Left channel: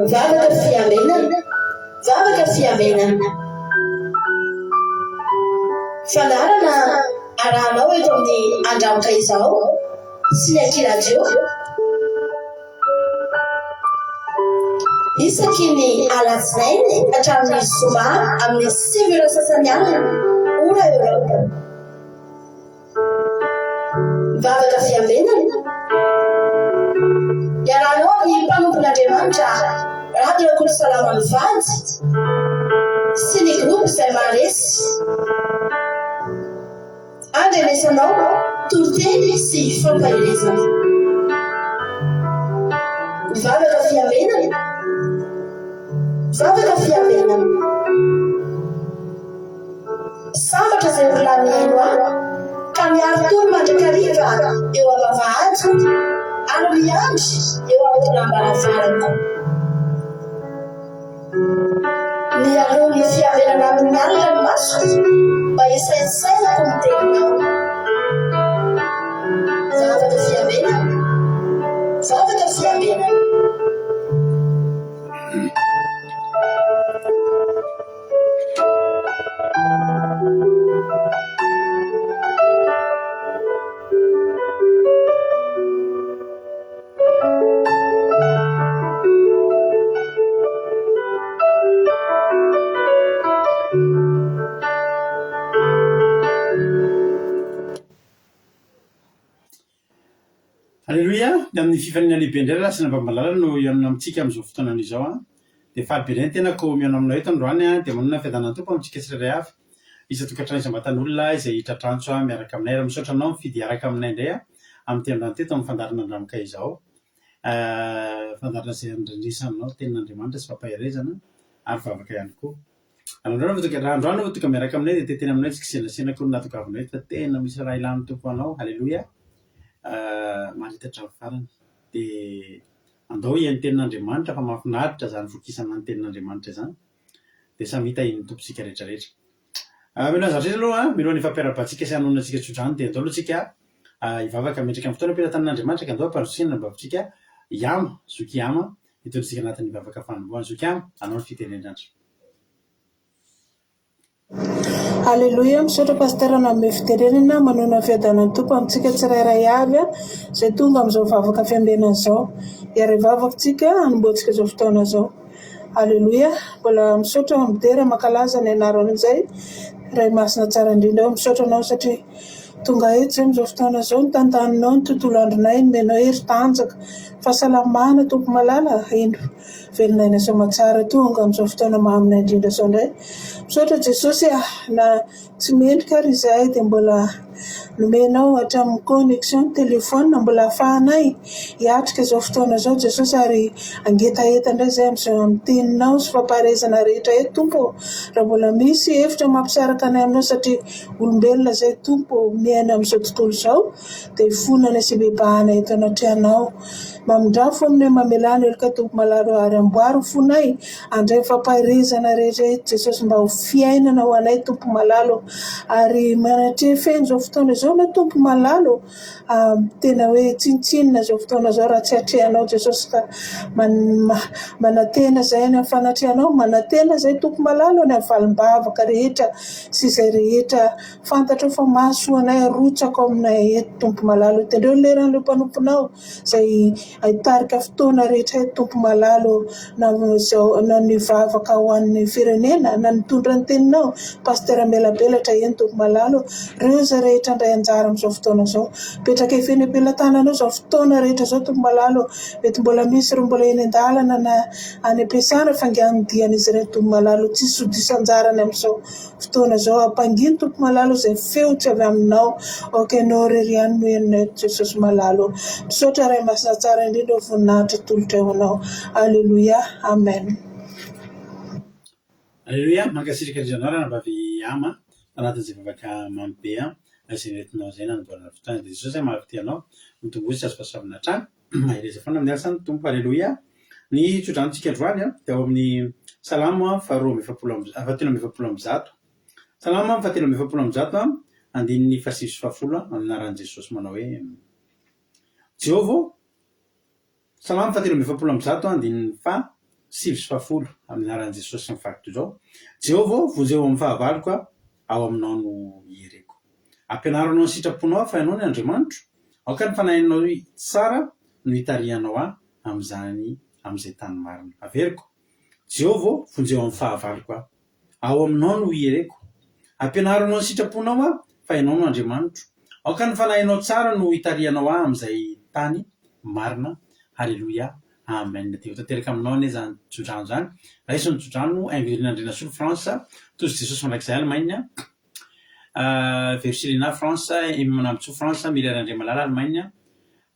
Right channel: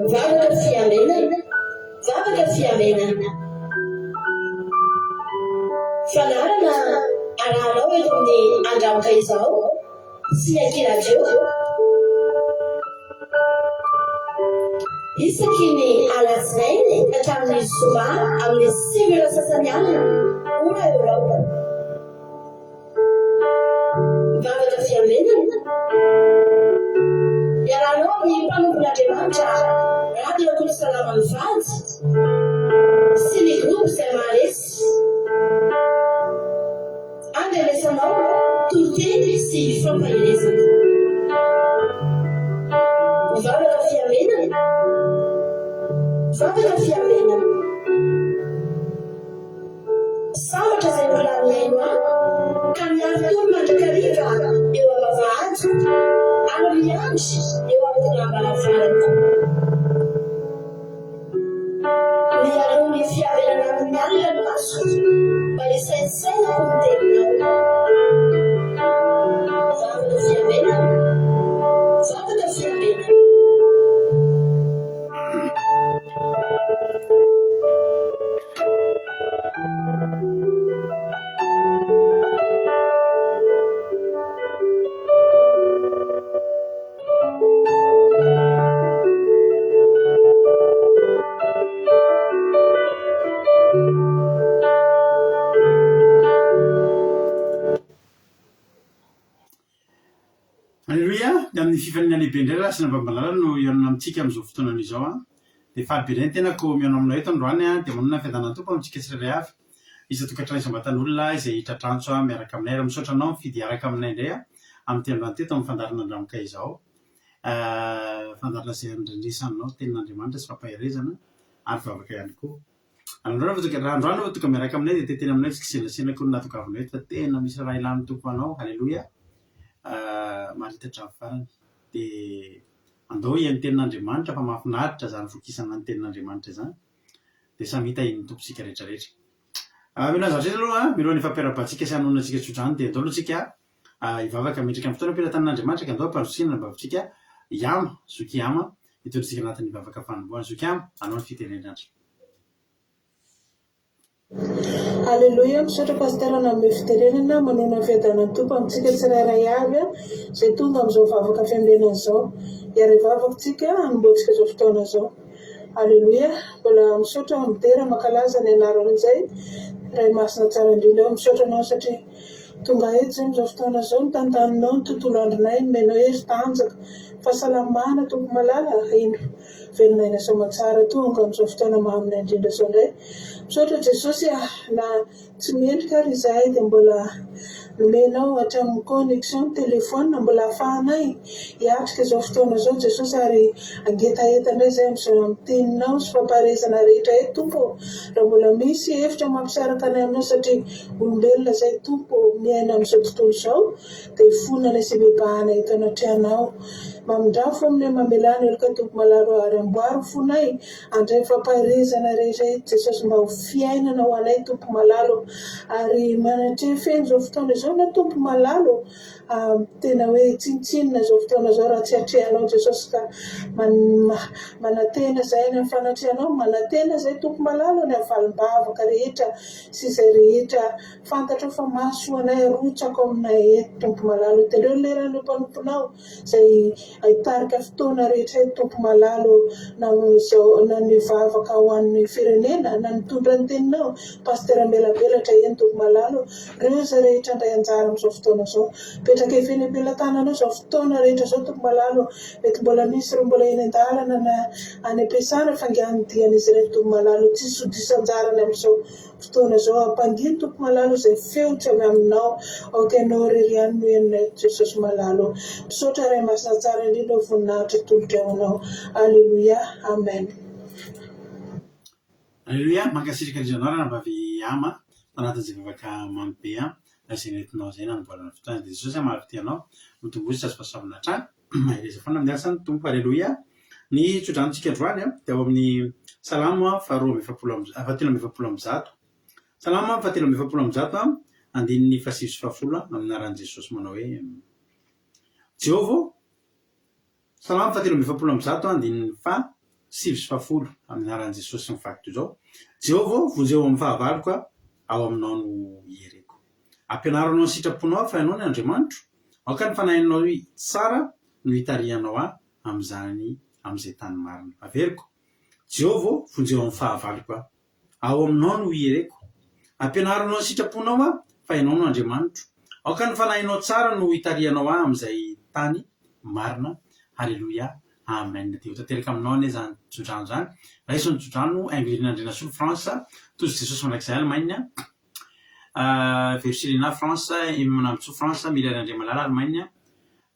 Mivavaka fiamenana, vavaka fiamenana. Fandarana arahanao eto amin'ny andramoka izao sy ny ankilajeo. Isaky ny alatsinainy hatramin'ny zoma amin'ny 5 sasany alina ora eo. Mivavaka fiamenana. Iarahanao amin'ny mpanompon'Andriamanitra Radio Salama Mivady sy ny groupe izay mahalesy. Andrenesanao toroteny sy fampahelezana. Mivavaka fiamenana. Vavaka fiamenana. Sambatra izay volanino ka miaro tony mandrakariva eo am-bavahady ary miandry eo amin'ny lambaravara. Mialoha ny fiamenana amin'ny alina ny maso mba hisaisainako ny teninao. Vavaka fiamenana. Vavaka fiamenana. Alleluia, amin'ny fifanina lehibe indray raha sy nambambalala no ianona amintsika amin'izao fotoanana izao dia falibe ny tenako mianao aminao eto androany dia manana fiadanana tompo amintsika tsirairay avy isan-tokantrano isam-batan'olona izay tratranso miaraka aminay raha misaotra anao mifidy araka aminay indray amin'ny androany teto amin'ny fandarana andramoka izao fandarana izay andrendresanao tenin'Andriamanitra sy fampaherezana ary vavaka ihany koa. Androany votoka miaraka aminay dia teteny aminay tsy kisenasenako ny natokavinay fa tena misy raha ilany tompo anao. Alleluia. Maritatra amin'ny farany dia andao ian'ny tenin'Andriamanitra fa mahafinaritra zany vokisana ny tenin'Andriamanitra zany dia samy hita iny tompontsika rehetrarehetra. Mila zavatra aloha milohan'ny fampiarabantsika sy hanonantsika tsodrano dia andao alohantsika hivavaka metrika amin'ny fotoana ampilatan'Andriamanitra ka andao ampanosiana ny bavintsika iama zoky iama hitontsika anatin'ny hivavaka fanombohana zoky iama anao ny fitenenandro. Alleluia, misaotra pasterana amin'ny fitenenana manona fiadanan'ny tompo amintsika tsirairay avy izay tonga amin'izao vavaka fiamenana izao. Iary vavakantsika hanomboantsika izao fotoana izao. Alleluia, mbola misaotra midera makalaza ny anarana izay ray masina tsara indrindra eo misaotra anao satria tonga eto izay amin'izao fotoana izao ny tantaninao ny tontolo andronay ny menao hery tanjaka fahasalamana tompo malala indro velonay soamatsara tonga amin'izao fotoana mahaminay indrindra izao indray. Misaotra Jesosy na tsy mendrika ary izahay dia mbola nomenao hatramin'ny connexion telefona mbola ahafahanay hiatrika izao fotoana izao Jesosy ary angetaeta indray izay amin'ny teninao sy fampaharezana rehetra eto tompo raha mbola misy hevitra mampisaraka anay aminao satria olombelona izay tompo miaina amin'izao tontolo izao dia fonana sy bebahana eto anatrehanao. Mamindrafo aminay mamelany elika tompo malalo ary amboary fonay andray fampaharezana rehetra eto Jesosy mba ho fiainana ho anay tompo malalo ary manatreha feno izao fotoana izao na tompo malalo tena hoe tsintsinina izao fotoana izao raha tsy hatrehanao Jesosy ka manatena izay ny fanatrehanao manatena izay tompo malalo ny avalim-bavaka rehetra sy izay rehetra fantatro fa maso anay arotsako aminay eto tompo malalo tendreo leran'ilay mpanomponao izay ahitarika fotoana rehetra eto tompo malalo na ny vavaka ho an'ny firenena na nitondra ny teninao pastera melabelatra eny tompo malalo reo izay rehetra indray anjara amin'izao fotoana izao petraka efeny ampelantananao izao fotoana rehetra izao tompo malalo mety mbola misy ireo mbola eny an-dalana na any am-piasana fangianodian'izy ireo tompo malalo tsy sodisan-jarany amin'izao fotoana izao ampanginy tompo malalo izay feo tsy avy aminao okenao reriany no enina Jesosy malalo misaotra ray masina tsara indrindra voninahitra tolotra eo anao. Alleluia, amen. Alleluia, mankasirika andrianao raha nambavy ama anatin'izay vavaka mamy be izay nentinao izay nanamboarana fotoana dia Jesosy mahafity anao mitombozy sy pasoavana hatrany mahireza foana amin'ny asany tompo. Alleluia. Ny tsodranotsika androany dia ao amin'ny salama fahatelo salama fahatelo andininy fahasivy sy fahafolo amin'ny anaran'i Jesosy manao hoe Jehova salama fahatelo andininy 50 amin'ny aran'i Jesosy ny fakto zao. Jehovah vonjeo amin'ny fahavaloko ao aminao no iereko. Ampianaranao ny sitraponao fa ianao ny Andriamanitro. Aoka ny fanahinao tsara no hitarihanao amin'izay tany marina. Averiko. Jehovah vonjeo amin'ny fahavaloko ao aminao no iereko. Ampianaranao ny sitraponao fa ianao no Andriamanitro. Aoka ny fanahinao tsara no hitarihanao amin'izay tany marina. Halleluia. Amen. Dia tanteraka aminao anie zany tsodrano zany. Raha iso ny tsodrano Anglirin'Andriana Solo France tozy Jesosy mandrakizay Allemagne. Versilina France manambotso France Mirana André Malala Allemagne.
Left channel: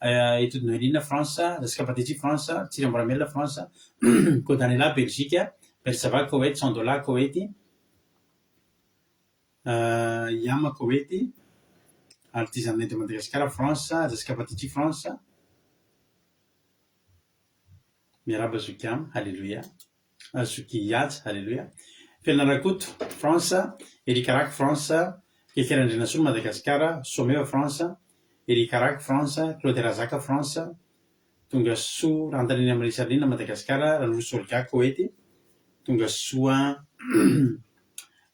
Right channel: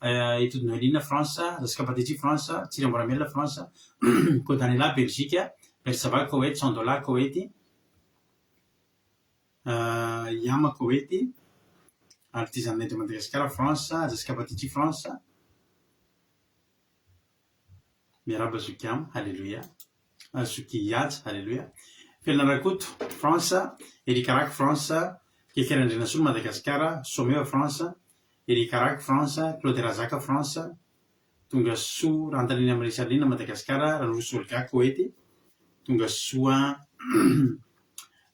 Étude Noélina France, Jessica Patiti France, Thierry Moramella France, Codanela Belgique, Bersava Koweït, Sandola Koweït, Yama Koweït, Artisan de Madagascar France, Jessica Patiti France, Miraba Zukiam, Alléluia, Zukiyat, Alléluia, Felnarakut France, Erikarak France, Kekerandrina Solo Madagascar, Someva France, Erikarak France, Claude Razaka France, tonga soa Rantalina Marisalina Madagascar, Ranusolka Koweït, tonga soa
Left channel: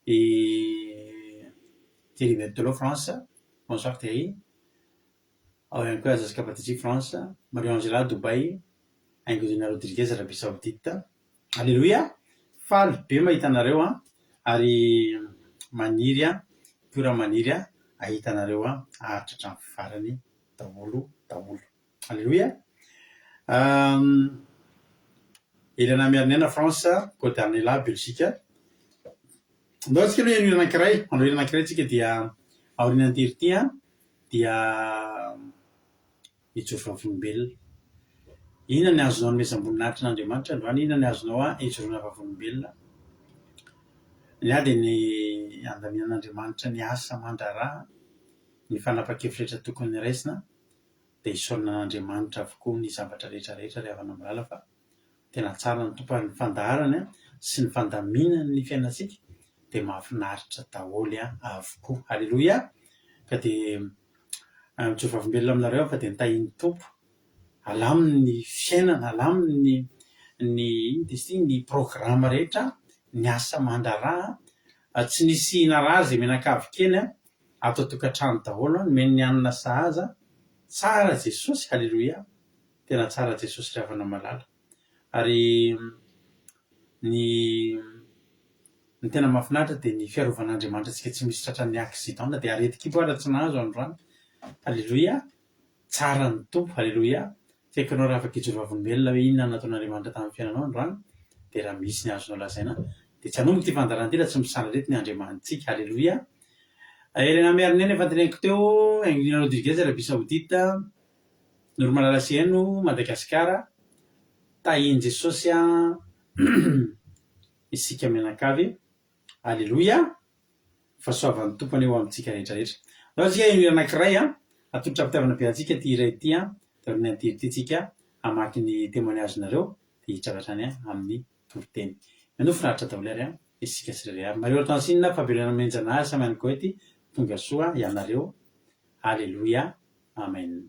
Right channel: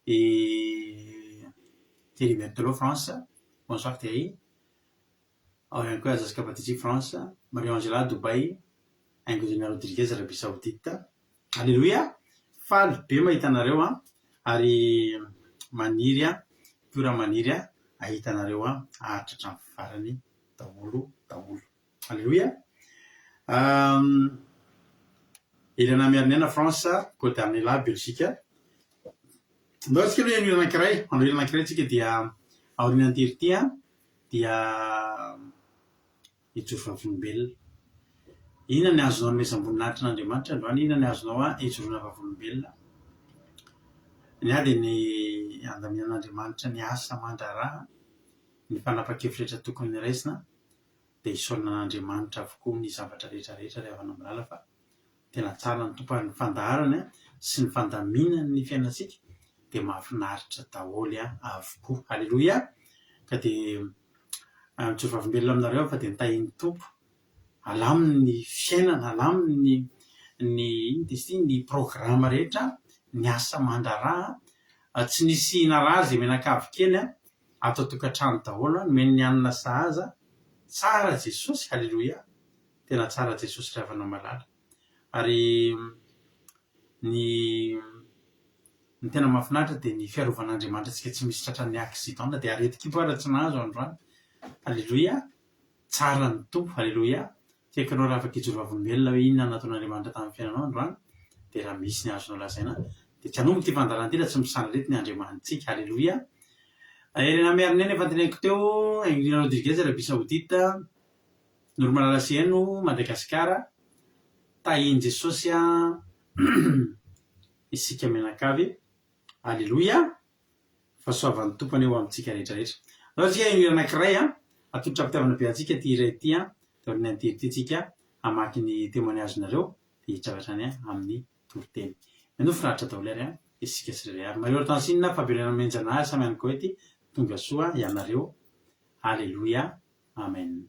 et Thierry Berthelot France, bonsoir Thierry, encore Jessica Patiti France, Marie-Angela Dubaï, Angodina Rodriguez Arabie Saoudite. Alléluia. Faly be mahitanareo ary maniry pura maniry ahitanareo ahatratra ny farany daholo. Alléluia. Elana Mernena France, Côte d'Arnela Belgique. Ndao tsika aloha hira anankiray tsika dia aoriana antiry dia ijoro vavolombelona. Inona ny azonao ny mezam-boninahitry n'Andriamanitra androany? Inona ny azonao ijoroana vavolombelona? Ny ady ny andaminan'Andriamanitra ny asa mandraraha, ny fanapa-kevitra tokony raisina, dia isaorana n'Andriamanitra avokoa ny zavatra rehetrarehetra rehefa namilala fa tena tsara ny tompo ny fandaharana sy ny fandaminana ny fiainantsika dia mahafinaritra daholo avokoa. Halleluia. Ka dia mijoro vavolombelona aminareo fa dia nitahin'ny tompo alaminy ny fiainana, alaminy ny programa rehetra, ny asa mandraraha, tsy nisy inaraha zay menakavy kely atao tokantrano daholo, nomeny ny anina sahaza. Tsara Jesosy, halleluia. Tena tsara Jesosy rehefa namalala. Ary ny tena mahafinaritra dia ny fiarovan'Andriamanitra tsika tsy misy tratran'ny accident dia areti-kipoara tsy nahazo androany. Halleluia. Tsara ny tompo, halleluia. Tiekanao raha afaka ijoro vavolombelona hoe inona nataon'Andriamanitra tamin'ny fiainanao androany dia raha misy ny azonao lazaina dia tsy hanomboka ty fandaranty raha tsy misanarety ny Andriamanitsika. Halleluia. Elena Mernena efa teneniko teo, Anglina Rodriguez Arabie Saoudite, Normalala Sieno Madagascar, tahiany Jesosy isika menakavy. Halleluia. Fahasoavan'ny tompony eo amintsika rehetrarehetra. Raha tsika hira anankiray atolotra ampitiavana be antsika ty iray ty taoriana antiry ty tsika hamaky ny témoignage-nareo dia hitratrany amin'ny toriteny. Manofinaritra daholo ary isika tsirairay avy. Mario Tansinina Fabiola Menjanahary samy ihany koa ty tonga soa ianareo. Halleluia. Amen.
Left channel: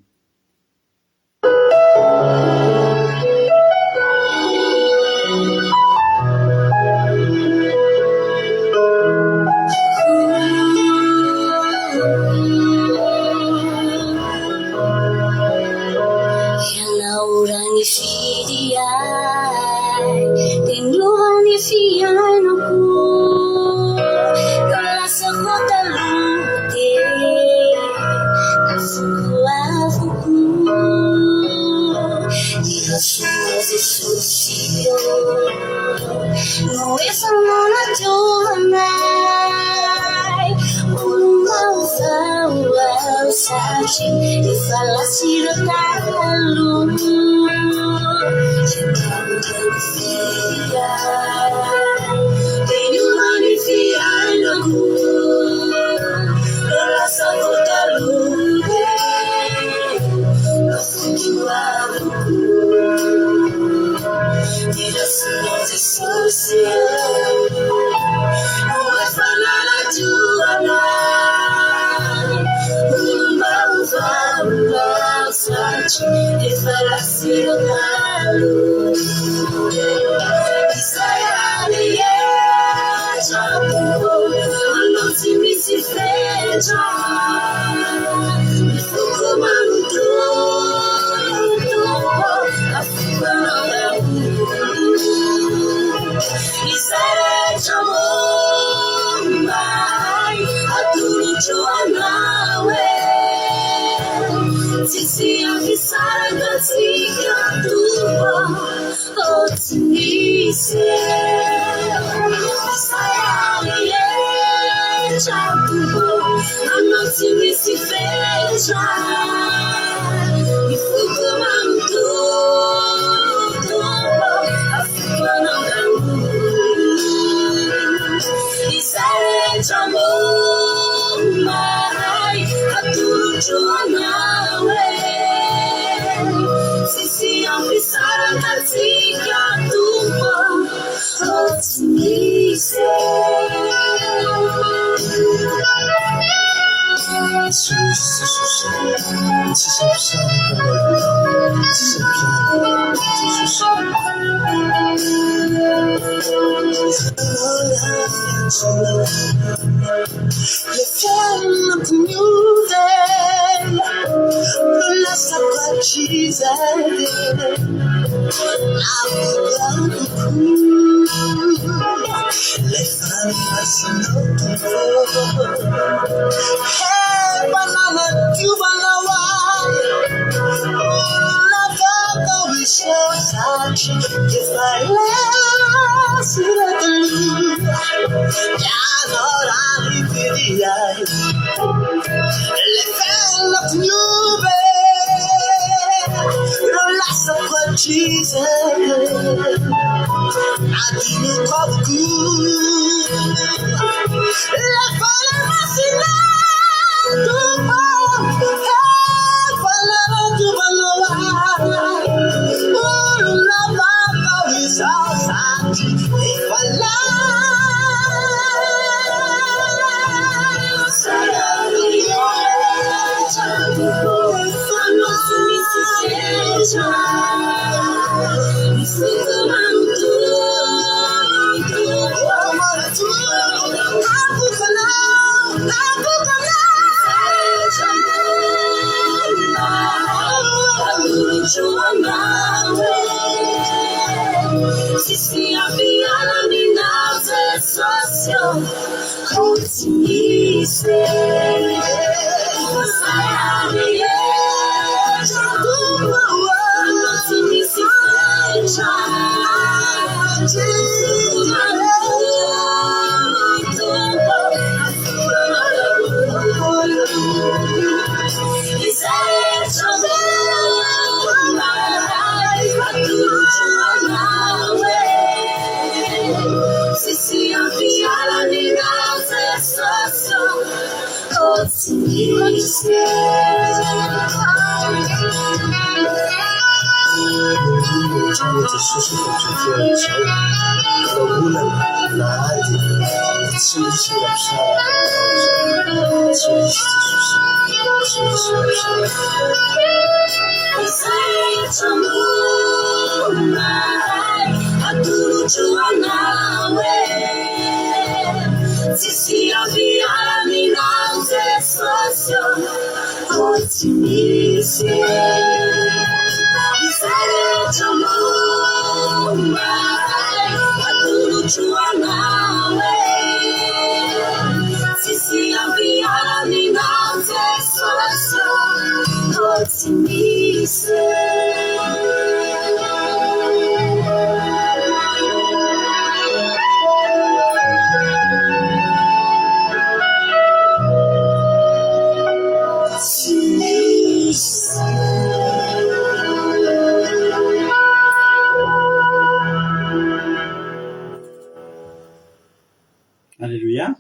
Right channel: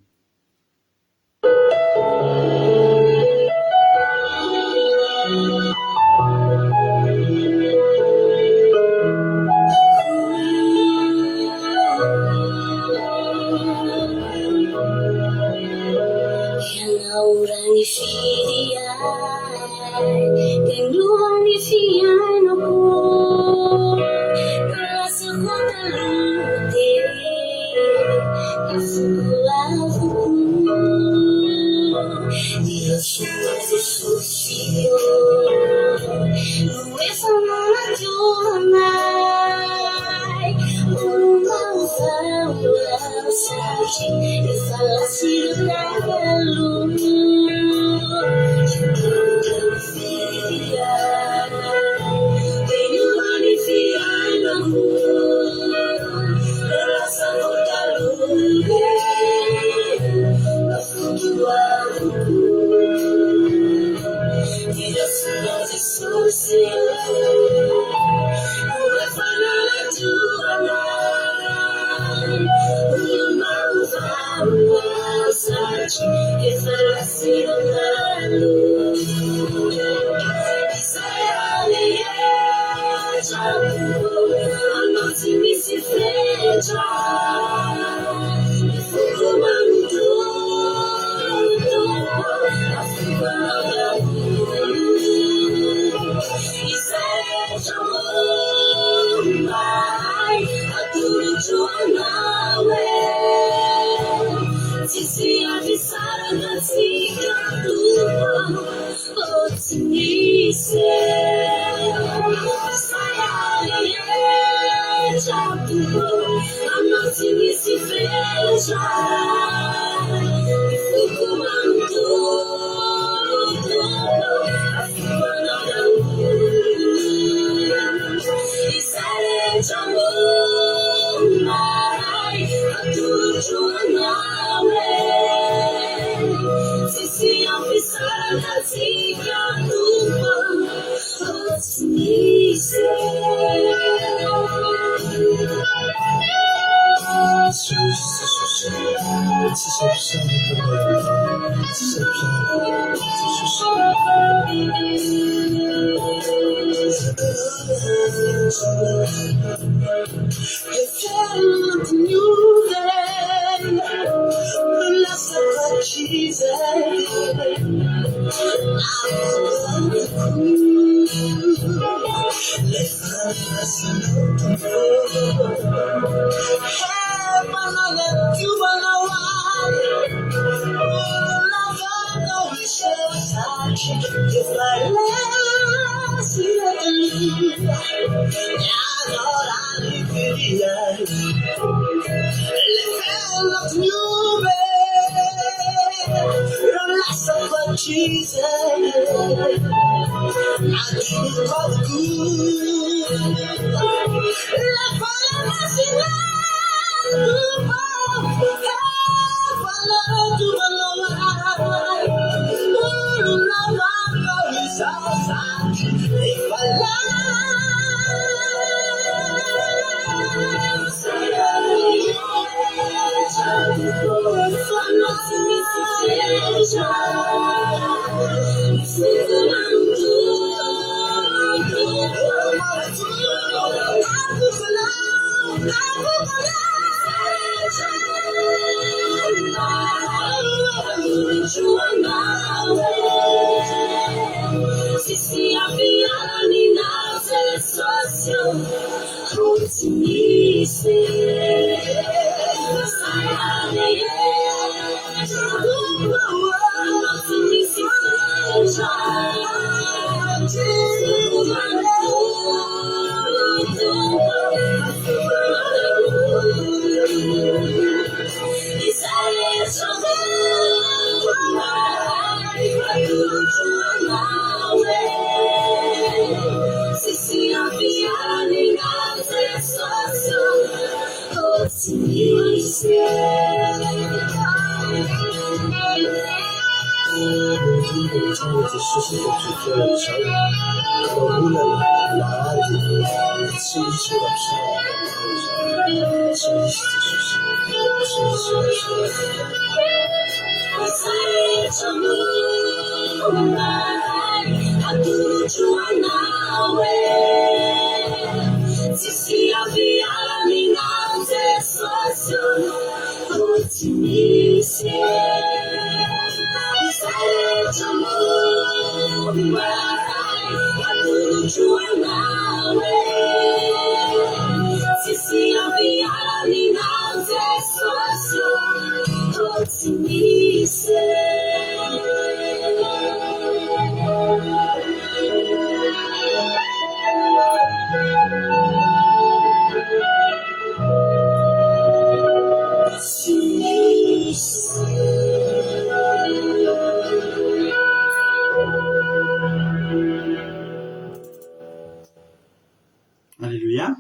Alléluia.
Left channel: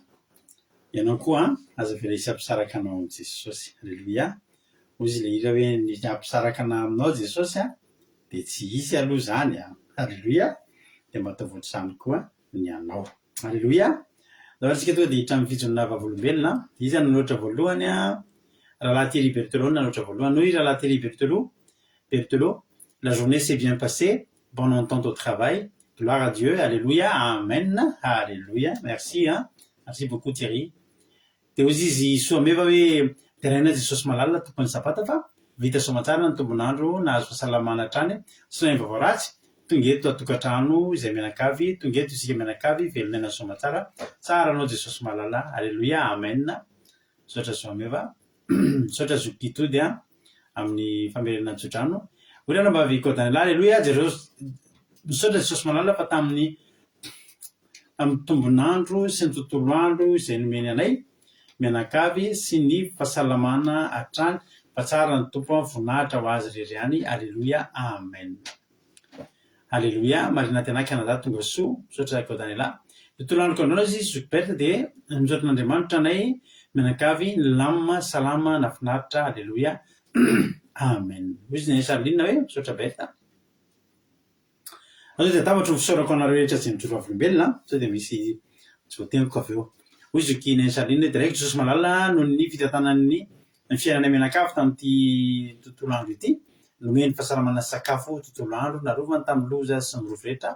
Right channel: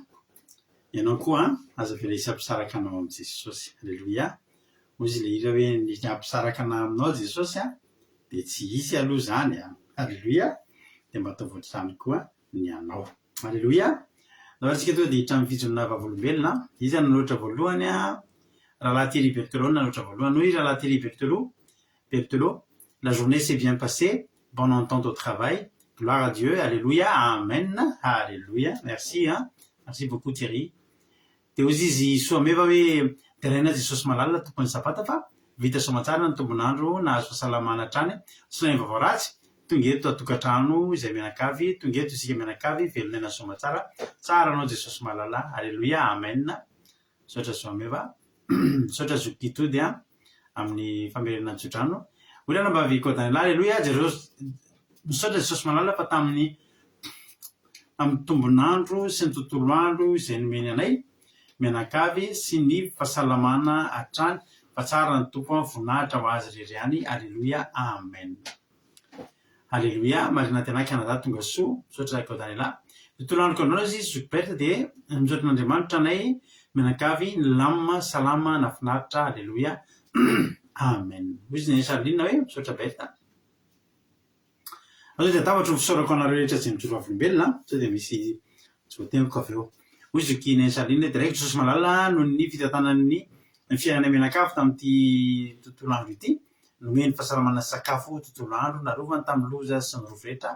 Ianao koa aza veresy ampisaraka anao amin'i Jesosy. Alléluia. Ozy le hira hoe ny ampisaraka anao aminao Jesosy dia tsy hisy aloha zany Alléluia. Dia mba ataovy ohatr'izany koa ny anao. Alléluia. Raha antsika tonga dia hiditra amin'ny fijoroana vavolombelona. Izy nanoatra voalohany rahalahy Thierry Berthelot nanoatra voalohany. Noho rahalahy Thierry Berthelot, la journée s'est bien passée, bonne entente au travail. Gloire à Dieu, alléluia, amen, alléluia. Merci, merci beaucoup Thierry. dia ozy izy soameva hoe teraina jesosy malalina tokony zapata fa vita soamatsara ny tombonandro nahazo fahasalamana hatrany sy nainy vaovao ratsy tonga eto atokantrano izay mianakavy tonga eto isika mianakavy velonaina soamatsara tsara anao jesosy malala alleloia amen misaotra soameva misaotra zokitody a amin'ny famerenana tsodrano olana mba vikodanyla alleloia misaotra jesosy malala fa tamin'ny tombonandro sy ny tontolo andro izay nomeny anay mianakavy sy ny fahasalamana hatrany fa tsara ny tompo voninahitra ho azy rery alleloia amen alleloia marina tyanay kanada tonga soa misaotra kodanyla tontolo andro kandrona izy zokiberta dia misaotra n'andriamanitra anay mianakavy ny lamma salama nafinaritra alleloia amen izy ny salinina hoe misaotra berta azao dia tabatro fisaorako anareo rehetra zay mijoro avolombelona sao dia misy voateniko avy eo hoy zokiny salinina dia raiky jesosy malala noho ny fitantanany ny fiainana mianakavy tamin'ity tontolo andro ity nomeny fahasalamana sakafo tontolo andro narovany tamin'ny loza sy ny rovo rehetra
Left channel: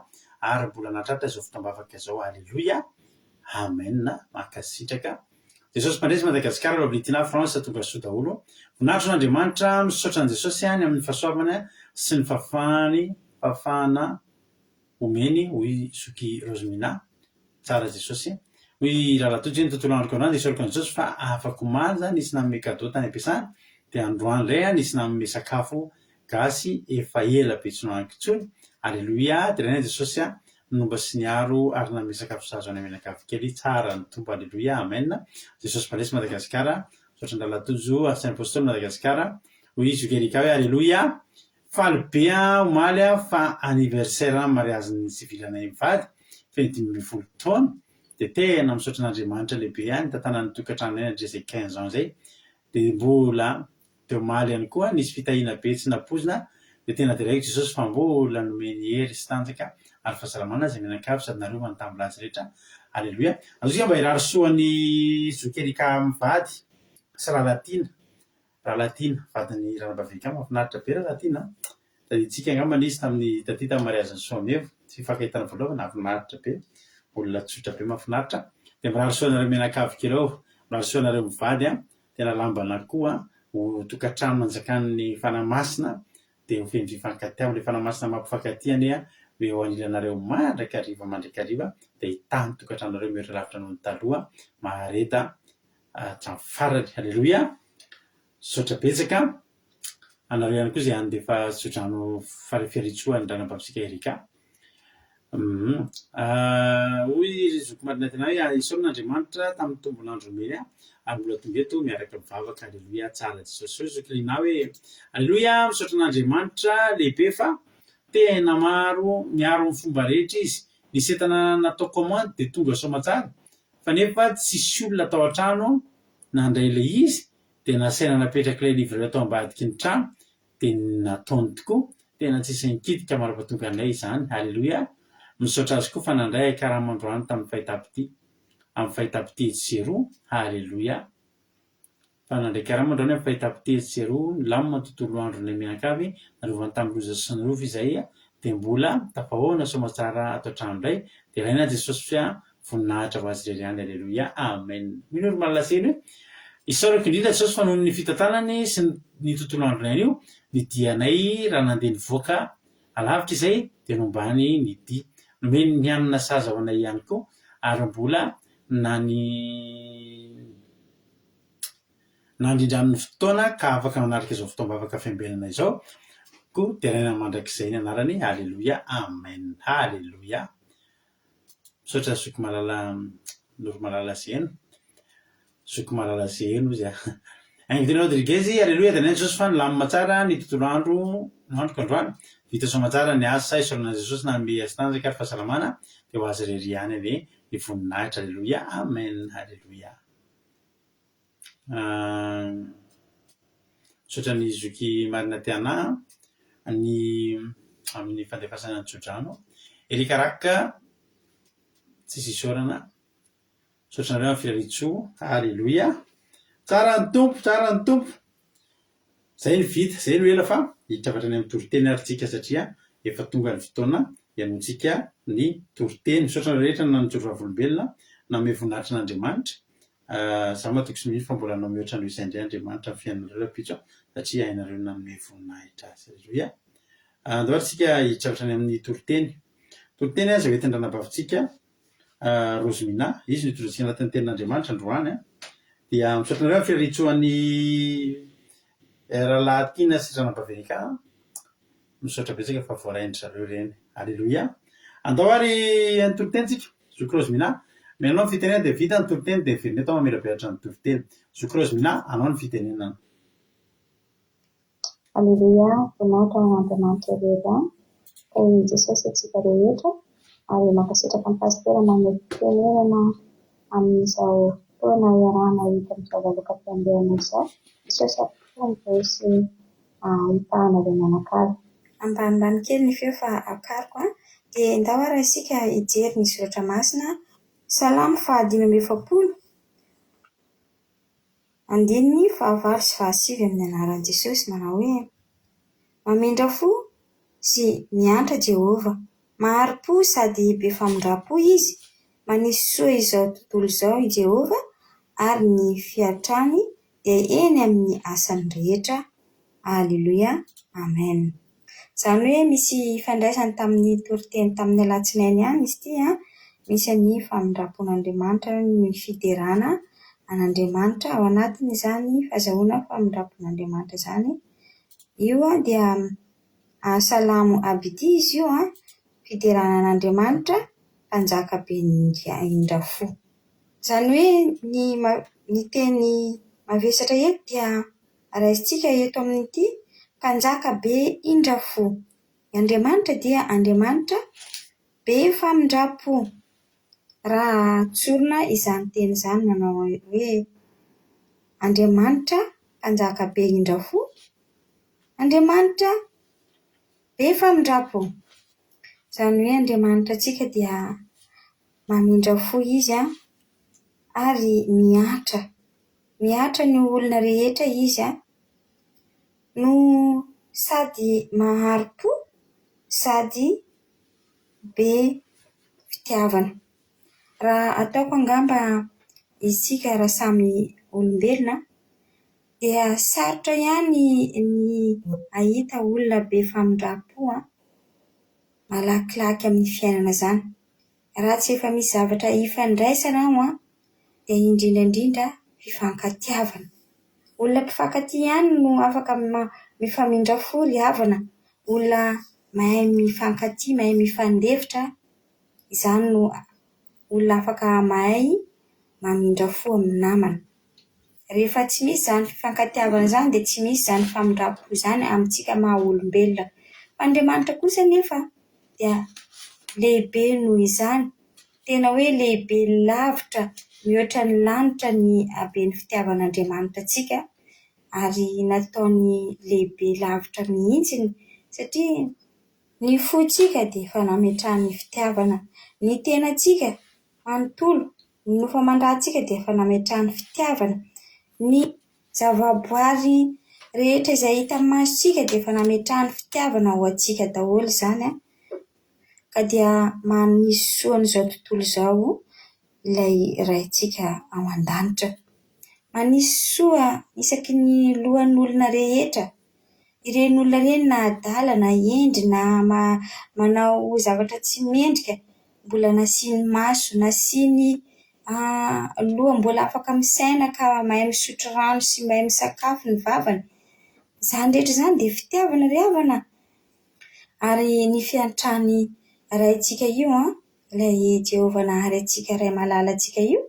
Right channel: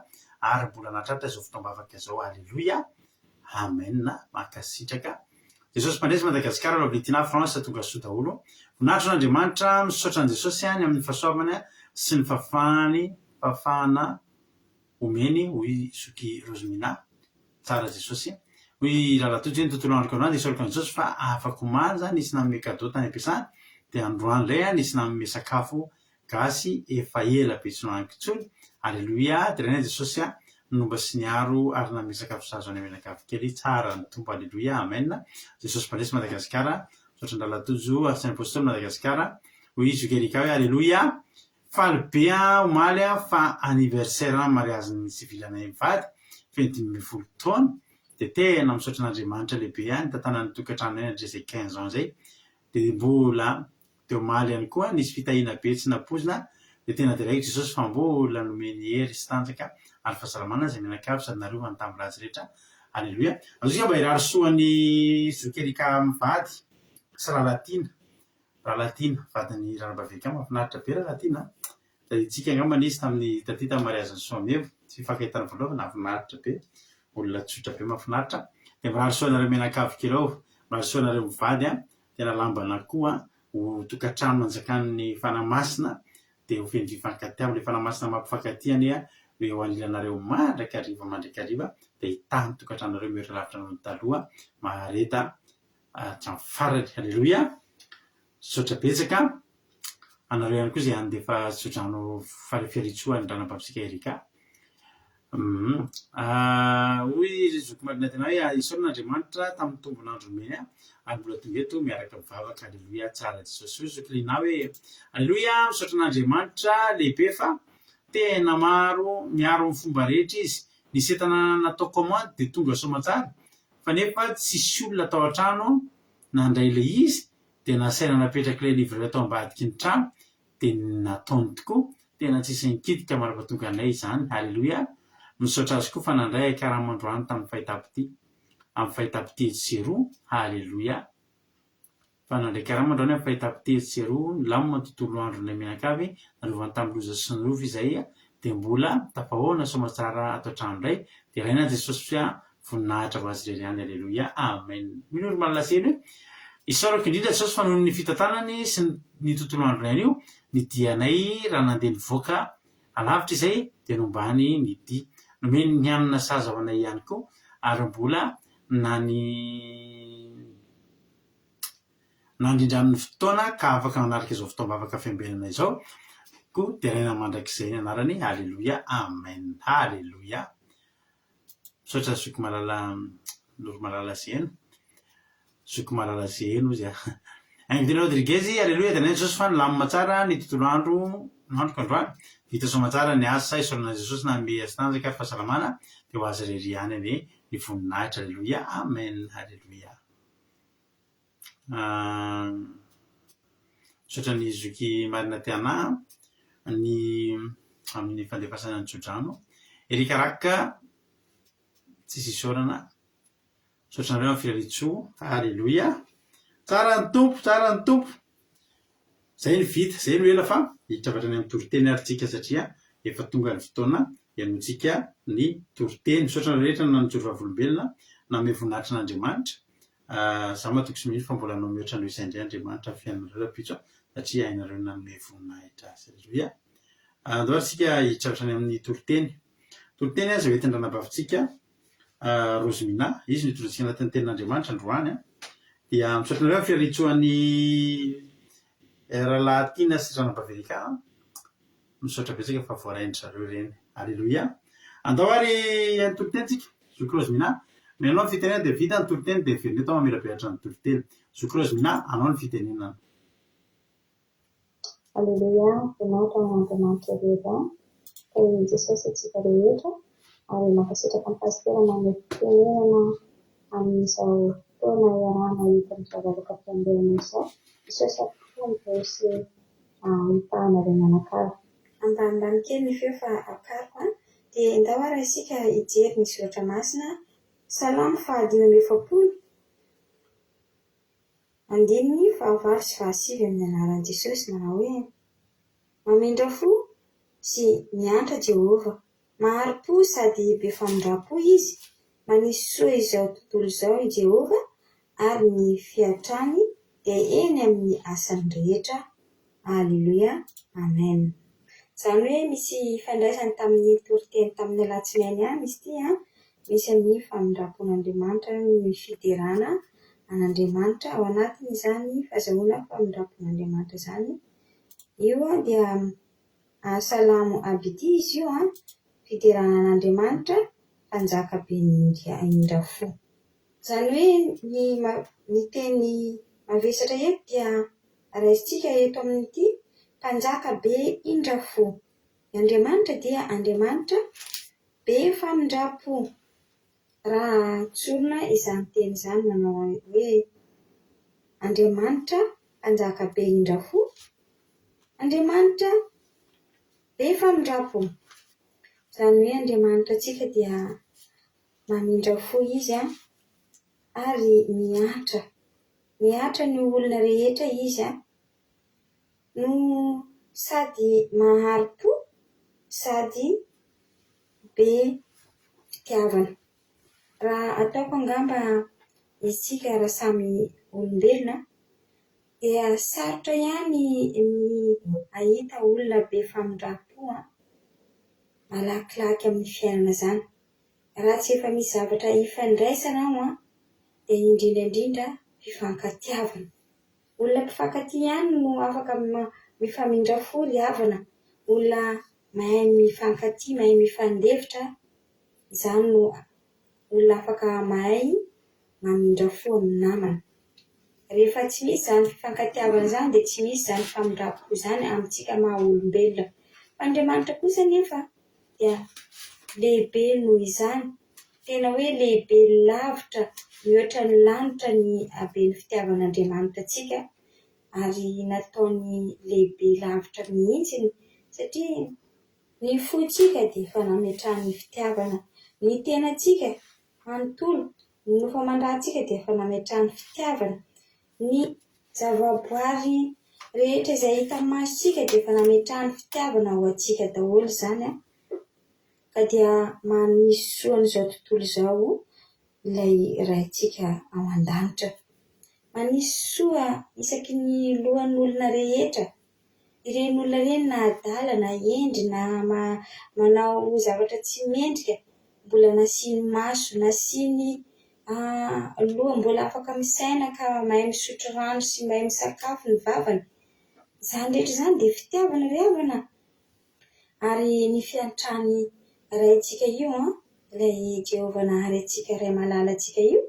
ary mbola natratra izao fotoam-bavaka izao alleloia amen makasitraka jesosy mpandresy madagasikara loblitina fransa tonga soa daholo voninahitro n'andriamanitra misaotra an' jesosy any amin'ny fahasoavana sy ny fahafahana omeny hoy soky rosemina tsara jesosy hoy rahalatojo ny tontolo andro kanao dia isoroko an' jesosy fa afaka manja nisy nanome kado tany ampiasana dia androany ray nisy nanome sakafo gasy efa ela be tsy noankitsony alleloia dia raina jesosy nomba sy niaro ary nanome sakafo sazo any amenakavy kely tsara ny tompo alleloia amen jesosy mpandresy madagasikara misaotra ny rahalatojo arsany apôstoly madagasikara hoy zokerika hoe alleloia faly be omaly fa anniversaire mariazy sivilanay mivady fedimy taona dia tena misaotra n'andriamanitra lehibe ny tantanany tokantrano ay ndre zay 15 ans zay dia mbola teo maly ihany koa nisy fitahina be tsy napozina dia tena diraiky jesosy fa mbola nomeny hery sy tanjaka ary fahasalamana zay mianakavy sady narovany tamin'ny ratsy rehetra alleloia azosika mba hirary soany zokerika mivady sy rahalatina vadiny ranabavika mahafinaritra be rahalatina taditsika angambana izy tamin'ny taty tamin'ny mariaziny soamevo tsy fifakahitana voalohany mahafinaritra be olona tsotra be mahafinaritra dia mirary soanareo mianakavy kelao mirary soanareo mivady tena lambana koa ho tokantrano manjakan'ny fanamasina dia ho feny fifankatia amin'ilay fanamasina mampifakatiany hoe ho anilanareo mandrakariva dia hitany tokantrano nareo mihatra lavitra noho ny taloha mahareta hatramin'ny farany alleloia misaotra betsaka anareo ihany koa zay any dia efa tsodrano farifiaritsoa ny ranam-papitsika erika hoy zoko marina tena hoe isaoran'andriamanitra tamin'ny tombonandro meny ary mbola tonga eto miaraka mivavaka alleloia tsara jesosy hoe zokolina hoe alleloia misaotra n'andriamanitra lehibe fa tena miaro ny fomba rehetra izy nisy entana natao commande dia tonga soamatsara fa nefa tsisy olona atao an-trano nandray ilay izy dia nasaina napetraka ilay livre atao ambadiky ny trano dia nataony tokoa tena tsisy nikitika marapatonga anay izany alleloia misaotra azy koa fa nandray akaramandroany tamin'ny fahitapity amin'ny fahitapity jeroa alleloia fa nandray karamandroany amin'ny fahitapity jeroa ny lamina tontolo andro ny mianakavy narovany tamin'ny loza sy ny rovo izay dia mbola tapahoana soamatsara atao trano indray dia raina jesosy fia voninahitra ho azy rery any alleloia amen minoro malaseny hoe isaorako indrindra jesosy fa noho ny fitantanany sy ny tontolo andro nay io ny dianay raha nandeha nivoaka alavitra izay dia nombany ny di nomeny ny anina saza ho anay ihany koa ary mbola nandrindramin'ny fotoana ka afaka manaraka izao fotoam-bavaka fiambenana izao koa dia raina mandrakizay ny anarany alleloia amen alleloia misaotra soky malala noro malala zeno soky malala zeno izy ainvidina rodriguez alleloia dia nainy jesosy fa nilamina tsara ny tontolo andro kandroany vita soamatsara ny asa isorana jesosy nanome azy tanjaka ary fahasalamana dia ho azy rery any ane ny voninahitra alleloia amen alleloia misaotra ny zoky marina tiana ny amin'ny fandefasana ny tsodrano erikaraka tsisy isorana misaotranareo amin'ny firaritsoa alleloia tsara ny tompo zay ny vita zay no ela fa hitravatrany amin'ny toriteny arytsika satria efa tonga ny fotoana hianotsika ny toriteny misaotra rehetra na nijoro vavolombelona na ame voninahitry n'andriamanitra Zaho matoko sy mihitsy fa mbola anao mihoatra noho izay indray Andriamanitra fiainareo rapitso satria hainareo nanome voninahitra azy. Aleloia. Andao ary tsika hitravatrany amin'ny toroteny. Toroteny aza hoentin'ny ranabavintsika Rozimina, izy nitorotsika anatin'ny tenin'Andriamanitra androany dia misaotranareo amin'ny fiaritsoan'ny rahalahy sy ranabavinika misaotra betsaka fa voaraindry zareo reny. Aleloia. Andao ary ny toroteny tsika Zoky Rozimina. Menao ny fitenena dia vita ny toroteny dia miverina eto mamirapiratra ny toroteny. Zoky Rozimina, anao ny fitenenana. Aleluia, voninahitra ho Andriamanitra rehetra, ka i Jesosy antsika rehetra, ary mankasitraka ny pastera manome fitenenana amin'izao fotoana iarahana hita amin'izao vaovaka-piandehana izao. Jesosy ampofon'izao sy hitahana ireo mianakavy. Ambanimbany kely ny feo fa akariko dia ndao ary isika hijery ny soratra masina Salamo 5:7. Andininy 5 sy 7 amin'ny anaran'i Jesosy manao hoe: mamindra fo sy miantra Jehova, mahari-po sady be famindram-po izy, manisy soa izao tontolo izao i Jehova, ary ny fiatrany dia eny amin'ny asany rehetra. Aleluia, amen. Izany hoe misy ifandraisany tamin'ny toroteny tamin'ny alatsinainy ihany izy ity misy ny famindram-pon'Andriamanitra ny fiderana an'Andriamanitra ao anatiny izany fahazahoana famindram-pon'Andriamanitra izany. Io dia Salamo Abidi izy io fiderana an'Andriamanitra mpanjaka be indrafo. Izany hoe ny teny mavesatra eto dia raisintsika eto amin'ity mpanjaka be indrafo. Andriamanitra dia Andriamanitra be famindram-po. Raha tsorina izany teny izany manao hoe Andriamanitra mpanjaka be indrafo, Andriamanitra be famindram-po. Izany hoe Andriamanitra antsika dia mamindrafo izy ary miatra ny olona rehetra izy no sady mahari-po sady be fitiavana. Raha ataoko angamba isika raha samy olombelona dia sarotra ihany ny ahita olona be famindram-po malakilaky amin'ny fiainana izany. Raha tsy efa misy zavatra ifandraisana dia indrindra fifankatiavana. Olona mpifankatia ihany no afaka mifamindrafo ry havana. Olona mahay mifankatia, mahay mifandefitra, izany no olona afaka mahay mamindrafo amin'ny namana. Rehefa tsy misy izany fifankatiavana izany dia tsy misy izany famindram-po izany amintsika maha olombelona. Fa Andriamanitra kosa nefa dia lehibe noho izany. Tena hoe lehibe lavitra mihoatra ny lanitra ny haben'ny fitiavan'Andriamanitra antsika, ary nataony lehibe lavitra mihitsy satria ny fontsika dia efa nametrahany fitiavana, ny tenantsika manontolo, ny nofamandrantsika dia efa nametrahany fitiavana, ny zavaboary rehetra izay hita masontsika dia efa nametrahany fitiavana ho antsika daholo izany ka dia manisy soa n'izao tontolo izao ilay raintsika ao an-danitra. Manisy soa isaky ny lohan'olona rehetra. Ireny olona ireny na adala na endry na manao zavatra tsy mendrika, mbola nasiany maso, nasiany loha, mbola afaka misaina ka mahay misotro rano sy mahay misakafo ny vavany. Izany rehetra izany dia fitiavana ry havana. Ary ny fiantrany raintsika io ilay Jehovah nahary antsika ray malala antsika io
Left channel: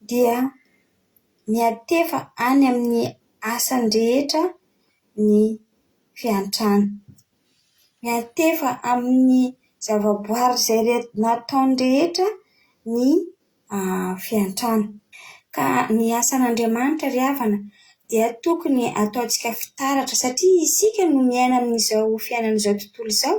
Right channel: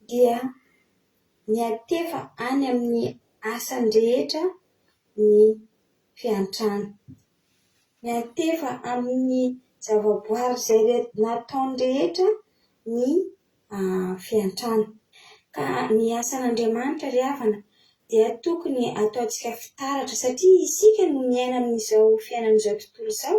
dia miatefa any amin'ny asany rehetra ny fiantrany. Miatefa amin'ny zavaboary izay nataony rehetra ny fiantrany. Ka ny asan'Andriamanitra ry havana dia tokony ataontsika fitaratra satria isika no miaina amin'izao fiainan'izao tontolo izao.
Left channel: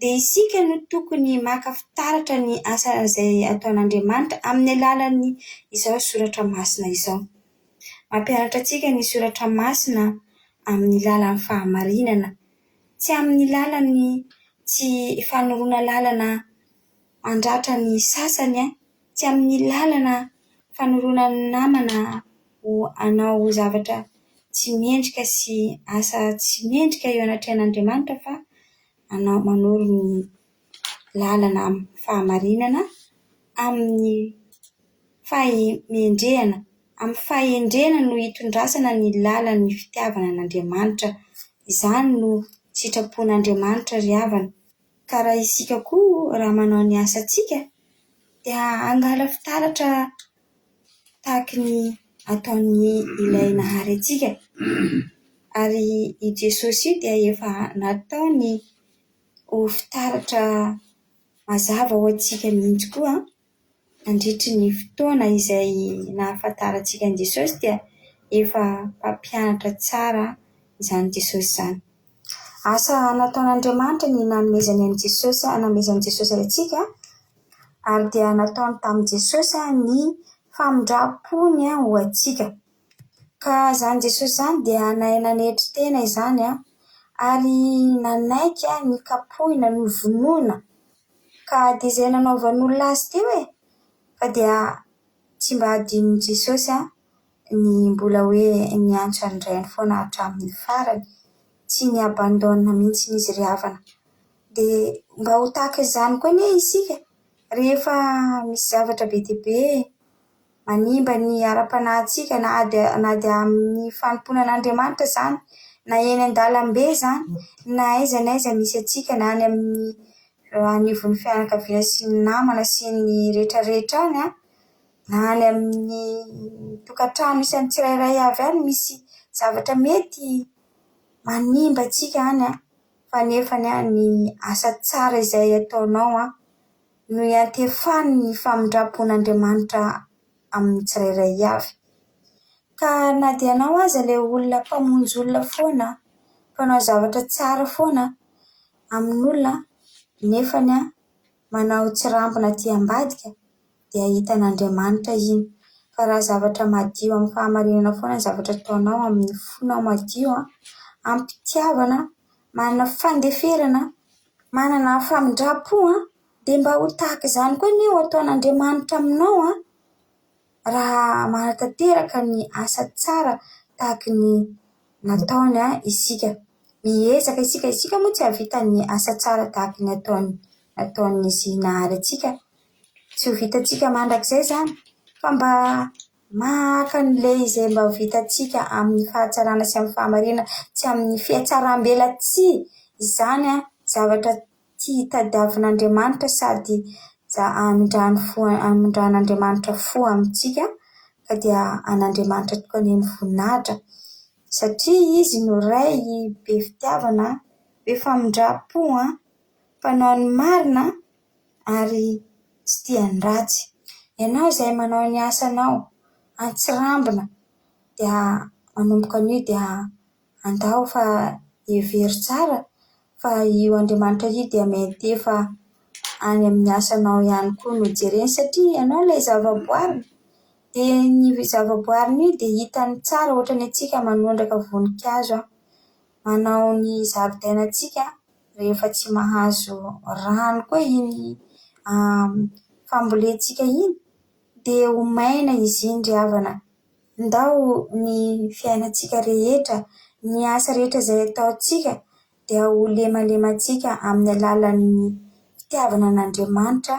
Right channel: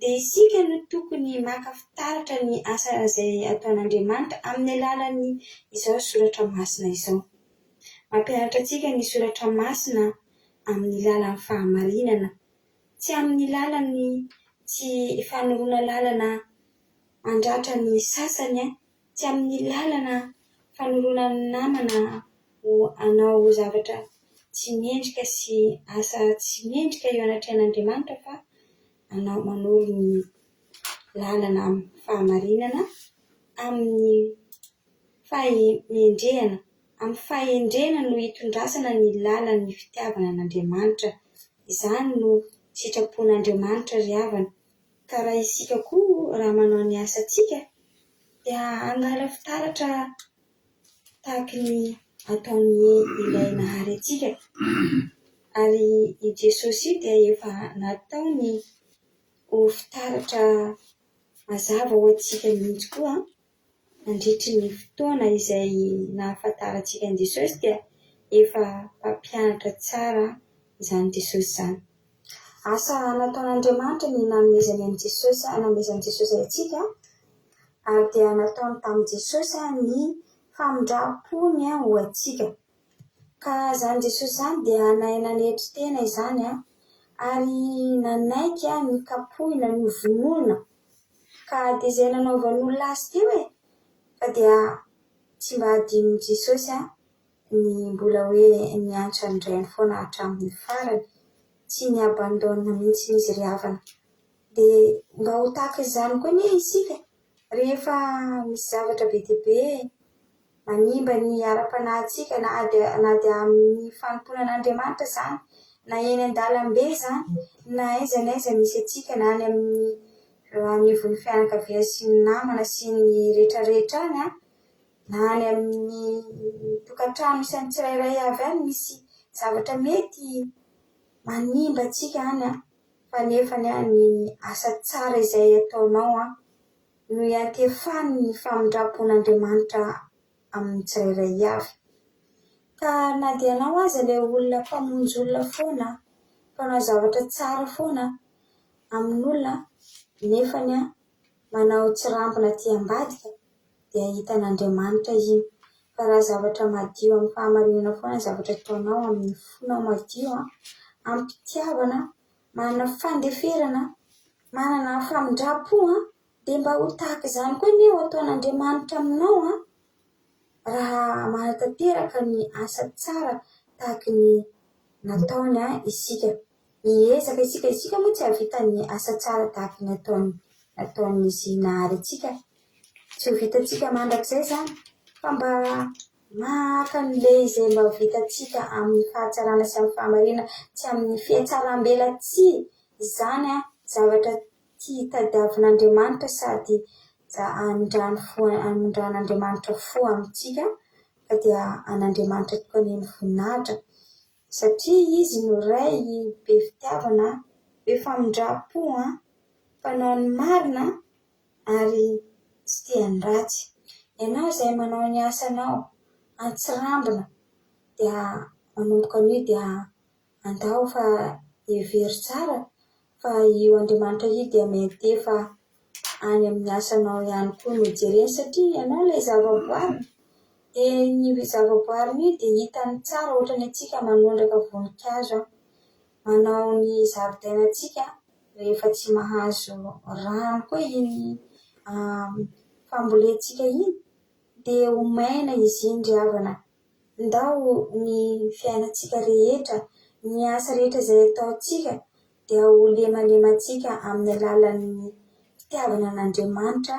Dia isika no tokony maka fitaratra ny asa izay ataon'Andriamanitra amin'ny alalan'ny izao soratra masina izao. Mampianatra antsika ny soratra masina amin'ny lalan'ny fahamarinana, tsy amin'ny lalany tsy fanoroana lalana mandratra ny sasany, tsy amin'ny lalana fanorona ny namana ho anao zavatra tsy mendrika sy asa tsy mendrika eo anatrehan'Andriamanitra fa anao manoro ny lalana fahamarinana amin'ny fahendrehana. Amin'ny fahendrehana no hitondrasana ny lalan'ny fitiavana an'Andriamanitra. Izany no sitrapon'Andriamanitra ry havana. Ka raha isika koa raha manao ny asantsika dia angala fitaratra tahaka ny ataony ilay nahary antsika. Ary i Jesosy io dia efa nataony ho fitaratra mazava ho antsika mihitsy koa. Nandritry ny fotoana izay nahafantarantsika an'i Jesosy dia efa mpampianatra tsara izany Jesosy izany. Asa nataon'Andriamanitra ny nanomezany an'i Jesosy, nanomezany Jesosy antsika, ary dia nataony tamin'i Jesosy ny famindram-pony ho antsika. Ka izany Jesosy izany dia nahay nanetry tena izany ary nanaiky ny kapohina ny vonoina. Ka dia izay nanaovan'olona azy teo fa dia tsy mba adinon'i Jesosy ny mbola hoe niantso andrainy foana hatramin'ny farany, tsy ny abandona mihitsy izy ry havana. Dia mba ho tahaka izany koa anie isika rehefa misy zavatra be dia be manimba ny ara-panahintsika na dia amin'ny fanompoana an'Andriamanitra izany, na eny an-dalambe izany, na aiza n'aiza misy antsika, na any amin'ny anivon'ny fianakaviana sy ny namana sy ny rehetrarehetra any na any amin'ny tokantrano isany tsirairay avy any misy zavatra mety manimba antsika any fa nefany ny asa tsara izay ataonao no iantefany ny famindram-pon'Andriamanitra amin'ny tsirairay avy. Ka na dia anao aza ilay olona mpamonjy olona foana, mpanao zavatra tsara foana amin'olona, nefany manao tsy rambina aty ambadika dia hitan'Andriamanitra iny. Fa raha zavatra madio amin'ny fahamarinana foana zavatra ataonao amin'ny fonao madio, ampitiavana, manana fandeferana, manana famindram-po dia mba ho tahaka izany koa ny ho ataon'Andriamanitra aminao raha manatanteraka ny asa tsara tahaka ny nataony isika. Miezaka isika moa tsy havita ny asa tsara tahaka ny ataon'izy nahary antsika. Tsy ho vitantsika mandrakizay izany fa mba maka an'ilay izay mba ho vitantsika amin'ny fahatsarana sy amin'ny fahamarinana, tsy amin'ny fiatsaram-bela tsy. Izany zavatra tia tadiavin'Andriamanitra sady anindran'Andriamanitra fo amintsika, ka dia an'Andriamanitra tokoa ny voninahitra satria izy no ray be fitiavana, be famindram-po, mpanao ny marina ary tsy tiany ratsy. Ianao izay manao ny asanao antsirambina dia manomboka an'io dia andao fa hevery tsara fa io Andriamanitra io dia mety efa any amin'ny asanao ihany koa no jereny satria ianao ilay zavaboarina. Dia ny zavaboarina io dia hitany tsara ohatra ny antsika manondraka voninkazo, manao ny zaridainantsika rehefa tsy mahazo rano koa iny fambolentsika iny dia ho maina izy iny ry havana. Ndao ny fiainantsika rehetra, ny asa rehetra izay ataontsika dia ho lemalemantsika amin'ny alalan'ny fitiavana an'Andriamanitra,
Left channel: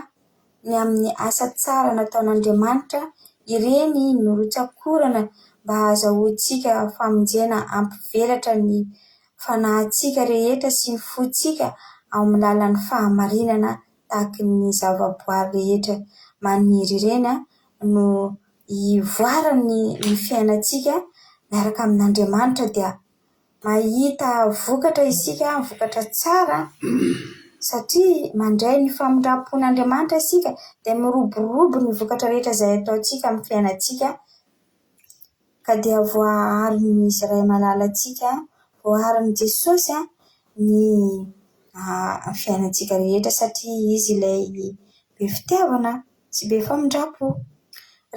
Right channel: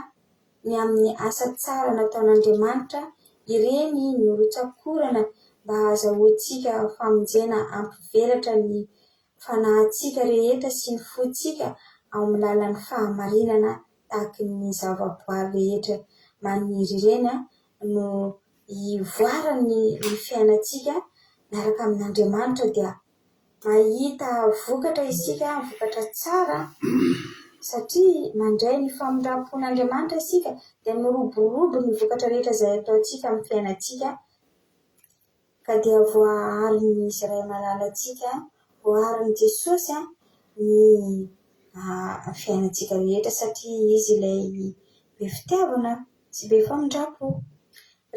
ny amin'ny asa tsara nataon'Andriamanitra. Ireny no rotsakorana mba ahazoantsika famonjena ampivelatra ny fanahintsika rehetra sy ny fontsika ao amin'ny lalan'ny fahamarinana tahaka ny zavaboary rehetra maniry ireny no hivoarany ny fiainantsika miaraka amin'Andriamanitra dia mahita vokatra isika, vokatra tsara satria mandray ny famindram-pon'Andriamanitra isika dia miroborobo ny vokatra rehetra izay ataontsika amin'ny fiainantsika. Ka dia voaharin'ny izy iray malalantsika, voaharin'i Jesosy ny fiainantsika rehetra satria izy ilay be fitiavana sy be famindram-po.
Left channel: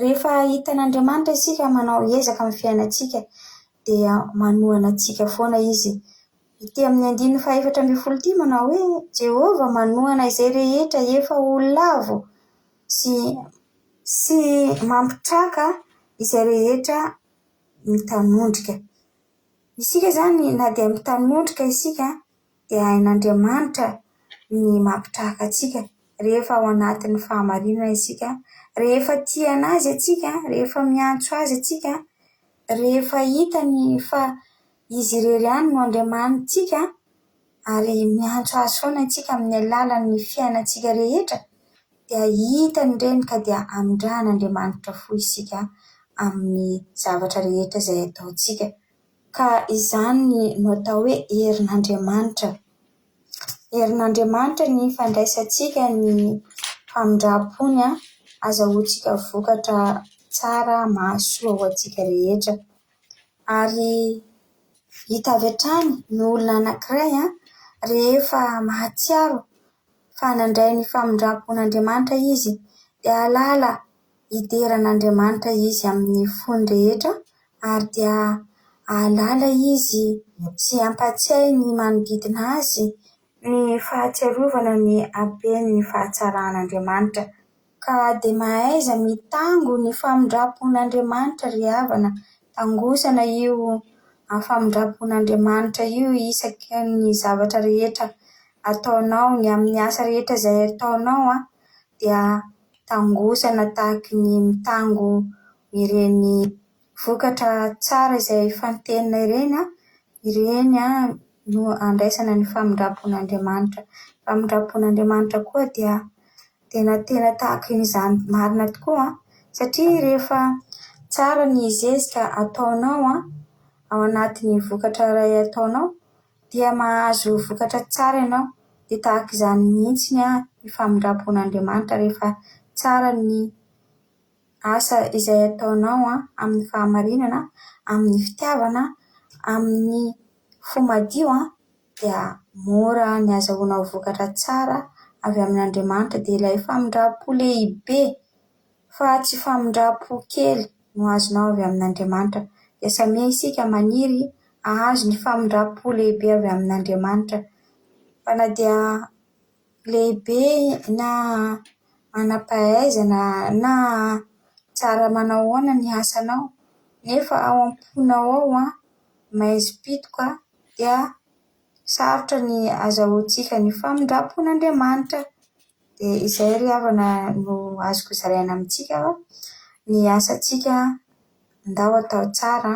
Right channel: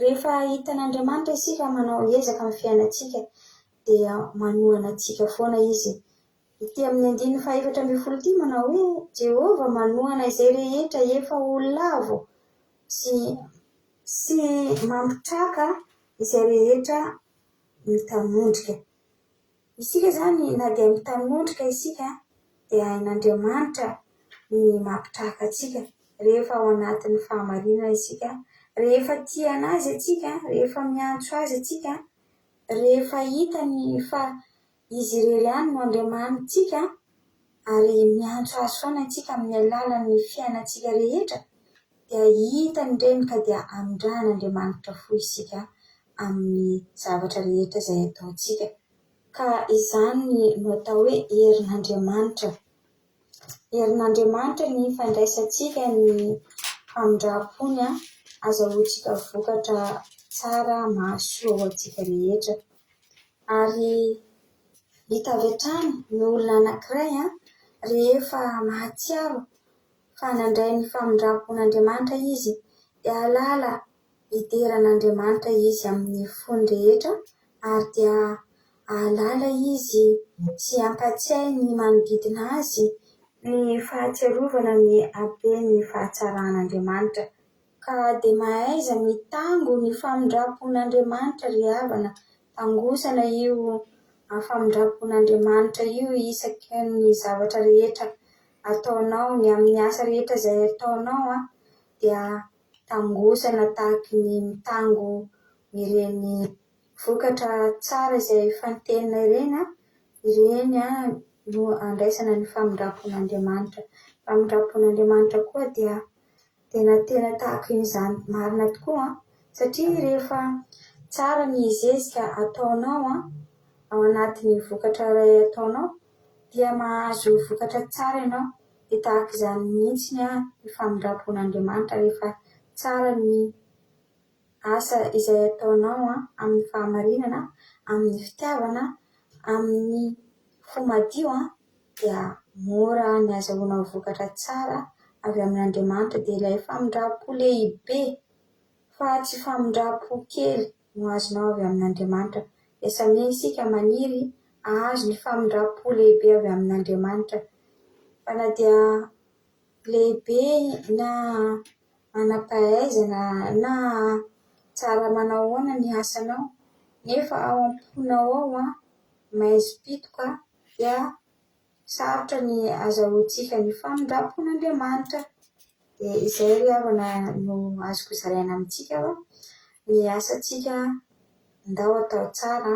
Rehefa hitan'Andriamanitra isika manao ezaka amin'ny fiainantsika dia manohana antsika foana izy. Ity amin'ny 4:14 manao hoe Jehova manohana izay rehetra efa ho lavo sy sy mampitraka izay rehetra mitanondrika. Isika zany na dia mitanondrika isika dia hain'Andriamanitra ny mampitraka atsika rehefa ao anatin'ny fahamarinana isika, rehefa tia anazy atsika, rehefa miantso azy atsika, rehefa hitany fa izy irery ihany no Andriamanitsika ary miantso azy foana atsika amin'ny alalan'ny fiainantsika rehetra, dia hitany ireny ka dia amindrahan'Andriamanitra fo isika amin'ny zavatra rehetra izay ataontsika. Ka izany no atao hoe herin'Andriamanitra. Herin'Andriamanitra ny fandraisantsika ny famindram-pony azahoantsika vokatra tsara mahasoa ho antsika rehetra. Ary hita avy hatrany ny olona anankiray rehefa mahatsiaro fa nandray ny famindram-pon'Andriamanitra izy dia halala hideran'Andriamanitra izy amin'ny fony rehetra, ary dia halala izy sy hampatsiahy ny manodidina azy ny fahatsiarovana ny haben'ny fahatsarahan'Andriamanitra. Ka dia mahaiza mitango ny famindram-pon'Andriamanitra ry havana, tangosana io famindram-pon'Andriamanitra io isaky ny zavatra rehetra ataonao, ny amin'ny asa rehetra izay ataonao dia tangosana tahaka ny mitango ireny vokatra tsara izay fantenina ireny ireny no andraisana ny famindram-pon'Andriamanitra. Famindram-pon'Andriamanitra koa dia tena tahaka izany marina tokoa satria rehefa tsara ny zezika ataonao ao anatin'ny vokatra iray ataonao dia mahazo vokatra tsara ianao. Dia tahaka izany mihitsy ny famindram-pon'Andriamanitra rehefa tsara ny asa izay ataonao amin'ny fahamarinana, amin'ny fitiavana, amin'ny fomadio dia mora ny azahoanao vokatra tsara avy amin'Andriamanitra. Dia ilay famindram-po lehibe fa tsy famindram-po kely no azonao avy amin'Andriamanitra. Dia samy isika maniry ahazo ny famindram-po lehibe avy amin'Andriamanitra. Fa na dia lehibe na manam-pahaizana na tsara manao ahoana ny asanao, nefa ao am-ponao ao maizim-pitoka dia sarotra ny azahoantsika ny famindram-pon'Andriamanitra. Dia izay ry havana no azoko zaraina amintsika ny asantsika andao atao tsara,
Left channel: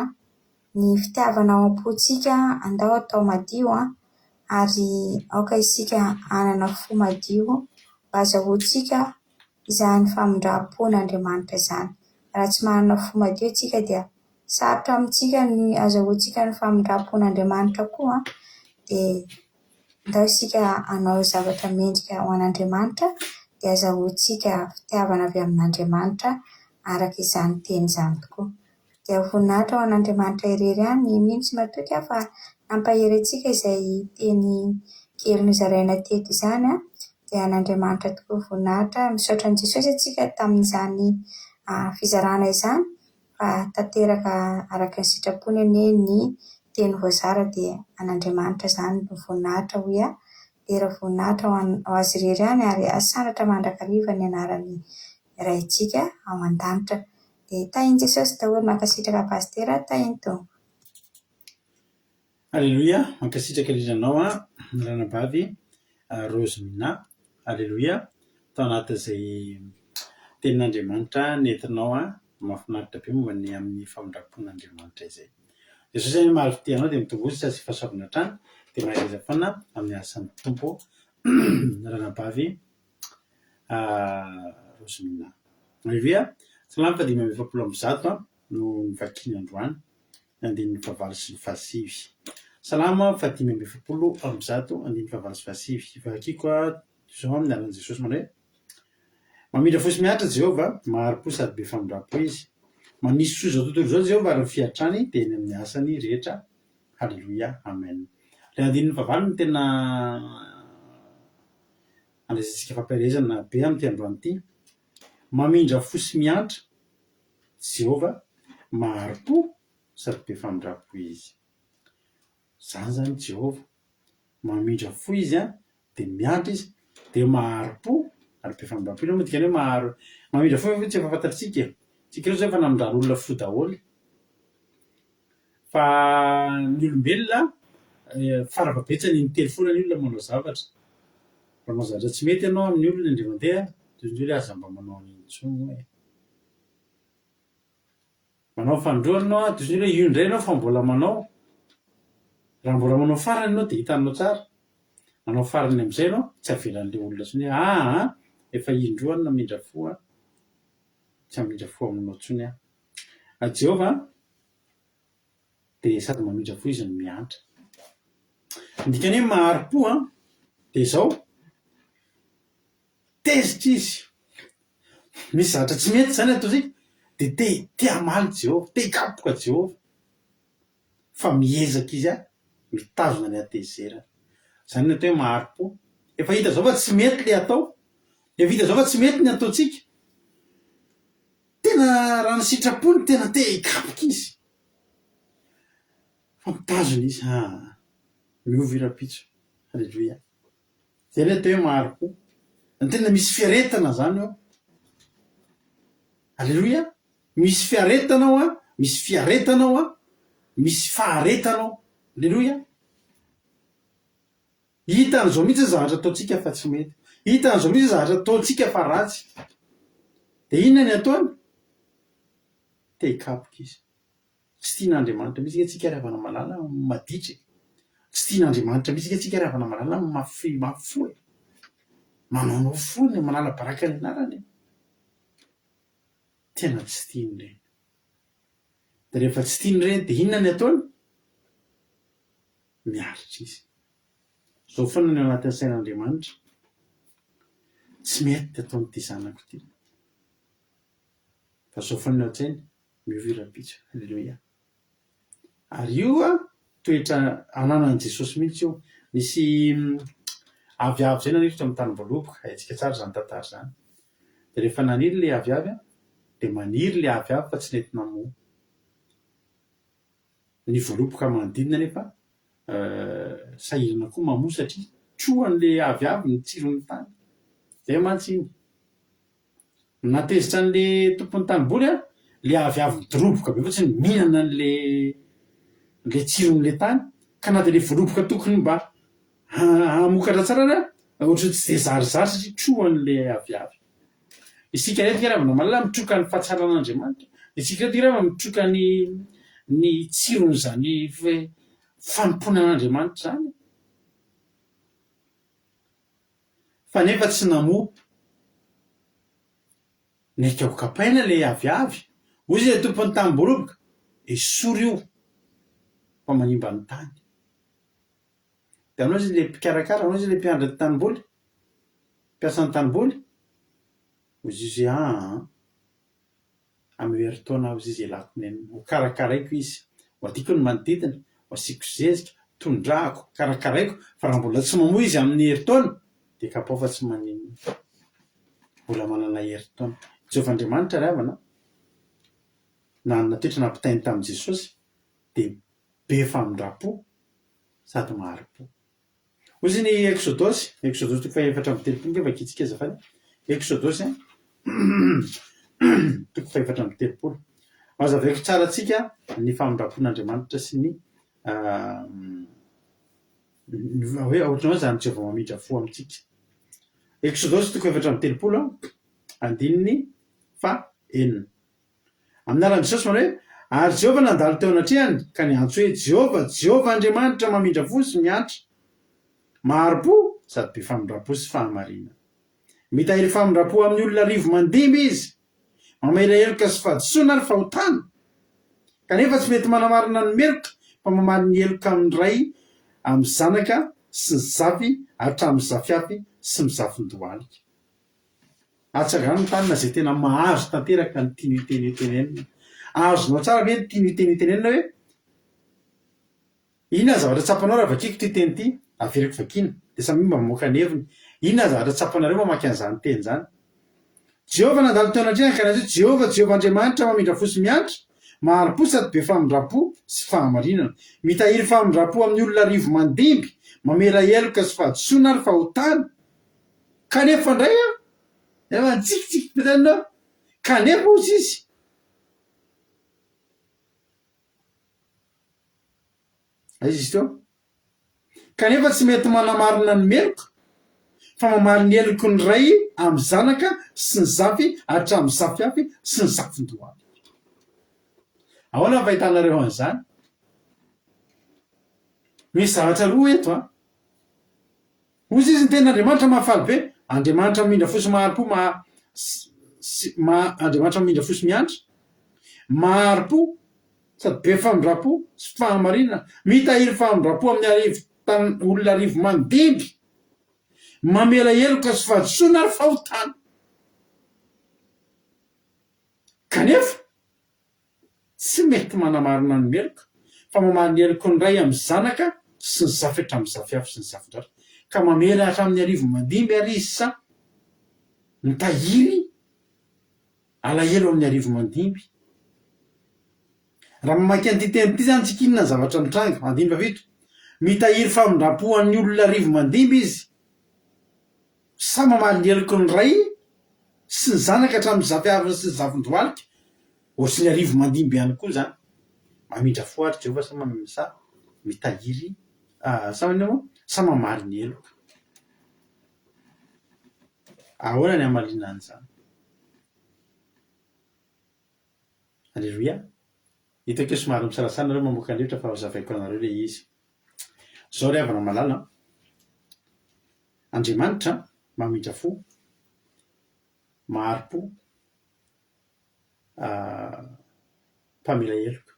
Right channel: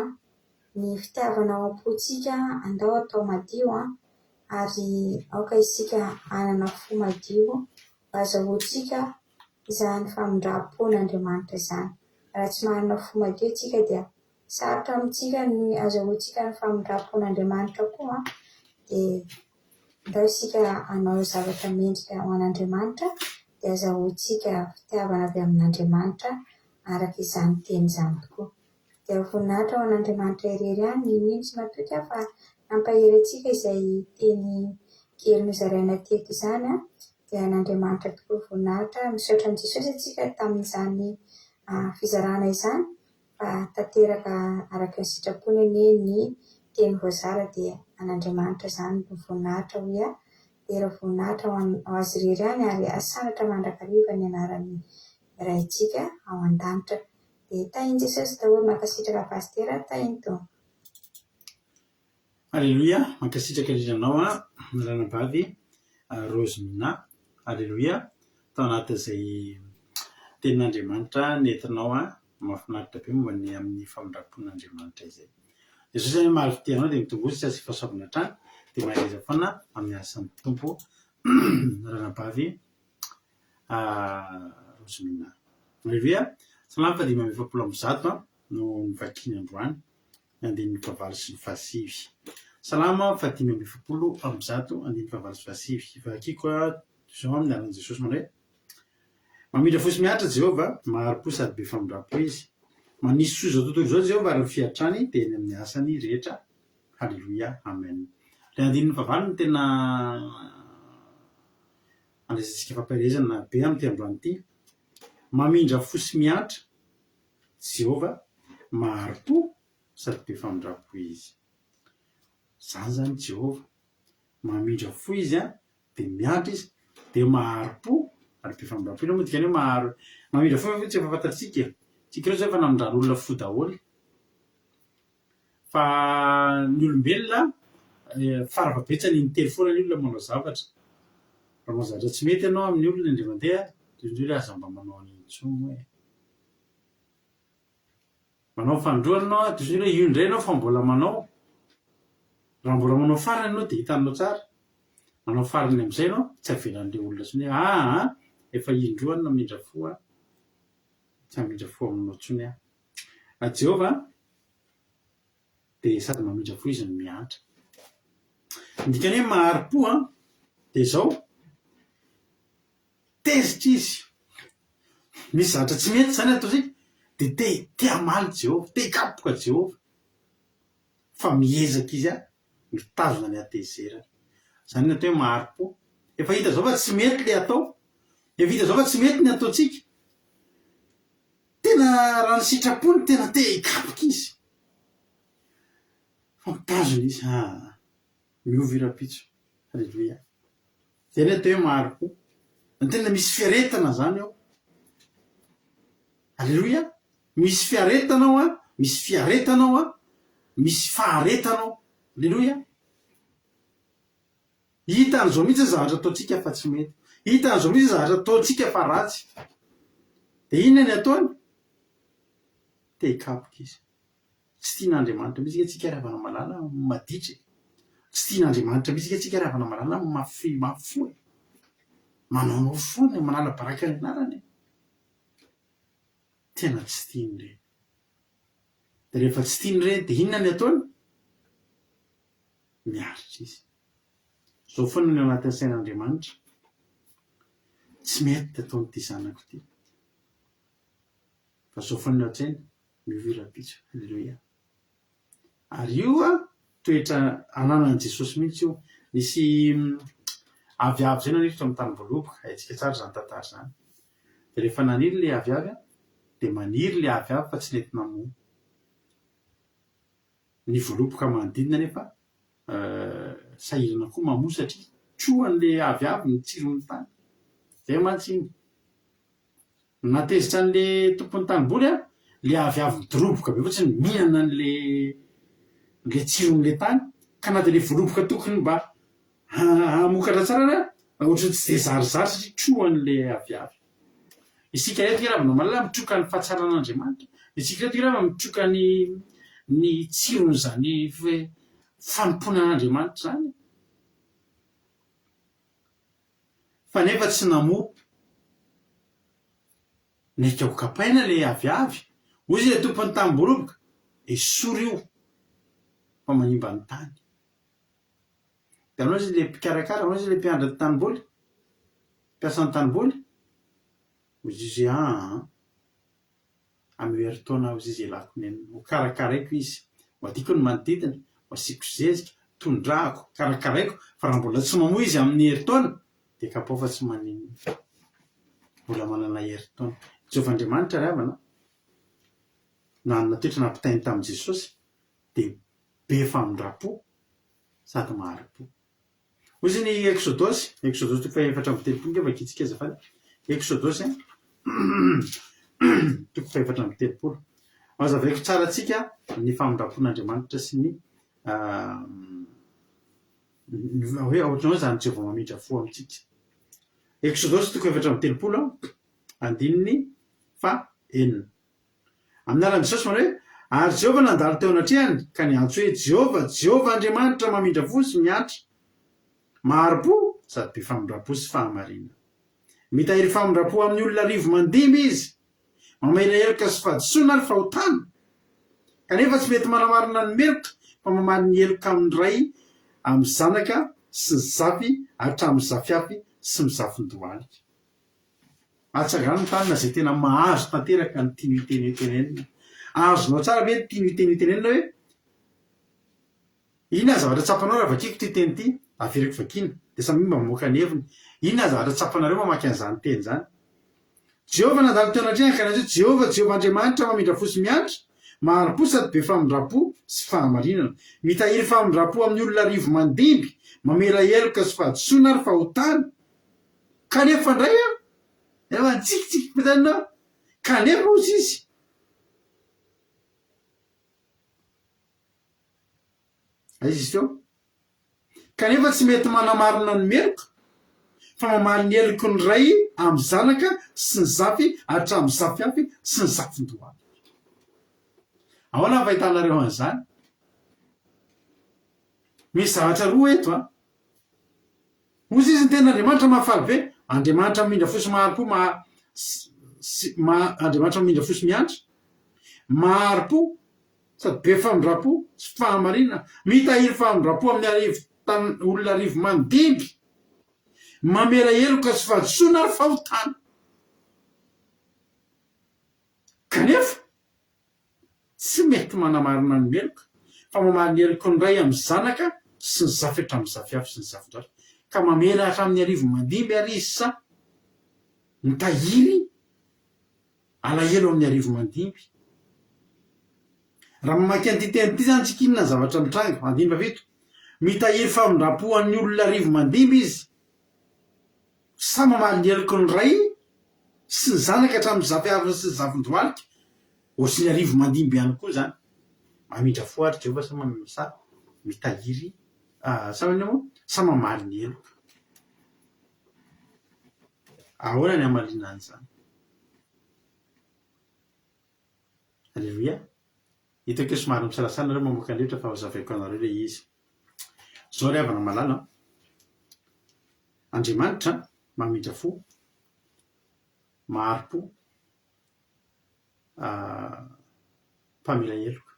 ny fitiavana ao am-pontsika andao atao madio ary aoka isika hanana fo madio mba azahoantsika izany famindram-pon'Andriamanitra izany. Raha tsy manana fo madio isika dia sarotra amintsika ny azahoantsika ny famindram-pon'Andriamanitra koa. Dia andao isika hanao zavatra mendrika ho an'Andriamanitra dia azahoantsika fitiavana avy amin'Andriamanitra araka izany teny izany tokoa. Dia voninahitra ho an'Andriamanitra irery ihany ny mino sy matoky fa nampahery antsika izay teny kely nozaraina teto izany. Dia an'Andriamanitra tokoa voninahitra. Misaotra an'i Jesosy antsika tamin'izany fizarana izany, fa tanteraka araka ny sitrapony anie ny teny voazara dia an'Andriamanitra izany no voninahitra hoe era voninahitra ho azy irery ihany ary asanatra mandrakariva ny anaran'ny raintsika ao an-danitra. Dia tahin'i Jesosy daholo mankasitraka pastera tahinto. Alleloia, mankasitraka indrindranao ranabavy Rosemina. Alleloia, tao anatin'izay tenin'Andriamanitra nentinao mahafinaritra be momba ny amin'ny famindram-pon'Andriamanitra izay. Jesosy zany mahality anao dia mitongositra sy fahasoavana hatrany dia mahaiza foana amin'ny asan'ny tompo ranabavy Rosemina. Alleloia, salama fa 570 no nivakiny androany andininy fahavalo sy ny fahasivy. Salama fa 570 andininy fahavalo sy fahasivy. Vakiko zao amin'ny alan'i Jesosy manao hoe mamindra fosy miatra Jehovah, maharo-po sady be famindram-po izy. Manisy soa izao tontolo izao Jehovah ary fiatrany dia eny amin'ny asany rehetra. Halleluia, amen. Ilay andininy fahavalo no tena andraisantsika fampiarezana be amin'ity androany ity. Mamindra fosy miatra Jehovah, maharo-po sady be famindram-po izy. Zany zany Jehovah mamindra fo izy dia miatra izy dia maharo-po ary be famindram-po io moa dikany hoe maro mamindra fo tsy efa fantatritsika tsika reo zay efa namindrano olona fo daholo fa ny olombelona farafabetsany nitely foana ny olona manao zavatra raha manao zavatra tsy mety ianao amin'ny olona indray mandeha toy ny hoe aza mba manao an'iny intsony hoe manao fandroana anao toy ny hoe io indray ianao fa mbola manao raha mbola manao farany ianao dia hitanao tsara manao farany amin'izay ianao tsy avelan'ilay olona tsony hoe efa indroany namindra fo tsy hamindra fo aminao tsony Jehova dia sady mamindra fo izy no miantra ndikany hoe maharo-po dia izao tezitra izy misy zavatra tsy mety zany atao zay dia te hamaly Jehova te hikapoka Jehova fa miezaka izy mitazona ny atezerana zany ny atao hoe maharo-po efa hita zao fa tsy mety le atao efa hita zao fa tsy mety ny ataontsika tena raha ny sitrapony tena te hikapoka izy fa mitazona izy miova irapitso halleloia zay ny atao hoe maharo-po ny tena misy fiaretana zany ao halleloia misy fiaretanao misy fiaretanao misy faharetanao halleloia hitan'izao mihitsy zavatra ataontsika fa tsy mety hitan'izao mihitsy zavatra ataontsika fa ratsy dia inona ny ataony te hikapoka izy tsy tian'Andriamanitra mihitsy tsika ravana malala maditra tsy tian'Andriamanitra mihitsy tsika ravana malala mafoe manaonao foany manala baraka ny anarany tena tsy tiany ireny dia rehefa tsy tiany ireny dia inona ny ataony miaritra izy zao foana ny anatin'ny sain'Andriamanitra tsy mety ataonyity zanako ity fa zao foana ny an-tsainy miova irapitso halleloia ary io toetra ananan'i Jesosy mihitsy io nisy aviavy zay naniritra amin'ny tanimbaloboka haitsika tsara zany tantara zany dia rehefa naniry le aviavy dia maniry le aviavy fa tsy nety namoa ny voaloboka manodidina nefa sahirana koa mamoa satria troan'le aviavy ny tsiron'ny tany zay mantsiny natezitra an'le tompon'ny tanimboly le aviavy midoroboka be fotsiny mihinana n'le tsiron'le tany ka na dia le voaloboka tokony mba hamokatra tsara ohatry tsy dia zarizary satria troan'le aviavy isika rehetika raha malala mitroka ny fahatsaran'Andriamanitra isika rehetika raha mitroka ny tsirony zany fanompoana an'Andriamanitra zany fa nefa tsy namoa naika ho kapaina le aviavy hoy izy le tompon'ny tanimboloboka esory io fa manimba ny tany dia anao izy le mpikarakara anao izy le mpiandra ny tanimboly mpiasan'ny tanimboly hoy izy amin'ny herintaona aho izy ialako neny ho karakaraiko izy ho adiko ny manodidina ho asiako zezika tondrahako karakaraiko fa raha mbola tsy mamoa izy amin'ny herintaona dia kapao fa tsy maninona mbola manana herintaona Jehovah Andriamanitra ry havana nanana toetra nampitainy tamin'i Jesosy dia be famindram-po sady maharo-po hoy izy ny Exodosy toko fahaefatra amby telopolo ngefa kitsika azafady Exodosy toko fahaefatra amby telopolo mazavaiko tsara antsika ny famindram-pon'Andriamanitra sy ny hoe ohatranao zany Jehovah mamindra fo amintsika Exodosy toko fahaefatra amby telopolo andininy fa enina amin'ny anaran'i Jesosy manao hoe ary Jehovah nandalo teo anatrehany ka niantso hoe Jehovah Andriamanitra mamindra fo sy miantra maharo-po sady be famindram-po sy fahamarinana mitahiry famindram-po amin'ny olona rivo mandimby izy mamela heloka sy fahadisoana ary fahotana kanefa tsy mety manamarina ny meloka fa mamaly ny heloka amin'ny ray amin'ny zanaka sy ny zafy hatramin'ny zafiafy sy mizafin-dohalika atsagano ny tanina zay tena mahazo tanteraka ny tiany itenenina azonao tsara hoe tiany itenenina hoe inona zavatra tsapanao raha vakiko ty teny ity averiko vakina dia samy mba mamoaka ny heviny inona zavatra tsapanareo mamaky an'izany teny zany Jehovah nandalo teo anatrehany ka niantso Jehovah Andriamanitra mamindra fo sy miantra maharo-po sady be famindram-po sy fahamarinana mitahiry famindram-po amin'ny olona rivo mandimby mamela heloka sy fahadisoana ary fahotana kanefa indray efa tsikitsiky pitanao kanefa ozy izy aizy izy teo kanefa tsy mety manamarina ny meloka fa mamaly ny eloko ny ray amin'ny zanaka sy ny zafy hatramin'ny zafyafy sy ny zafin-dohany ahoana ny fahitanareo an'izany misy zavatra roa eto a ozy izy ny tena andriamanitra mahafaly be andriamanitra mindra fosy maharo-po andriamanitra mindra fosy miantra maharo-po sady be famindra-po sy fahamarina mitahiry famindra-po amin'ny olona arivo mandimby mamela eloka sy fahadisoana ary fahotana kanefa tsy mety manamarina ny meloka fa mamaly ny eloko ny ray amin'ny zanaka sy ny zafy hatramin'ny zafyafy sy ny zafin-dratra ka mamela hatramin'ny arivo mandimby ary izy sa mitahiry alahelo amin'ny arivo mandimby raha mamaky an'ity tenyity zany tsika inona ny zavatra mitranga andimby avito mitahiry famindra-po an'ny olona arivo mandimby izy sa mamaly ny eloko ny ray sy ny zanaka hatramin'ny zafyafy sy ny zafin-dohalika ohatsy ny arivo mandimby ihany koa zany mamindra fo ary Jehovah sa mitahiry sa mamaly ny eloka ahoana ny hamalina an'izany alleloia hitako hoe somary misalasana nareo mamoaka andrevitra fa hazavaiko anareo le izy zao ry havana malala andriamanitra mamindra fo maharo-po mpamela eloka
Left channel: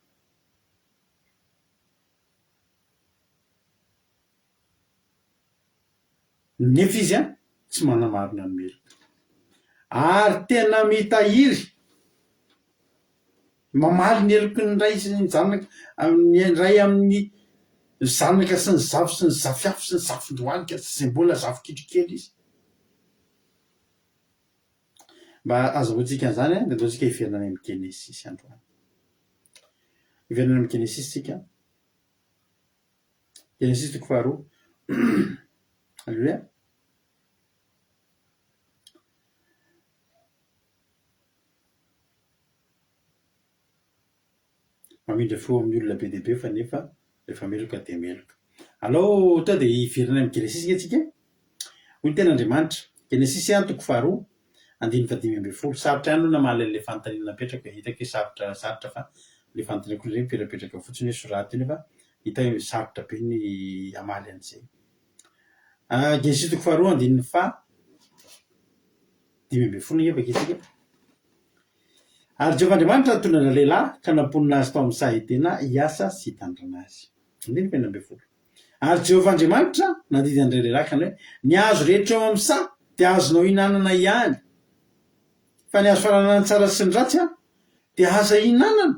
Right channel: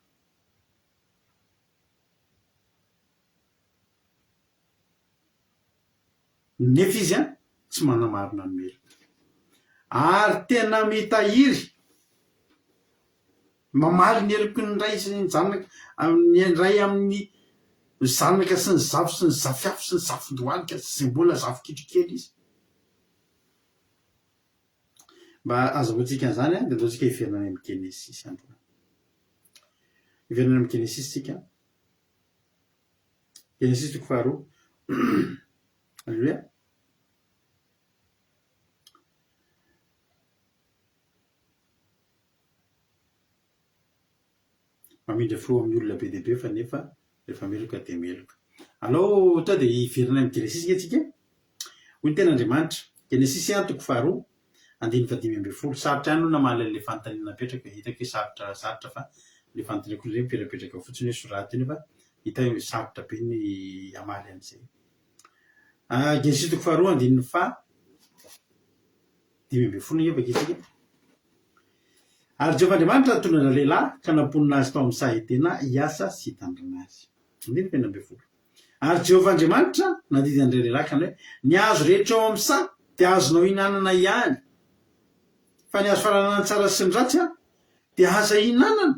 nefa izy a tsy manamarina ny meloka ary tena mitahiry mamaly ny eloko ny ray sy ny zanaka ny ray amin'ny zanaka sy ny zafy sy ny zafyafy sy ny zafin-dohalika zay mbola zafy kitrokely izy mba azahoantsika an'izany a dia ataontsika hiverinana amin'ny genesisy androany hiverinana amin'ny genesisy tsika genesisy toko faharoa alleluia mamindra fo amin'ny olona be dia be fa nefa rehefa meloka dia meloka alao tao dia hiverinana amin'ny genesisy ke tsika hoy ny ten'andriamanitra genesisy a toko faharoa andiny fadimy ambin'ny folo sarotra ihany no namaly an'ilay fanontaniana napetraka hitako hoe sarotra fa le fanontaniako izay miperapetraka fotsiny hoe soraty iny fa hita hoe sarotra be ny amaly an'izay genesisy toko faharoa andininy fa dimy ambin'ny folo nefa kitsika ary Jehovah Andriamanitra tondra lehilahy ka namponina azy tao amin'ny sahitena hiasa sy hitandrana azy andiny fenina ambin'ny folo ary Jehovah Andriamanitra nandidy an'ilay lehilahy ka hoe ny hazo rehetra ao amin'ny sa dia azonao hinanana ihany fa ny hazo fananana tsara sy ny ratsy a dia aza hinanana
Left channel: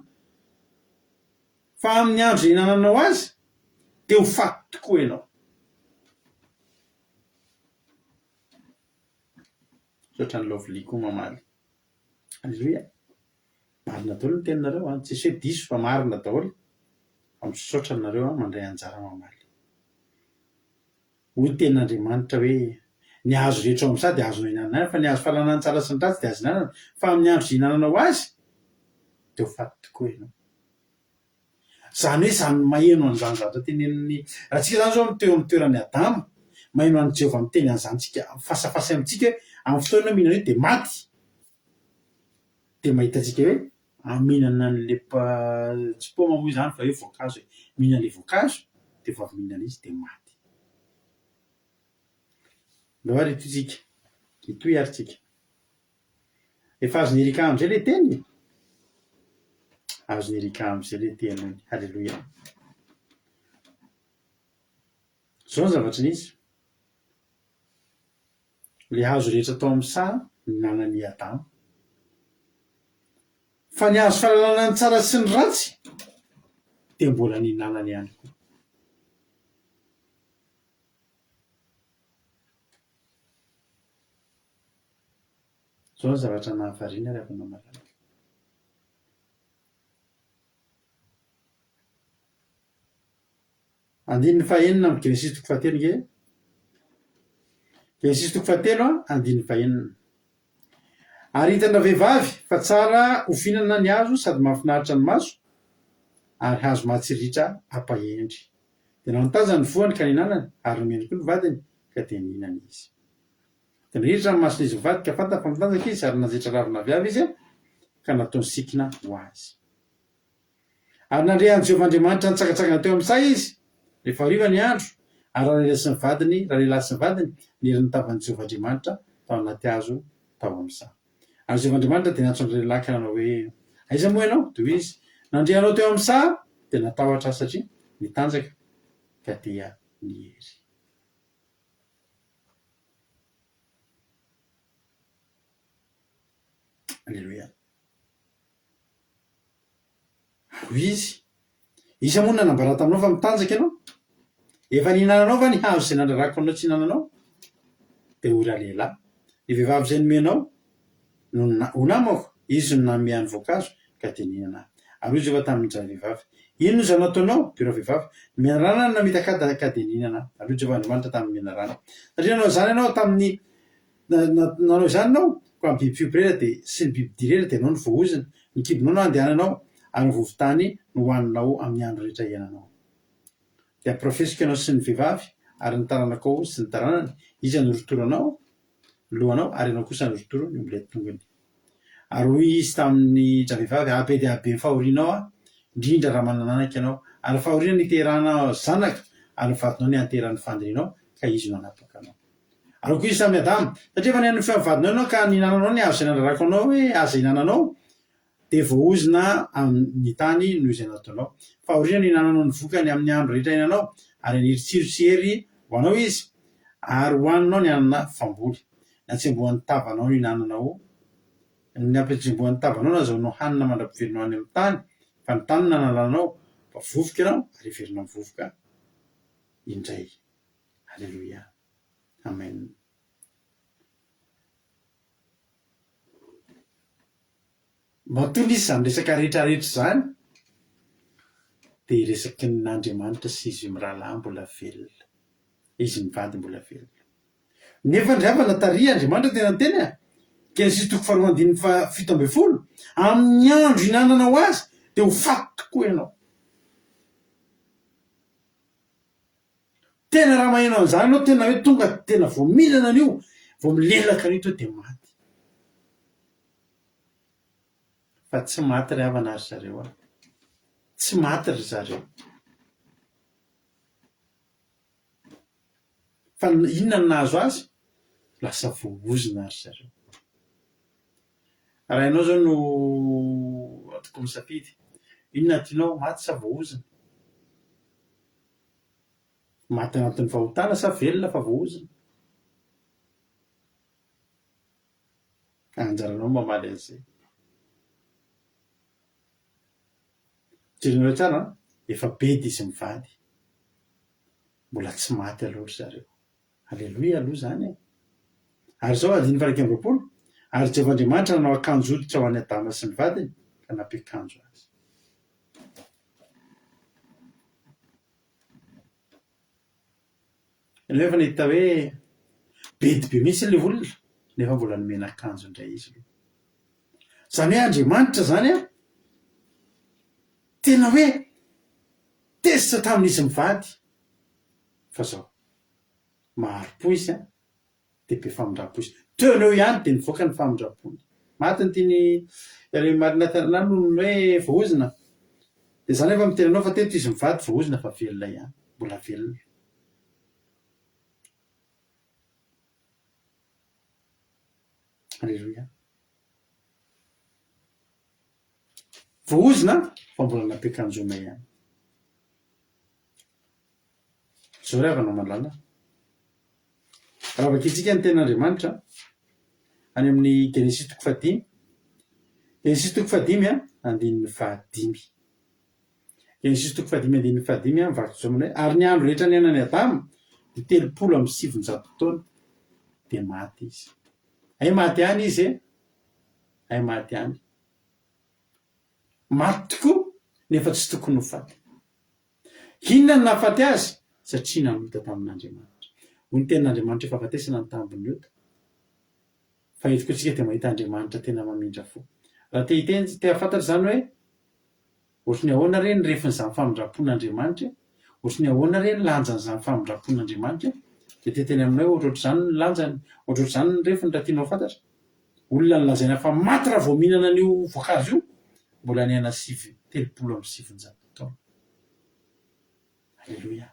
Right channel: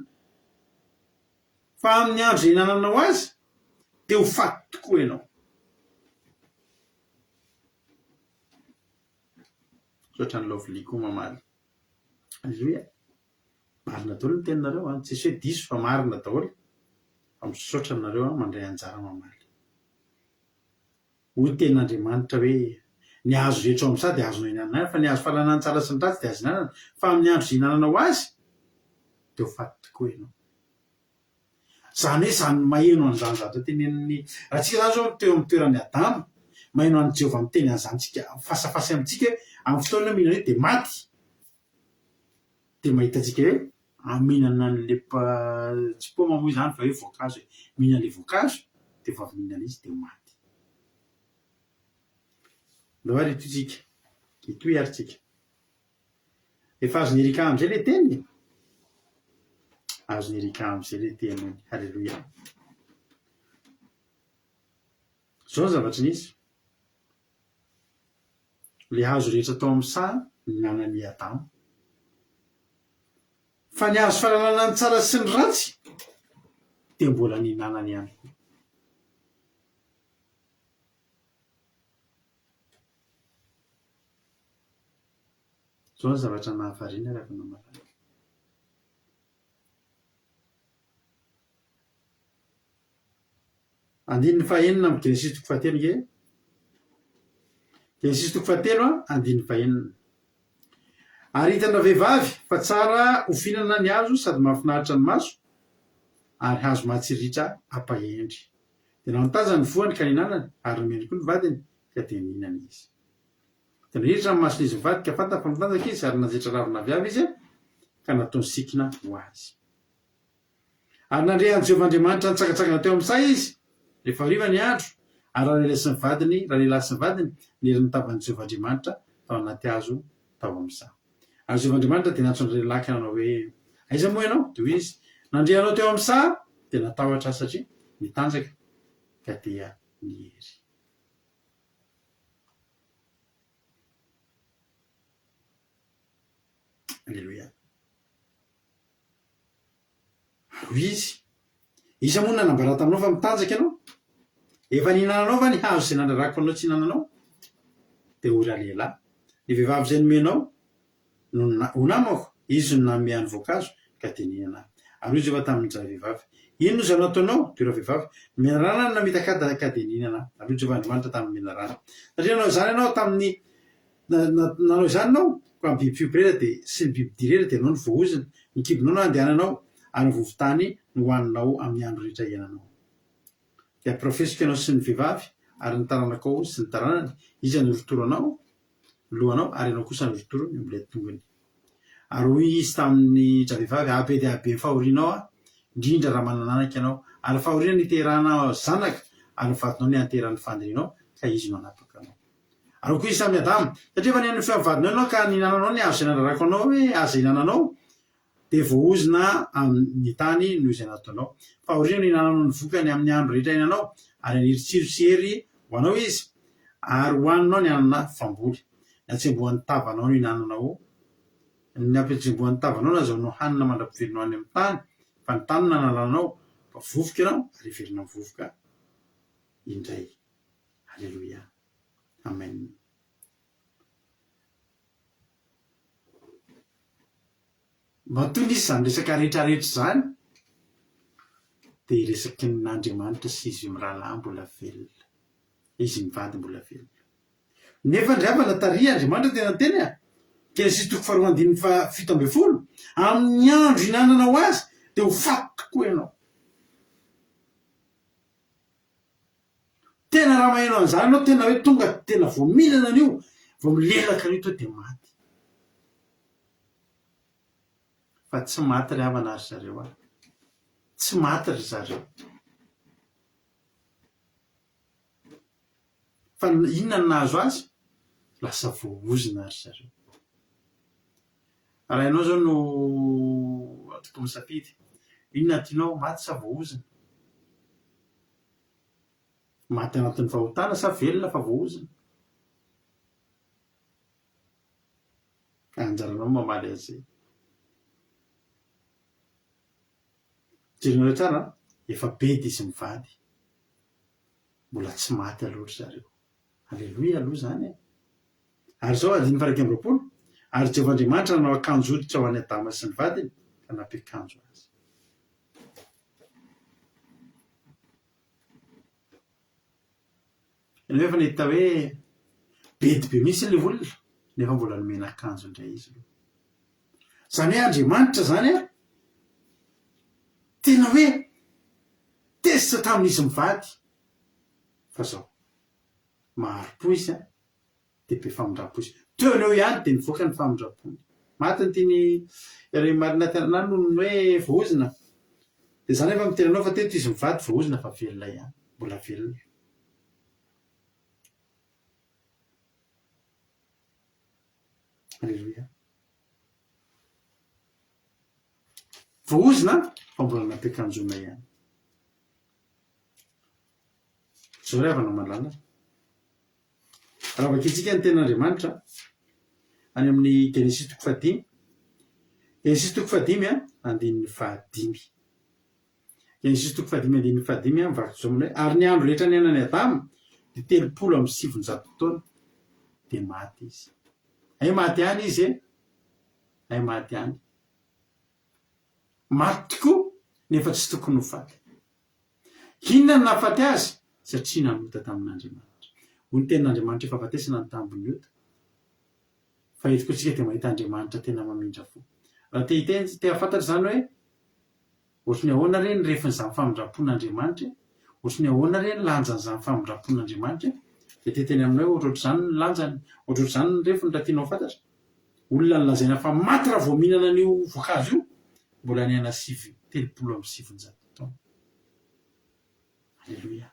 fa amin'ny andro hinananao azy dia ho faty tokoa ianao sotra ny lovily koa mamaly alleloia marina daholo ny teninareo a tsisy hoe diso fa marina daholoamisotra nareo a mandray anjara mamaly hoy tenin'andriamanitra hoe ny hazo rehetra ao amin'ny sa dia azonao hinanana fa ny hazo fananana tsara sy ny ratsy dia azo hinanana fa amin'ny andro hinananao azy dia ho faty tokoa ianao zany hoe zany maheno an'izany zavatra tenenin'ny raha tsika zany zao teo amin'ny toeran'ny adamo maheno an'i Jehovah miteny an'izany tsika fasafasy amintsika hoe amin'ny fotoana mihinana hoe dia maty dia mahitatsika hoe mihinana n'le tsy paoma moa izany fa hoe voankazo hoe mihinana le voankazo dia efa avy mihinana izy dia maty alo ary itotsika itoy ary tsika efa azo ny erika amin'izay le teny azo ny erika amin'izay le teny halleloia zao ny zavatra n'izy le hazo rehetra tao amin'ny sa ny nanan'ny adamo fa ny hazo fahalalana ny tsara sy ny ratsy dia mbola ny nanany ihany koa zao ny zavatra nahavariana ry havana malala andininy fahaenina amin'ny genesisy toko fahatelo nge genesisy toko fahatelo a andininy fahaenina Ary hitana vehivavy fa tsara hofinana ny hazo sady mahafinaritra ny maso ary hazo matsiritra ampahendry. Tena nitaja ny voany ka ninanany ary nomeny koa ny vadiny ka dia nihinana izy. Tena hiritra ny mason'izy mivady ka fantany fa mitanjaka izy ary nanjaitra ravina viavy izy ka nataony sikina ho azy. Ary nandrehan'i Jehovahandriamanitra nitsakatsakana teo amin'ny say izy rehefa hariva ny andro ary raha lehilahy sy ny vadiny niry nitavan'i Jehovahandriamanitra tao anaty hazo tao amin'izany. Ary Jehovahandriamanitra dia nantso ny lehilahy ka nanao hoe aiza moa ianao? Dia hoy izy nandrehanao teo amin'ny saha dia natahotra satria nitanjaka ka dia nihery. Alleluia. Hoy izy moa nanambara taminao fa mitanjaka ianao? Efa nihinananao va ny hazo izay nandrarako anao tsy hinananao? Dia hoy raha lehilahy ny vehivavy izay nomenao ho namako izy no nanome ny voankazo ka dia nihinana. Ary hoy Jehovah tamin'izay vehivavy ino no izay nataonao? Dia raha vehivavy menarana no namitaka ka dia nihinana. Ary hoy Jehovahandriamanitra tamin'ny menarana satria nanao izany ianao tamin'ny nanao izany ianao ka amin'ny biby fiompirera dia sy ny biby direra dia ianao no voaozina. Ny kibonao no andehananao ary ny vovotany no hohaninao amin'ny andro rehetra iainanao. Dia amporofesiko ianao sy ny vehivavy ary ny taranakao sy ny taranany izy anorotoro anao lohanao ary ianao kosa anorotoro ny am'ilay tongony. Ary hoy izy tamin'ny vehivavy abe dia abe ny fahorianao indrindra raha manananaka ianao ary fahoriana niterahana zanaka ary ny vadinao ny anteran'ny fandrinao ka izy no anapaka anao. Ary koa izy tamin'ny Adama satria efa nihaino ny fiavadinao ianao ka nihinananao ny hazo izay nandrarako anao hoe azo ihinananao dia voaozina amin'ny tany noho izay nataonao. Fahoriana no ihinananao ny vokany amin'ny andro rehetra iainanao ary aniry tsirotsihery ho anao izy ary hohaninao ny anana famboly. Ny atsembohan'ny tavanao no ihinananao ny ampitsembohan'ny tavanao nazahoanao hanina mandra-pivelonao any amin'ny tany fa ny tany nanalanao fa vovoka ianao ary heverina amin'ny vovoka indray. Alleluia. Amen. Matoa izy izany resaka rehetrarehetra izany dia resaky n'Andriamanitra sy izy mirahalahy mbola velona. Izy mivady mbola velona. Nefa ndravana taria Andriamanitra tena teny Genesis 2:17 amin'ny andro ihinanana ho azy dia ho faty tokoa ianao. Tena raha mahaino an'izany ianao tena hoe tonga tena vao mihinana an'io vao milelaka an'io tonga dia maty. Fa tsy maty ry havana ry zareo tsy maty ry zareo. Fa inona no nahazo azy? Lasa voaozina ry zareo. Raha ianao zao no atoko misafidy inona tianao maty sa voaozina? Maty anatin'ny fahotana sa velona fa voaozina? Anjaranao mamaly an'izay. Jerenao tsara efa be dia izy mivady mbola tsy maty aloha ry zareo. Alleluia aloha izany e. Ary zao 1:20 ary Jehovahandriamanitra nanao akanjo hoditra ho an'ny Adama sy ny vadiny ka nampiakanjo azy. Ianao efa nahita hoe be dia be mihitsy ilay olona nefa mbola nomena akanjo indray izy aloha. Izany hoe Andriamanitra izany tena hoe tezitra tamin'izy mivady fa zao maharo-po izy dia be famindrapo izy. Teoneo ihany dia nivoaka ny famindrapony. Maty ny tiany ry marina tanana no hoe voaozina. Dia izany efa mitenanao fa teto izy mivady voaozina fa velona ihany, mbola velona. Alleluia. Voaozina fa mbola nampiakanjona ihany. Zao ry havana malala. Raha vakitsika ny ten'Andriamanitra any amin'ny Genesis 5. Genesis 5 andininy 5. Genesis 5 andininy 5 mivaky zao hoe ary ny andro rehetra niainan'ny Adama dia 307 taona dia maty izy. Ay maty ihany izy ay maty ihany. Maty tokoa nefa tsy tokony ho faty. Inona no nahafaty azy? Satria namita tamin'Andriamanitra. Hoy ny tenin'Andriamanitra efa afatesana ny tambony ota fa eto koa tsika dia mahita Andriamanitra tena mamindra fo. Raha te hafantatra zany hoe ohatrany ahoana reny refin'izany famindrapon'Andriamanitra, ohatrany ahoana reny lanjan'izany famindrapon'Andriamanitra, dia teteny aminay ohatrohatr'izany ny lanjany, ohatrohatr'izany ny refiny raha tianao fantatra. Olona ny lazaina fa maty raha vao mihinana an'io voankazo io, mbola ny aina 37 taona. Alleloia.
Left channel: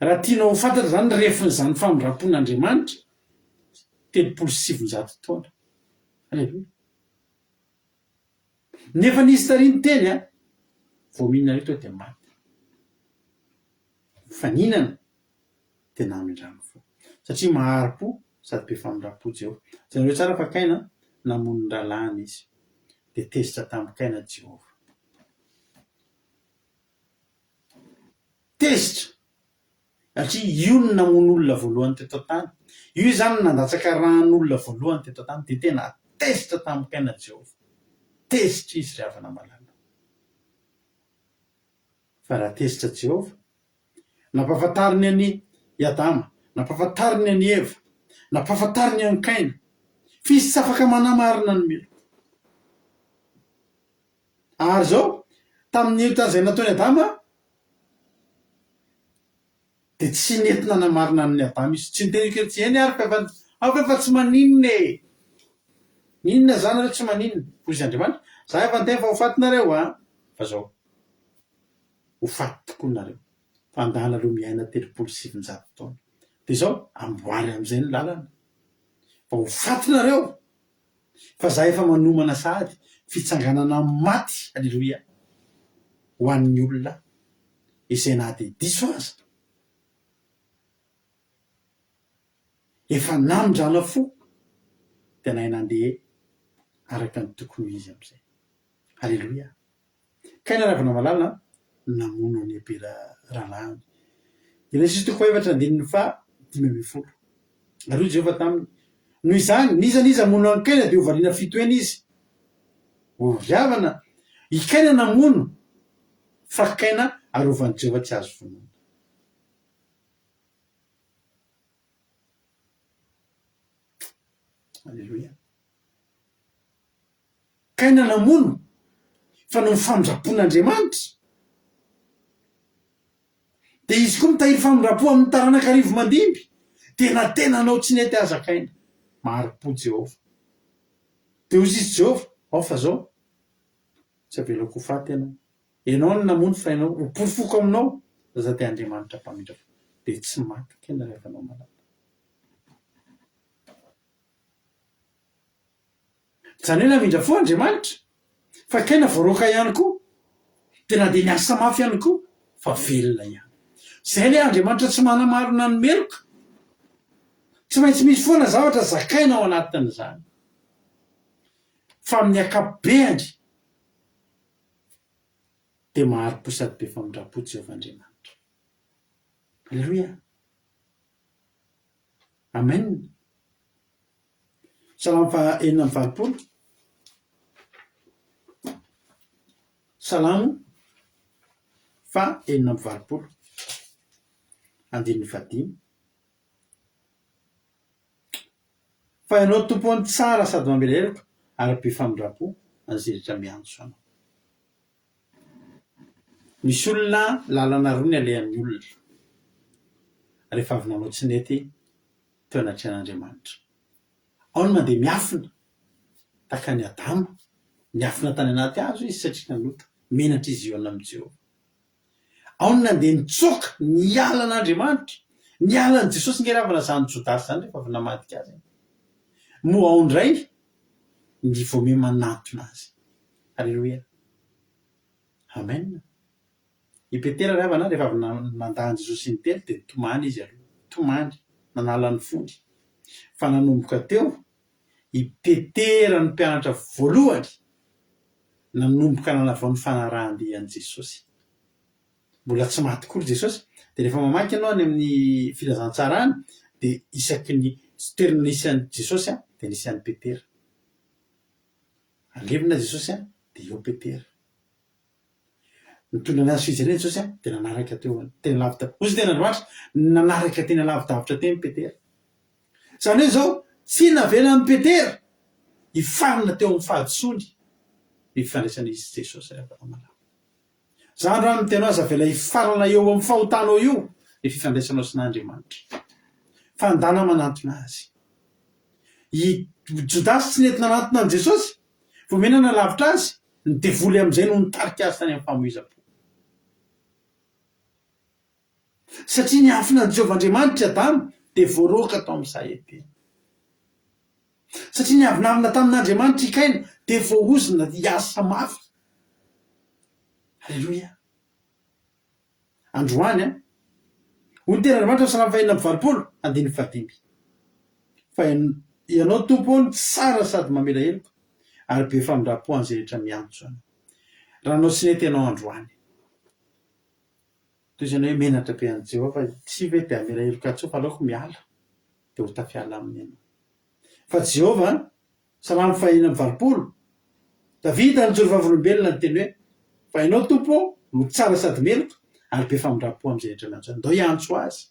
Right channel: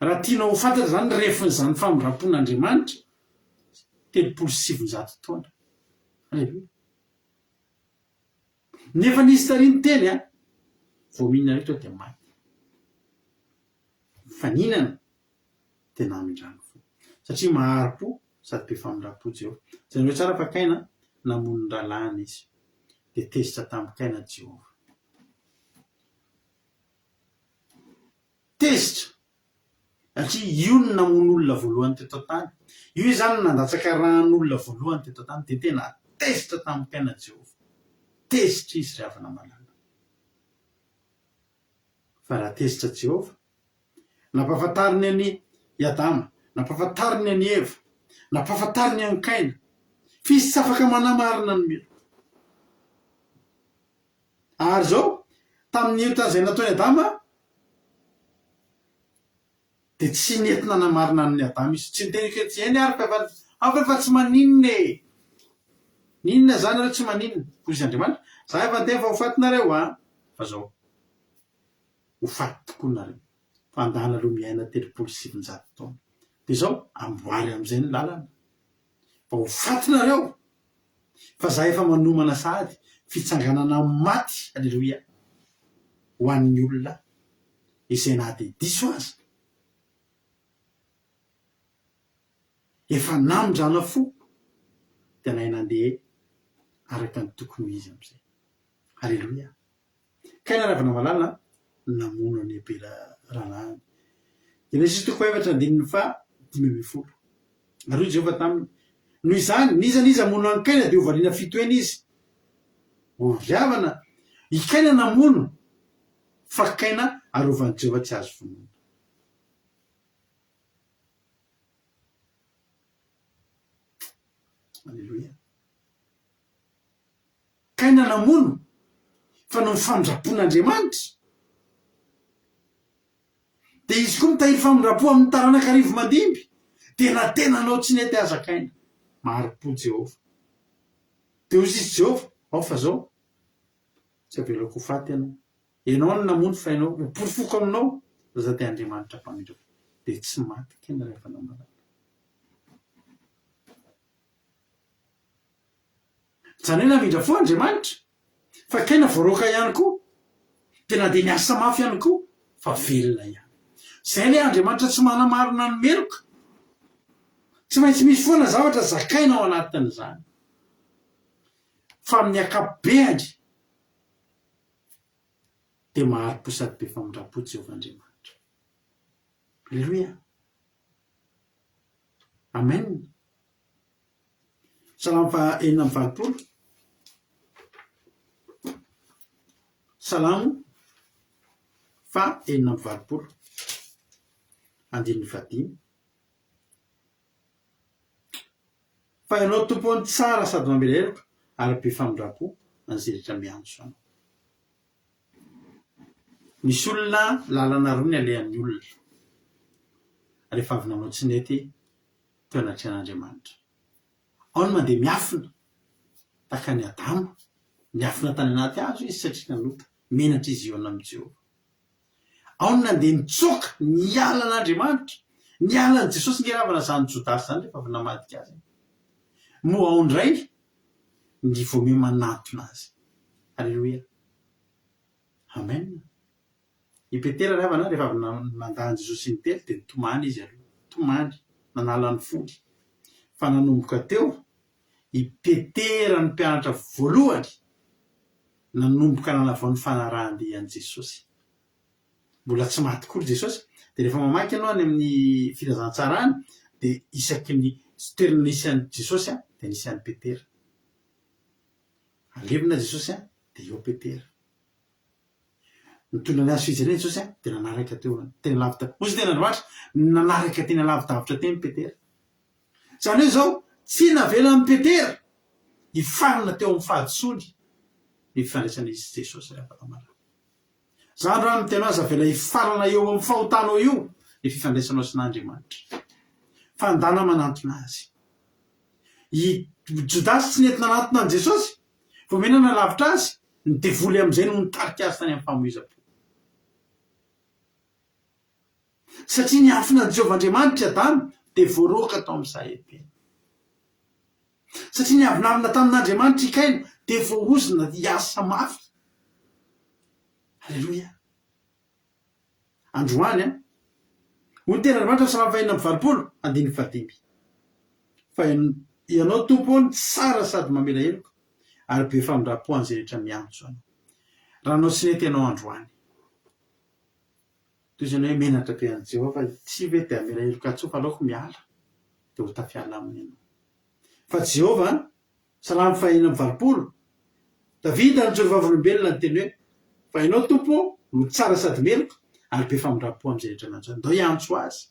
Raha tianao fantatra zany ny refin'izany famindrapon'Andriamanitra, 37 taona. Alleloia. Nefa nisy tariny teny vao mihinana io dia maty. Fa nihinana dia namindrano fo. Satria maharo-po sady be famindrapo Jehovah. Zany hoe tsara fa Kaina namono ny rahalahy izy, dia tezitra tamin'ny Kaina Jehovah. Tezitra. Satria io no namono olona voalohany teto an-tany. Io zany nandatsaka rahan'olona voalohany teto an-tany, dia tena tezitra tamin'ny Kaina Jehovah. Tezitra izy ry havana malala. Fa raha tezitra Jehovah, nampahafantariny any Adama, nampahafantariny any Eva, nampahafantariny any Kaina, fisy tsy afaka manamarina ny melo. Ary zao tamin'ny tany izay nataony Adama dia tsy nentina namarina ny Adama izy, tsy niteny tsy eny ary efa tsy maninona e. Ninona zany ireo tsy maninona? Hoy izy Andriamanitra, za efa niteny fa ho fatinareo fa zao ho faty tokoa nareo. Fa andala aloha miaina 37 taona. Dia zao amboary amin'izay ny lalana. Fa ho fatinareo. Fa za efa manomana sahady fitsanganana maty, alleloia, ho an'ny olona izay na dia diso aza. Efa namindrana fo dia nahay nandeha araka ny tokony izy amin'izay. Alleloia. Kaina ravana malala namono ny Abela rahalahy. Genesis 4:5-10. Ary Jehovah taminy, noho izany niza mono any Kaina dia hovariana fito eny izy. Hoviavana i Kaina namono, fa Kaina arovan'i Jehovah tsy azo vonoina. Alleloia. Kaina namono fa no famindrapon'Andriamanitra. Dia izy koa mitahiry famindrapo amin'ny taranak'arivo mandimby. Tena anao tsy nety aza Kaina. Maharo-po Jehovah. Dia hoy izy Jehovah, fa zao tsy avelako ho faty ianao. Ianao no namono fa ianao ho porofoko aminao. Za dia Andriamanitra mpamindra fo. Dia tsy maty Kaina rehefa anao malala. Zany hoe namindra fo Andriamanitra, fa Kaina voaroka ihany koa. Tena dia niasa mafy ihany koa, fa velona ihany. Izay ny Andriamanitra tsy manamarina ny meloka. Tsy maintsy misy foana zavatra zakaina ao anatin'izany. Fa amin'ny akabeany dia maharo-po sady be famindrapo Jehovah Andriamanitra. Alleluia. Amen. Salamo 4:20. Salamo 4:20. Andininy 15. Fa ianao tompony tsara sady mameleloko ary be famindrapo anziritra miantso anao. Misy olona lalana roa ny alehan'ny olona rehefa avy nanao tsy nety teo anatrehan'Andriamanitra. Ao ny mandeha miafina tahaka ny Adama, miafina tany anaty hazo izy satria nanota, menatra izy eo amin'ny Jehovah. Ao ny nandeha mitsoaka niala an'Andriamanitra, niala an'i Jesosy ngeravana zany Jodasy zany rehefa avy namadika azy. Moa ao indray ny voame manatona azy. Alleluia. Amen. I Petera ravana rehefa avy nandany Jesosy ny telo dia tomany izy aloha. Tomany, nanala ny fody. Fa nanomboka teo, i Petera ny mpianatra voalohany nanomboka nanavao ny fanarahan-dian'i Jesosy. Mbola tsy maty kory Jesosy. Dia rehefa mamaky ianao any amin'ny filazantsara any, dia isaky ny toerana nisy an'i Jesosy dia nisy an'i Petera. Alevina Jesosy dia eo Petera. Nitondra ny azy fijaliana Jesosy dia nanaraka teo tena lavitra. Hoy izy tena Andriamanitra nanaraka tena lavidavitra teny Petera. Zany hoe zao tsy navelany Petera hifarana teo amin'ny fahadisony ny fifandraisana izy Jesosy rehefa malala. Zany raha miteno azy avela hifarana eo amin'ny fahotanao io ny fifandraisanao sy n'Andriamanitra. Fandana manantona azy. I Jodasy tsy nentina nanantona an' Jesosy, vomenana lavitra azy, ny devoly amin'izay no nitarika azy tany amin'ny famoiza-po. Satria ny afina ny Jehovahandriamanitra Adamo dia voaroka tao amin'ny saheteny. Satria ny avinavina tamin'Andriamanitra i Kaina dia voaozina hiasa mafy. Halleloia. Androany hoy ny tena Andriamanitra Salamy fahaenina amby valopolo andiny fadimy. Fa ianao tompony tsara sady mamela heloka ary be famindram-po an'izay rehetra miantso anao. Raha anao tsy nentenao androany. Toy izany hoe menatra be an'i Jehovah fa tsy hoe dia amela heloka tsoa fa aleoko miala dia ho tafiala aminy ianao. Fa Jehovah Salamy fahaenina amby valopolo, Davida ny Jorovavolom-belona ny teny hoe fa ianao tompo no tsara sady meloka ary be famindram-po amin'izay rehetra miantso. Ndao hiantso azy.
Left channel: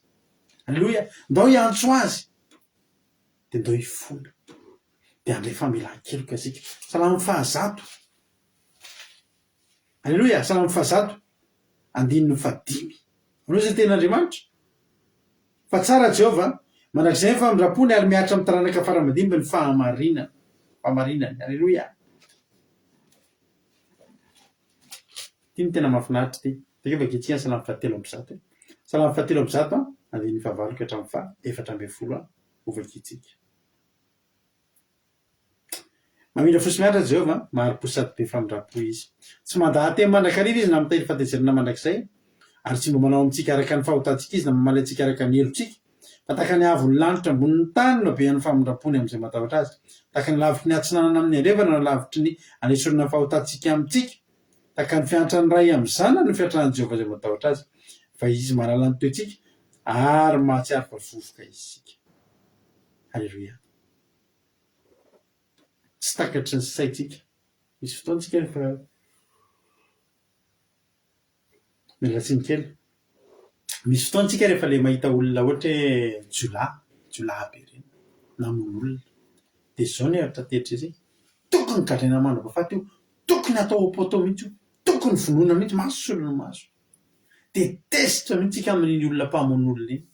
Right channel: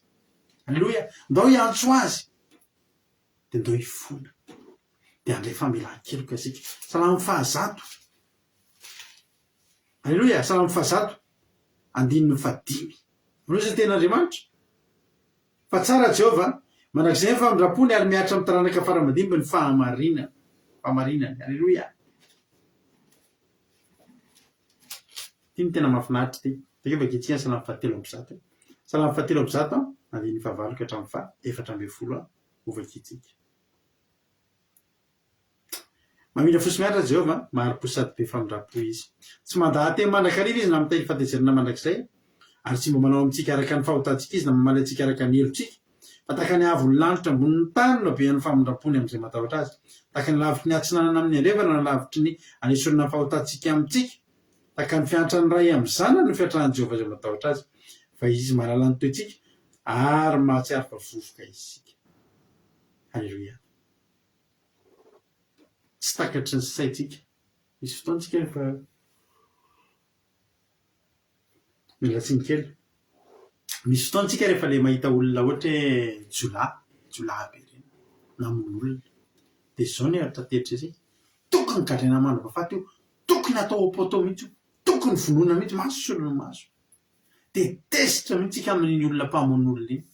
Halleloia. Ndao hiantso azy. Dia ndao hifona. Dia andray famelan-keloka isika. Salamy fahazato. Halleloia. Salamy fahazato andininy fadimy. Anao izay ten'Andriamanitra. Fa tsara Jehovah manak'izay ny famindram-pony ary miaritra amin'ny taranaka fara-madimba ny fahamarinany. Halleloia. Ty ny tena mahafinaritra ty. Takeo vaketsihana Salamy fahatelo amby zato. Salamy fahatelo amby zato andininy fahavalo ka hatramin'ny fahaefatra ambin'ny folo ho vaketsika. Mamindra fosy miaritra Jehovah, mahari-po sady be famindram-po izy. Tsy mandahatemy mandrakariva izy na miteny fahatezerana mandrakizay, ary tsy mba manao amintsika araka ny fahotantsika izy na mamaly antsika araka ny helotsika. Fa tahaka ny avon'ny lanitra ambony ny tany no be an'ny famindram-pony amin'izay matahotra azy. Tahaka ny lavitry ny atsinanana amin'ny andrevana no lavitry ny anesorana ny fahotantsika amintsika. Tahaka ny fiantrany ray amin'ny zanany no fiantran'ny Jehovah izay matahotra azy. Fa izy mahalala ny toetsika ary mahatsiaro fa vovoka izika. Halleluia. Tsy takatry ny saitsika. Misy fotoantsika rehefa mialatsiny kely. Misy fotoantsika rehefa le mahita olona ohatra hoe jolahy be ireny namono olona. Dia izao ny hevitra tetra izy. Tokony gadraina mandrapahafaty io. Tokony atao am-poto mihitsy io. Tokony vonoina mihitsy maso olona maso. Detesitra mihitsy tsika amin'iny olona mpamono olona iny.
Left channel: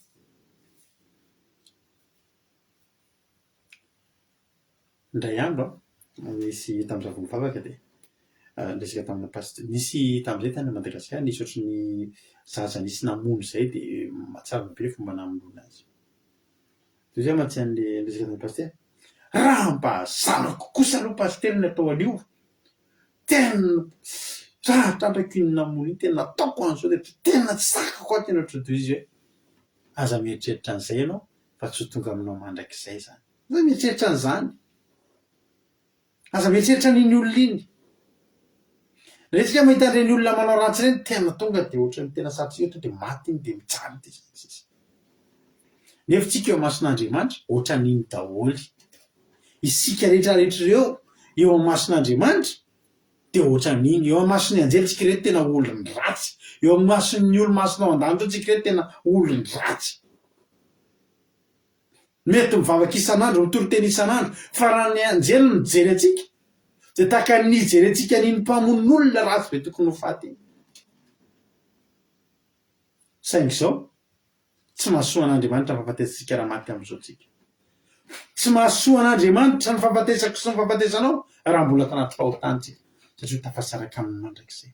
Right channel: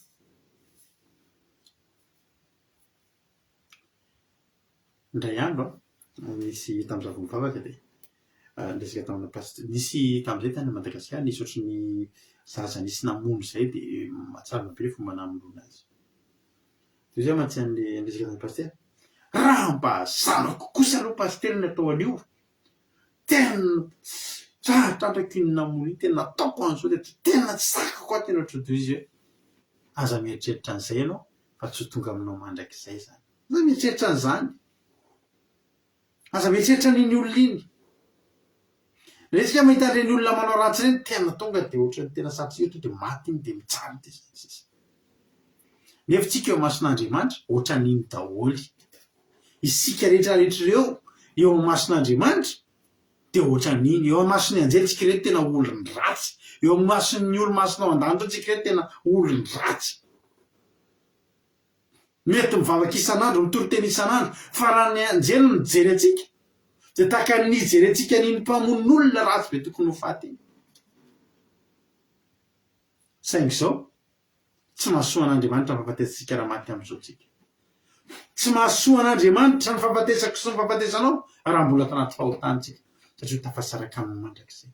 Indray andro nisy tamin'izaho vao mivavaka dia resaka tamina pasitera. Nisy tamin'izay tany Madagasikara nisy ohatran'ny zaza nisy namono izay dia mahatsara be fomba namonoana azy. Toy izay mantsy an'ilay resaka tamin'ny pasitera. Raha mba zanako kosa aloha pasitera ny atao an'io. Tena raha trandraky ny namono iny tena nataoko an'izao dia tena tsy sakako aho tena ohatran'izay izy hoe aza mieritreritra an'izay ianao fa tsy ho tonga aminao mandrakizay izany. Aza mieritreritra an'izany. Aza mieritreritra n'iny olona iny. Rehefa isika mahita ireny olona manao ratsy ireny tena tonga dia ohatran'ny tena sarotsy ohatra dia maty iny dia mitsara dia sisa. Nefa tsika eo mason'Andriamanitra ohatran'iny daholo. Isika rehetra ireo eo amin'ny mason'Andriamanitra dia ohatran'iny. Eo amin'ny mason'ny anjely tsika ireto tena olona ratsy. Eo amin'ny mason'ny olo-masona ao an-danitra tsika ireto tena olona ratsy. Mety mivavaka isan'andro, mitoro teny isan'andro, fa raha ny anjely no mijery antsika dia tahaka ny nijery antsika n'iny mpamon'olona ratsy be tokony ho faty. Saingy izao tsy mahasoa an'Andriamanitra ny fahafatesantsika raha maty amin'izao tsika. Tsy mahasoa an'Andriamanitra ny fahafatesako sy ny fahafatesanao raha mbola tanaty fahotantsika satria tafasaraka amin'ny mandrakizay.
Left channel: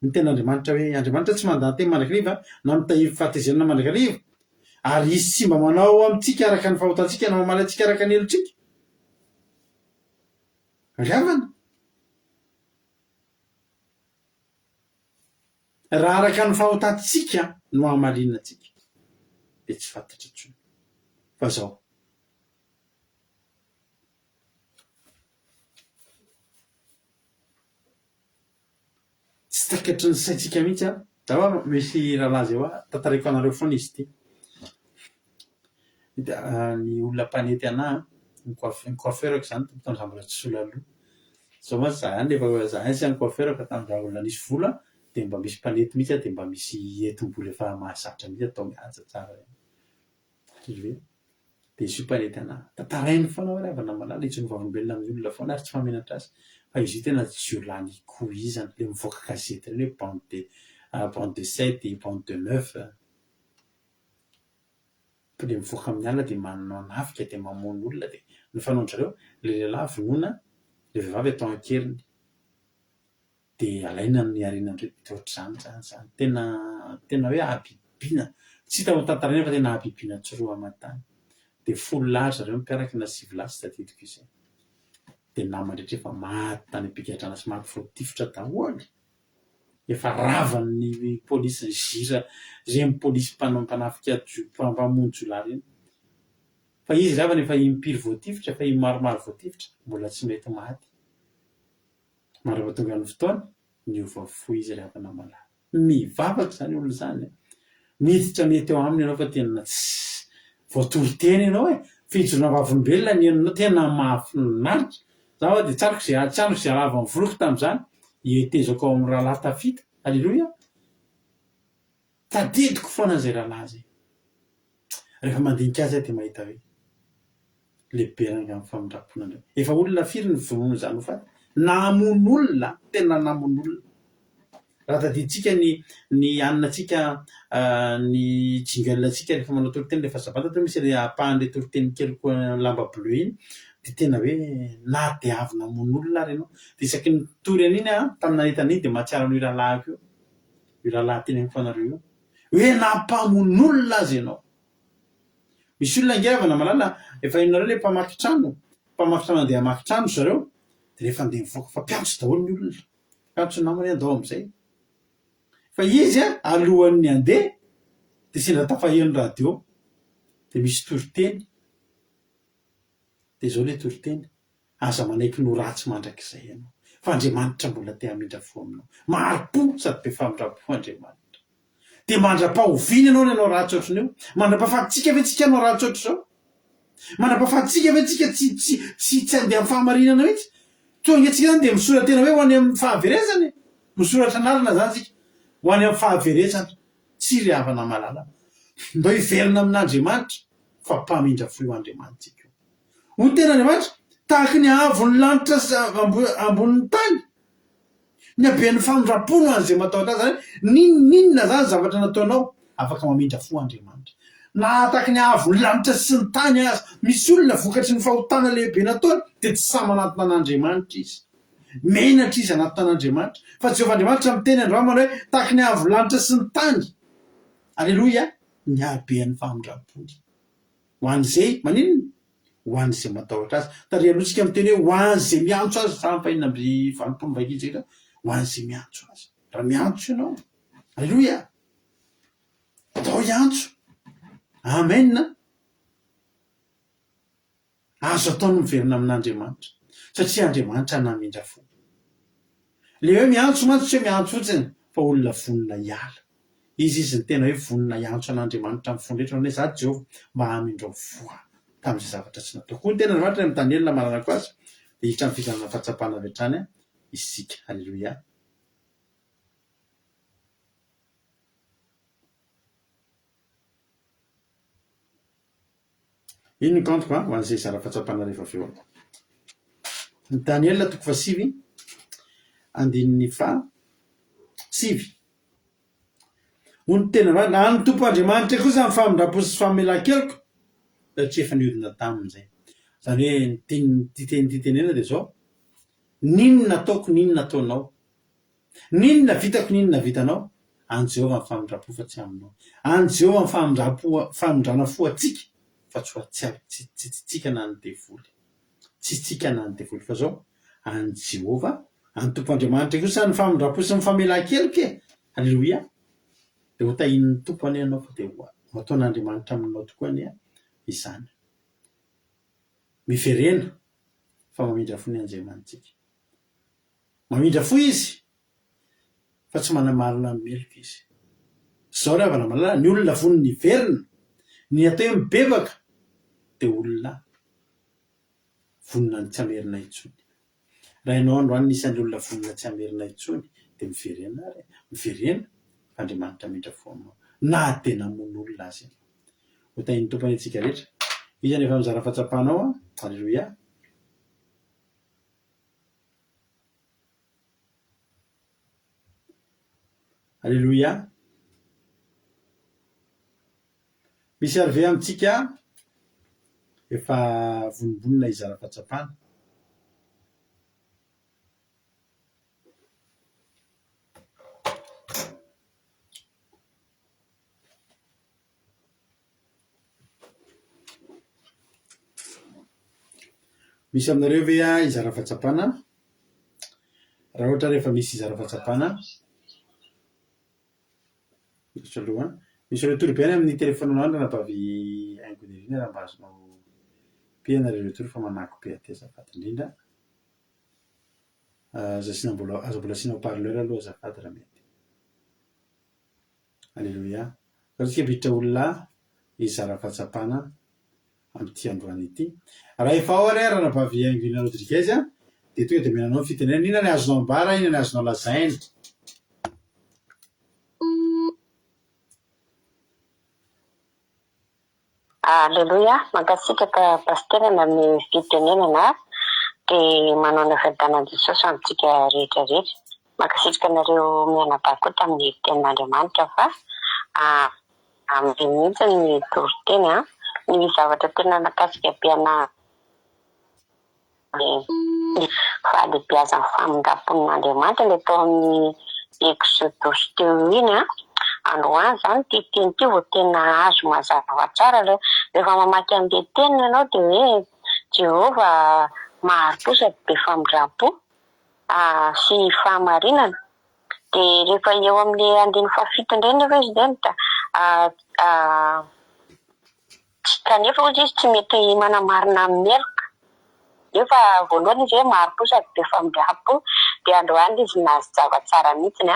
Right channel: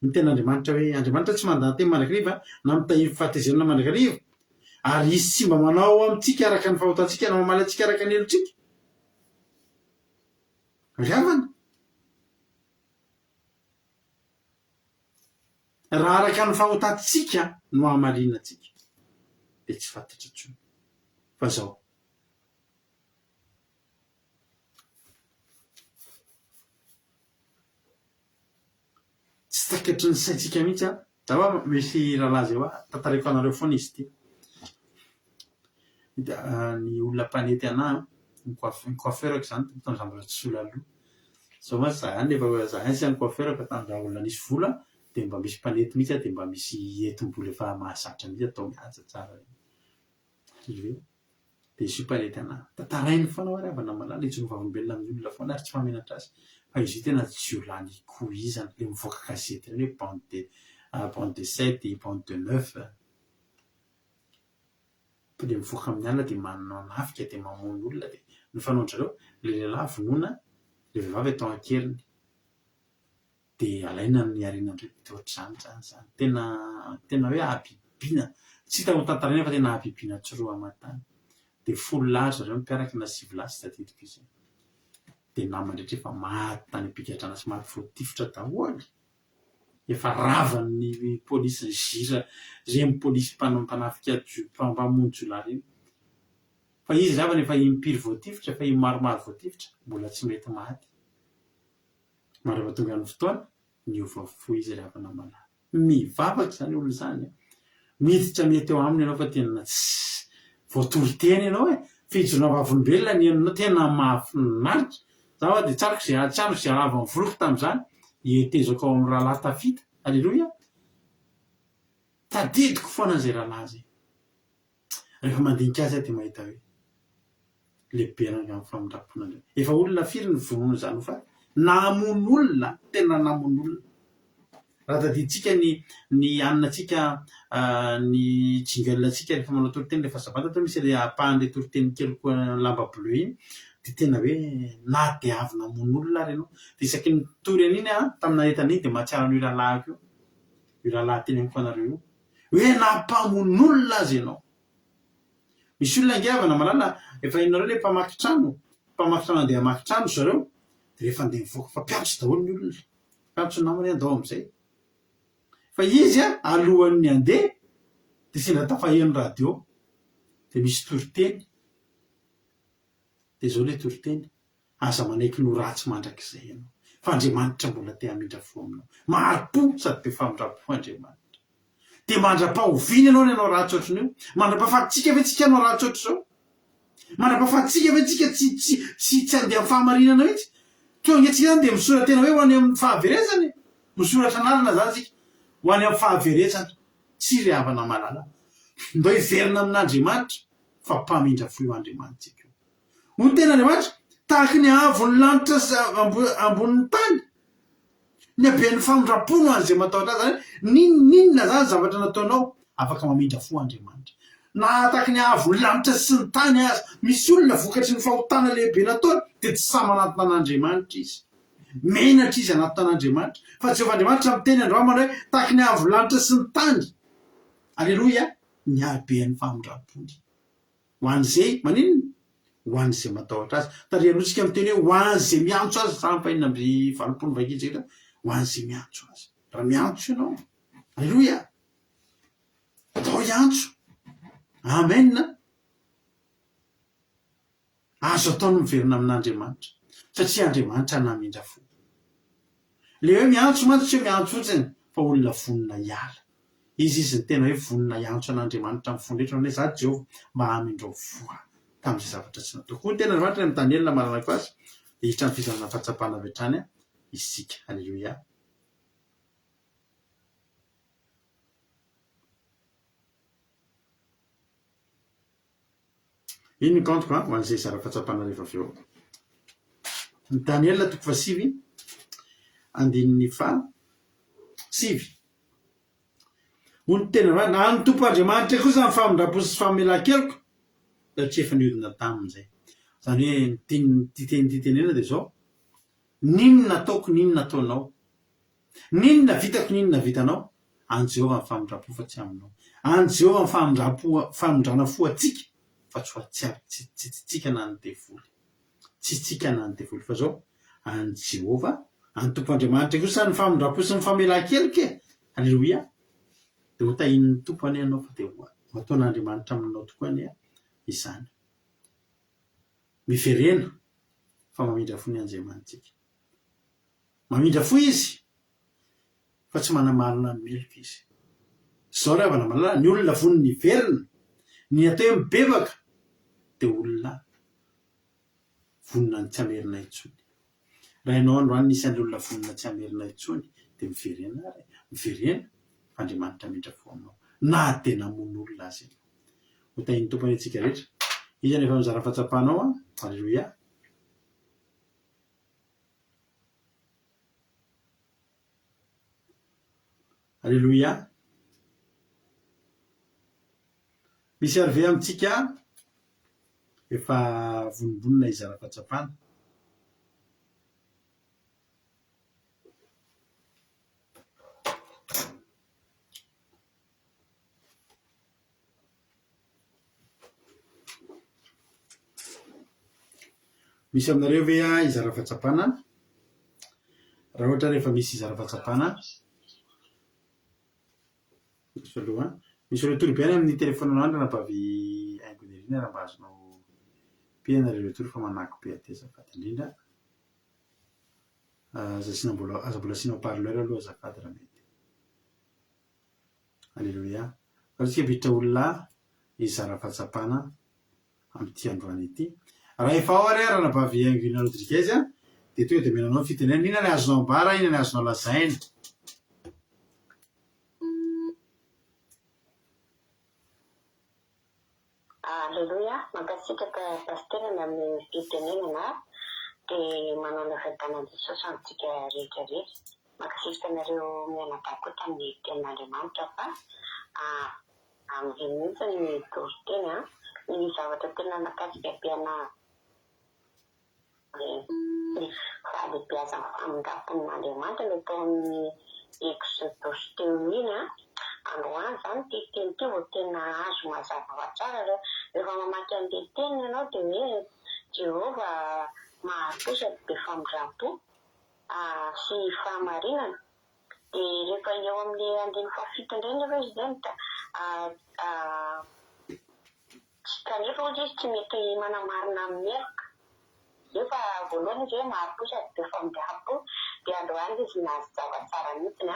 Ny tena Andriamanitra hoe Andriamanitra tsy mandahateny mandrakariva na mitahiry fahatezerana mandrakariva. Ary izy tsy mba manao amintsika araka ny fahotantsika na mamaly antsika araka ny helotsika. Ravana. Raha araka ny fahotantsika no hamalina antsika dia tsy fantatra intsony. Fa izao. Tsy takatry ny saitsika mihitsy a. Zaho misy rahalahy zay hoa tantariko anareo foana izy ity. Ny olona mpanety anahy ny coiffeurako izany tamin'izaho mbola tsy sola loha. Izao mantsy zany efa za sy ny coiffeur fa tamin'izaho olona nisy vola dia mba misy mpanety mihitsy dia mba misy hetim-bolo efa mahazatra mihitsy atao mihaja tsara. dia izy io paretana tantarainy foana hoe ravana malala itsony vavolombelona amin'ny olona foana ary tsy famenatra azy fa izy io tena jiolany koizana le mivoaka gazety reny hoe bande de 7 bande de 9 le mivoaka amin'ny alina dia manafika dia mamono olona dia ny fanaondrareo le lehilahy vonoina le vehivavy atao ankeriny dia alaina ny arenan'ireo dia ohatr'izany tena hoe ahabibiana tsy hita ho tantaraina fa tena ahabibiana tsoroa aman-tany dia folo lahy zareo mipiaraka na sivy lahy tsy tadidiko izay dia namandrehetra efa maty tany am-pigadrana sy maty voatifitra daholo efa ravan'ny pôlisy ny zira reny pôlisy mpanafika mpamonjy lahy reny fa izy ravana efa impiry voatifitra efa maromaro voatifitra mbola tsy mety maty maro efa tonga ny fotoana niova fo izy ravana malala mivavaka izany olona izany miditra mety eo aminy ianao fa tena tsy voatory teny ianao fijona vavolombelona ny ianao tena mahafinaritra zaho dia tsaroko izay alava ny voloko tamin'izany ihetezako ao amin'ny rahalahy tafita alleloia tadidiko foana izay rahalahy zay rehefa mandinika azy aho dia mahita hoe lehibe ranga amin'ny famindrapona andreo efa olona firy ny vonoana izany ho fa namono olona tena namono olona raha tadiditsika ny aninantsika ny jingelnantsika rehefa manao toriteny rehefa zabata to misy le apahan'le toriteny kely koa lamba bleu iny dia tena hoe na dia avy namono olona ary ianao dia isaky ny tory an'iny tamina entan'iny dia mahatsiaro an'io rahalahy io io rahalahy teny amin'ny fanareo io hoe nampamono olona azy ianao misy olona angavana malala efa inareo le mpamaky trano andeha hamaky trano zareo dia rehefa andeha mivoaka fa mpiantso daholo ny olona mpiantso namany andao amin'izay fa izy alohan'ny andeha dia sendra tafaheno radio dia misy toriteny dia izao le toriteny aza manaiky no ratsy mandrakizay ianao fa Andriamanitra mbola te hamindra fo aminao maro-po sady be famindrapo Andriamanitra dia mandra-pahoviny ianao ny anao ratsy ohatr'io mandra-pahafatitsika ve tsika anao ratsy ohatr' izao mandra-pahafatitsika ve tsika tsy andeha amin'ny fahamarinana mihitsy tonga tsika zany dia misoratra tena hoe ho any amin'ny fahaverezany misoratra anarana zany tsika ho any amin'ny fahaverezana tsy ry havana malala mba hiverina amin'Andriamanitra fa mpamindra fo io Andriamanitsika io ho tena Andriamanitra tahaka ny avon'ny lanitra ambonin'ny tany ny aben'ny famindrapono an'izay matahotra azy zany ninona zany zavatra nataonao afaka mamindra fo Andriamanitra na tahaka ny avon'ny lanitra sy ny tany azy misy olona vokatry ny fahotana lehibe nataony dia tsy samy anaty tanàn'Andriamanitra izy menatra izy anaty tanàn'Andriamanitra fa Jehovah Andriamanitra miteny androamana hoe tahaka ny avon'ny lanitra sy ny tany alleloia ny aben'ny famindrapony ho an'izay maninona ho an'izay matahotra azy tary alohantsika miteny hoe ho an'izay miantso azy fahampahina amby 20 vakitsika ho an'izay miantso azy raha miantso ianao alleloia atao iantso amen azo ataony miverina amin'Andriamanitra satria Andriamanitra namindra fo le hoe miantso mantsy tsy hoe miantso fotsiny fa olona vonona hiala izy ny tena hoe vonona hiantso an'Andriamanitra amin'ny fondretra hoe za Jehovah mba hamindrao voa tamin'izay zavatra tsy nataoko koa ny tena Andriamanitra ny Daniel maranako azy dia hitra ny fijanona fahatsapana avy hatrany isika alleloia iny ny kantoko ho an'izay zara fahatsapana rehefa avy eo ny Daniel 7 andininy 7 hono tena na ny tompo Andriamanitra koa zany famindrapo sy famelan-keloko satria efa niodina tamin'izay zany hoe titenena dia zao ninona ataoko ninona ataonao ninona vitako ninona vitanao any Jehovah ny famindrapo fa tsy aminao any Jehovah ny famindrana fo atsika fa tsy ho tsika na ny devoly tsy tsika na ny devoly fa zao any Jehovah any tompo Andriamanitra kosa ny famindrapo sy ny famelan-keloka alleloia dia ho tahin'ny tompo any ianao fa dia mataon'Andriamanitra aminao tokoa any izany miverena fa mamindra fo ny Andriamanitsika mamindra fo izy fa tsy manamarina ny meloka izy zao ry havana malala ny olona von'ny niverina ny atao hoe mibebaka dia olona vonina ny tsy amerina intsony raha ianao androany nisy an'ilay olona vonina tsy amerina intsony dia miverena fa Andriamanitra mindra fo aminao na tena mono olona azy ho tahin'ny tompony antsika rehetra Iza nefa mizara fatsapanao a. Alleluia. Alleluia. Misy ary ve amintsika efa vonombonina izara fahatsapana. Misy aminareo ve a izara fahatsapana? Raha ohatra rehefa misy izara fahatsapana aloha misy retory be any amin'ny telefonina andro napavy aingoderina raha mba azonao piana retory fa manako be aty azafady indrindra. Aza mbola asianao parleur aloha azafady raha mety. Alleluia. Farantsika biditra olona izara fahatsapana amin'ity androany ity. Raha efa ao ary raha napavy aingoina Rodriguez dia tonga dia menanao ny fitenenana. Inona ny azonao ambara, inona ny azonao lazaina? Alleluia, mankasitraka pasterana amin'ny fitenenana dia manao ny fiadanan'i Jesosy amintsika rehetra rehetra. Mankasitraka anareo mianabako tamin'ny tenin'Andriamanitra fa amin'ny mihitsy ny toriteny ny zavatra tena nakasika ampiana ny fahalehibiazan'ny famindrapon'Andriamanitra ilay tao amin'ny Exodosy teo iny androany zany ty teny ty vao tena azo mazava tsara rehefa mamaky an'ilay teny ianao dia hoe Jehovah mahari-posady be famindrampo sy fahamarinana. Dia rehefa eo amin'ilay andiny fahafito indray nefa izy zany da kanefa ozy izy tsy mety manamarina amin'ny eloka. Nefa voalohany izy hoe mahari-posady be famindrampo dia androany izy nazava tsara mihitsiny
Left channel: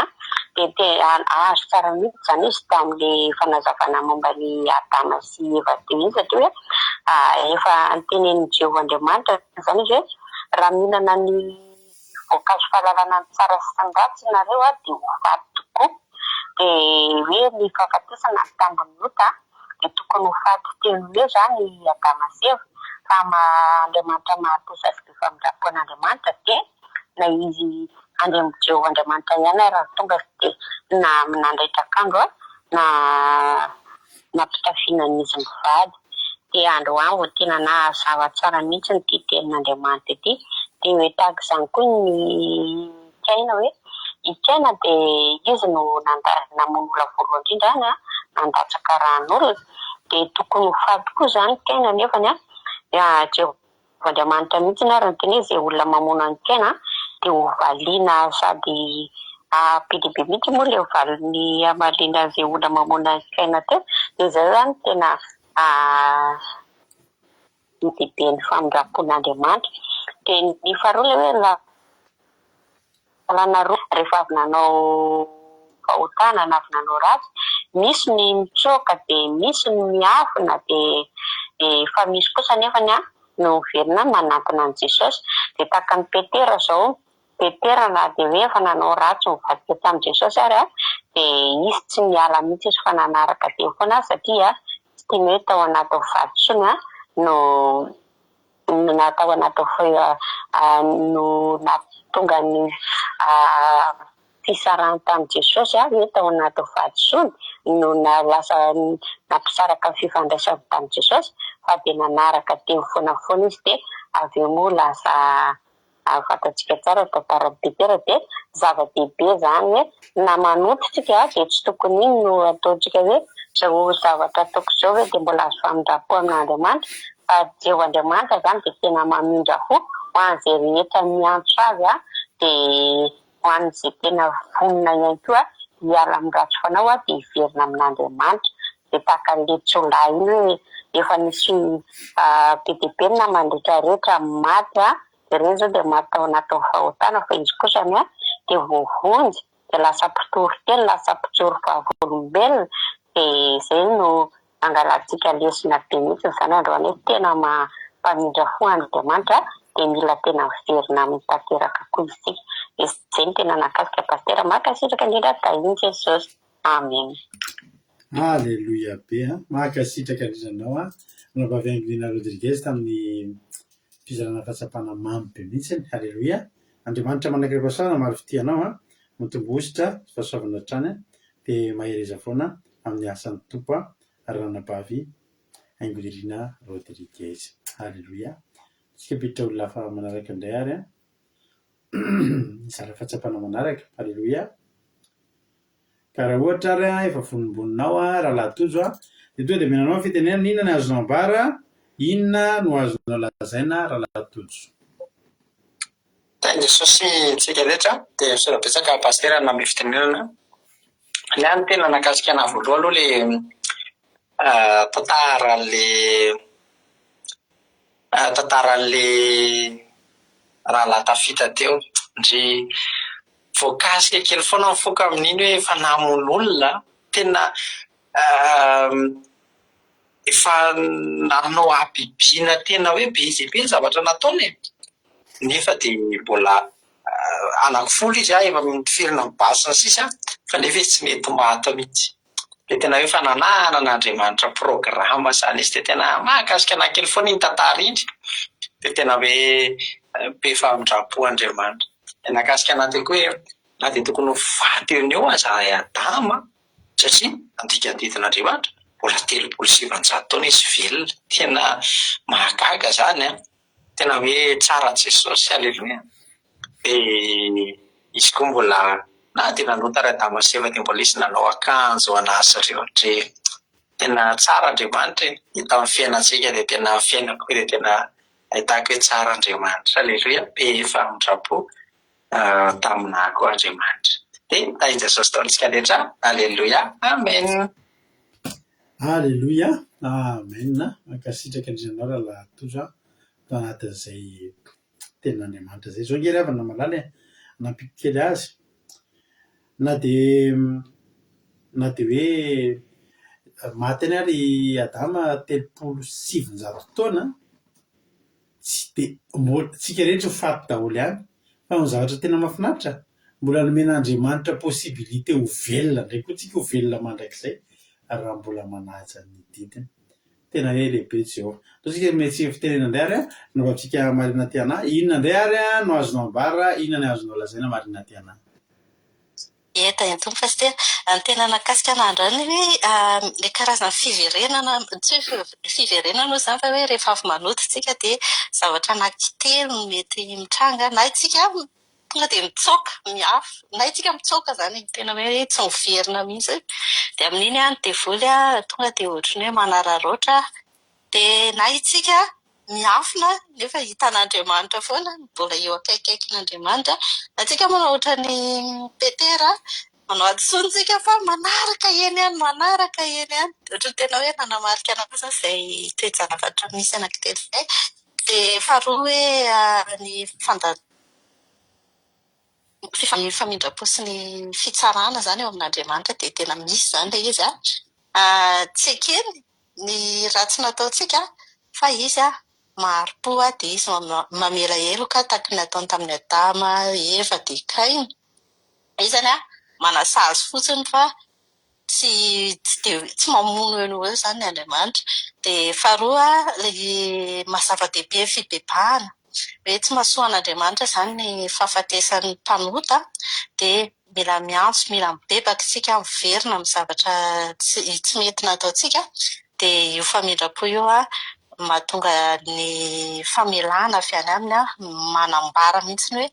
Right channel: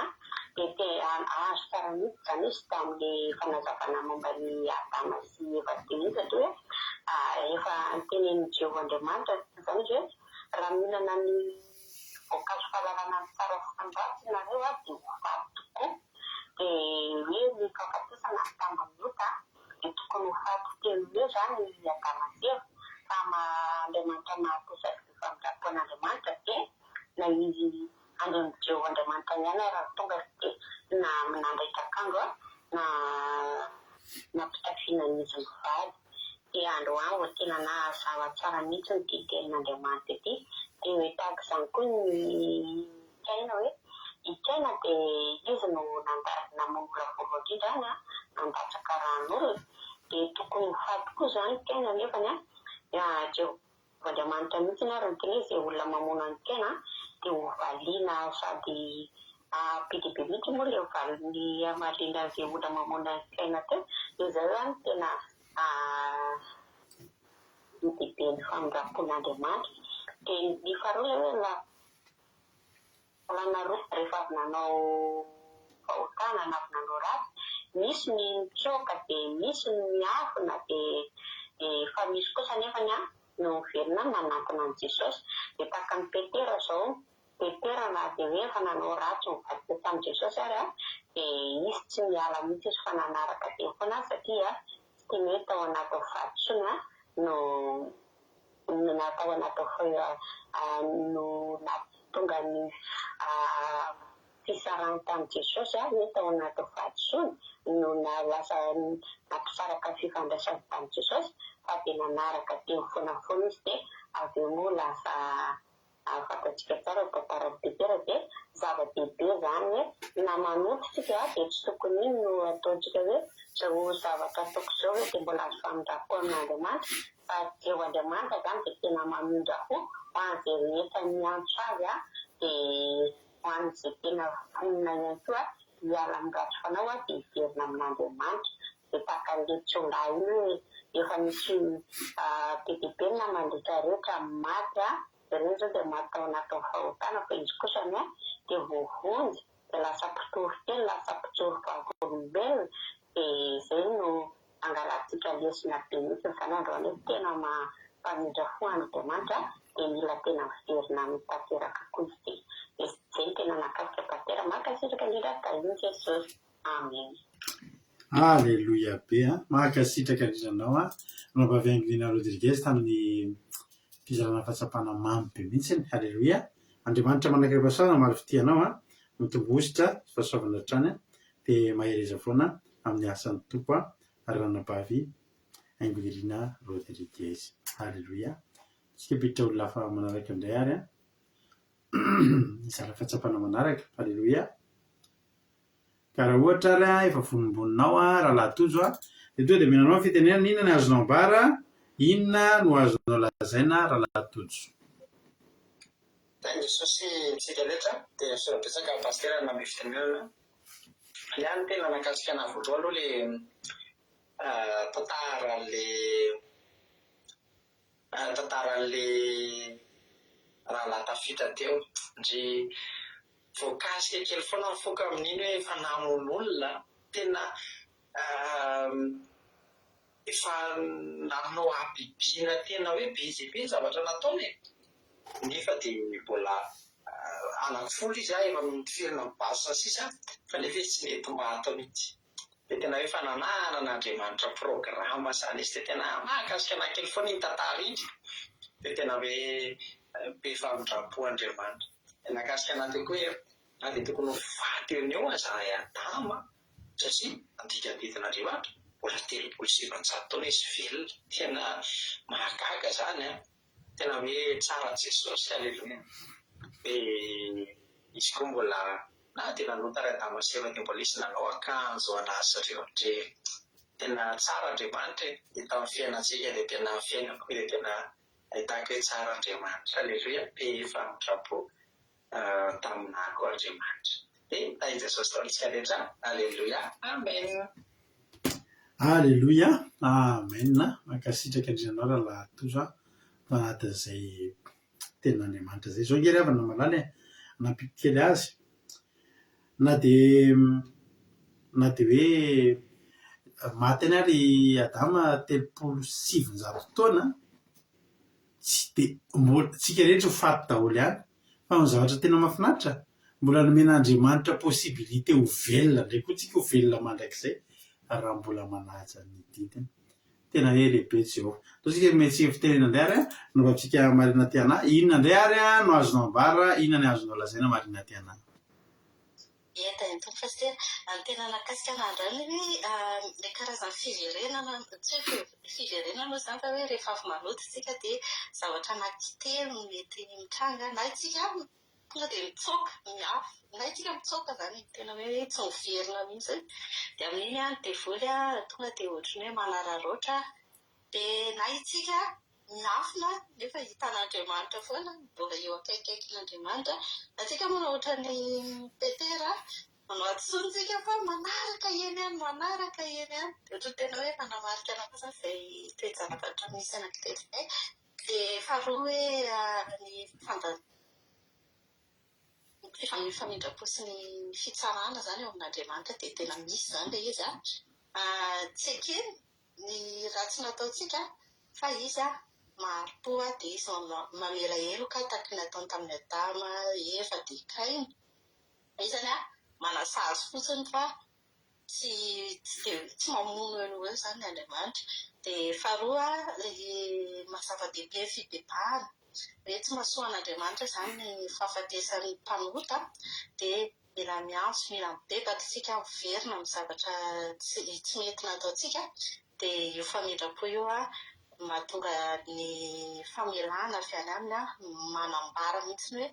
dia azo tsara mihitsy zany izy tamin'ilay fanazavana momba ny Adama sy Eva teo iny satria hoe efa ntenenin'i Jehovah Andriamanitra zany izy hoe raha mihinana ny voankazo fahalalana ny tsara sy ny ratsy nareo dia ho faty tokoa. Dia hoe ny fahafatesana ny tambiny lota dia tokony ho faty telo hoe zany Adama sy Eva fa Andriamanitra mahari-posady be famindrampo an'Andriamanitra dia na izy andremo Jehovah Andriamanitra ihany raha tonga dia na nandraitra akandro na nampitafiana izy mivady. Dia androany vao tena nazava tsara mihitsy ny ty tenin'Andriamanitra ity. Dia hoe tahaka izany koa ny Kaina hoe i Kaina dia izy no namono olona voalohany indrindra nandatsaka ran'olona dia tokony ho faty koa zany Kaina nefany Jehovah Andriamanitra mihitsy ary nyteny hoe izay olona mamono any Kaina dia ho valiana sady be mihitsy moa ilay valiny amaliana izay olona mamono any Kaina teo. Dia izay zany tena ny bebe ny famindrampon'Andriamanitra. Dia ny faharoa hoe lalana roa rehefa avy nanao fahotana na avy nanao ratsy, misy ny mitsoka dia misy ny miafina dia fa misy kosa nefany no miverina manantona an'i Jesosy. Dia tahaka ny Petera zao, Petera na dia hoe efa nanao ratsy mivadika tamin'i Jesosy ary dia izy tsy miala mihitsy izy fa nanaraka teo foana satria tsy teny hoe tao anaty vadisony no natao anaty no natonga ny fisarahana tamin'i Jesosy hoe tao anaty vadisony no lasa nampisaraka fifandraisana tamin'i Jesosy fa dia nanaraka teo foana izy dia avy eo moa lasa fantatsika tsara tantara Petera dia zava-dehibe zany hoe na manototsika dia tsy tokony iny no ataontsika hoe zao zavatra ataoko izao hoe dia mbola azo famindrampo amin'Andriamanitra fa Jehovah Andriamanitra zany dia tena mamindra fo ho an'izay rehetra miantso azy dia ho an'izay tena vonona ihany koa hiala amin'ny ratsy fanao dia hiverina amin'Andriamanitra. Dia tahaka an'ilay tsolahy iny hoe efa nisy be dia be na mandretrarehetra maty ireny zao dia maty tao anatin'ny fahotana fa izy kosa dia voavonjy dia lasa mpitory telo lasa mpitsory vavolombelona. Dia izay no angalantsika lesona be mihitsy zany androany hoe tena mampamindra fo Andriamanitra dia mila tena miverina amin'ny tanteraka koa isika. Izay no tena nakasika pastera makasitraka indrindra tahin'i Jesosy. Amen. Alleluia be mahakasitraka indrindra anao Ranabavy Angelina Rodriguez tamin'ny fizarana fahatsapana mamy be mihitsiny. Halleloia. Andriamanitra manakaripasoana maro fitianao a mitombositra fahasoavana hatrany dia mahereza foana amin'ny asan'ny tompo a Ranabavy Angelina Rodriguez. Halleloia. Tsika biditra olona hafa manaraka indray ary a izara fahatsapana manaraka. Halleloia. Ka raha ohatra ary a efa vonimboninao a rahalahy tojo a dia tonga dia menanao fitenenana inona no azonao ambara, inona no azonao lazaina rahalahy tojo. Tainga Jesosy tsika rehetra dia sorabetsaka pastera name fitenenana. Ny any tena nakasika ana voaloha aloha le tantaran'le rahalahy tafita teo. Ndry voakasika kely foana mifoka amin'iny hoe efa namon'olona tena efa nanao abibiana tena hoe be izay be ny zavatra nataony e. Nefa dia mbola anankifolo izy efa mifirina mibasina sisa fa nefa izy tsy mety maty mihitsy. Dia tena hoe fanananan'Andriamanitra programa zany izy dia tena mahakasika anahy kely foana iny tantara iny. Dia tena hoe be famindrapo Andriamanitra. Dia nakasika anahy teo koa hoe na dia tokony ho faty eo eo azahay Adama satria andikadidin'Andriamanitra mbola 3,700 taona izy velona. Tena mahagaga zany a. Tena hoe tsara Jesosy. Halleloia. Dia izy koa mbola na dia nanota ry Adama sy Eva dia mbola izy nanao akanjo an'asa ireo. Tena tsara Andriamanitra. Hita amin'ny fiainantsika dia tena fiainako dia tena ahitako hoe tsara Andriamanitra. Halleloia. Be famindrapo taminah koa Andriamanitra. Dia tain'i Jesosy taontsika rehetra. Halleloia. Amen. Halleloia. Amen. Mankasitraka indrindra anao rahalahy tojo a anatin'izay tenin'Andriamanitra izay. Izao ngery avana malala nampikikely azy na dia hoe maty any ary Adama 3,700 taona tsy dia mbola tsika rehetra ho faty daholo ihany. Fa ny zavatra tena mahafinaritra mbola nomen'Andriamanitra possibilité ho velona indray koa tsika ho velona mandrakizay raha mbola manaja ny didiny. Tena hoe lehibe Jehovah. Tsika metsika fitenena indray ary a no tsika marina ty anahy. Inona indray ary a no azonao ambara, inona no azonao lazaina marina ty anahy. Eta entombo pastera, ny tena nakasika an'androny hoe le karazana fiverenana, tsy hoe fiverenana moa izany fa hoe rehefa avy manoto tsika dia zavatra anankitelo no mety mitranga na itsika tonga dia mitsoaka miafy na itsika mitsoaka izany tena hoe tsy miverina mihitsy. Dia amin'iny ny devoly tonga dia ohatran'ny hoe manararoatra dia na itsika miafina nefa hitan'Andriamanitra foana mbola eo akaikaikin'Andriamanitra. Atsika manao ohatran'ny Petera manao adosontsika fa manaraka eny any ohatran'ny tena hoe nanamarika anazy izay toe-janafatra misy anankitelo izay. Dia faharoa hoe ny famindrapo sy ny fitsarana zany eo amin'Andriamanitra dia tena misy zany ilay izy tsy ekeny ny ratsy nataontsika fa izy maro-po dia izy mamela heloka tahaka ny nataony tamin'ny Adama, Eva dia Kaina. Izany manasazy fotsiny fa tsy mamono eo zany ny Andriamanitra. Dia faharoa ilay mazava-dehibe fibebahana hoe tsy mahasoa an'Andriamanitra izany ny fahafatesan'ny mpanota dia mila miantso, mila mibebaka isika miverina amin'ny zavatra tsy mety nataontsika. Dia io famindrapo io mahatonga ny famelana avy any aminy manambara mihitsy hoe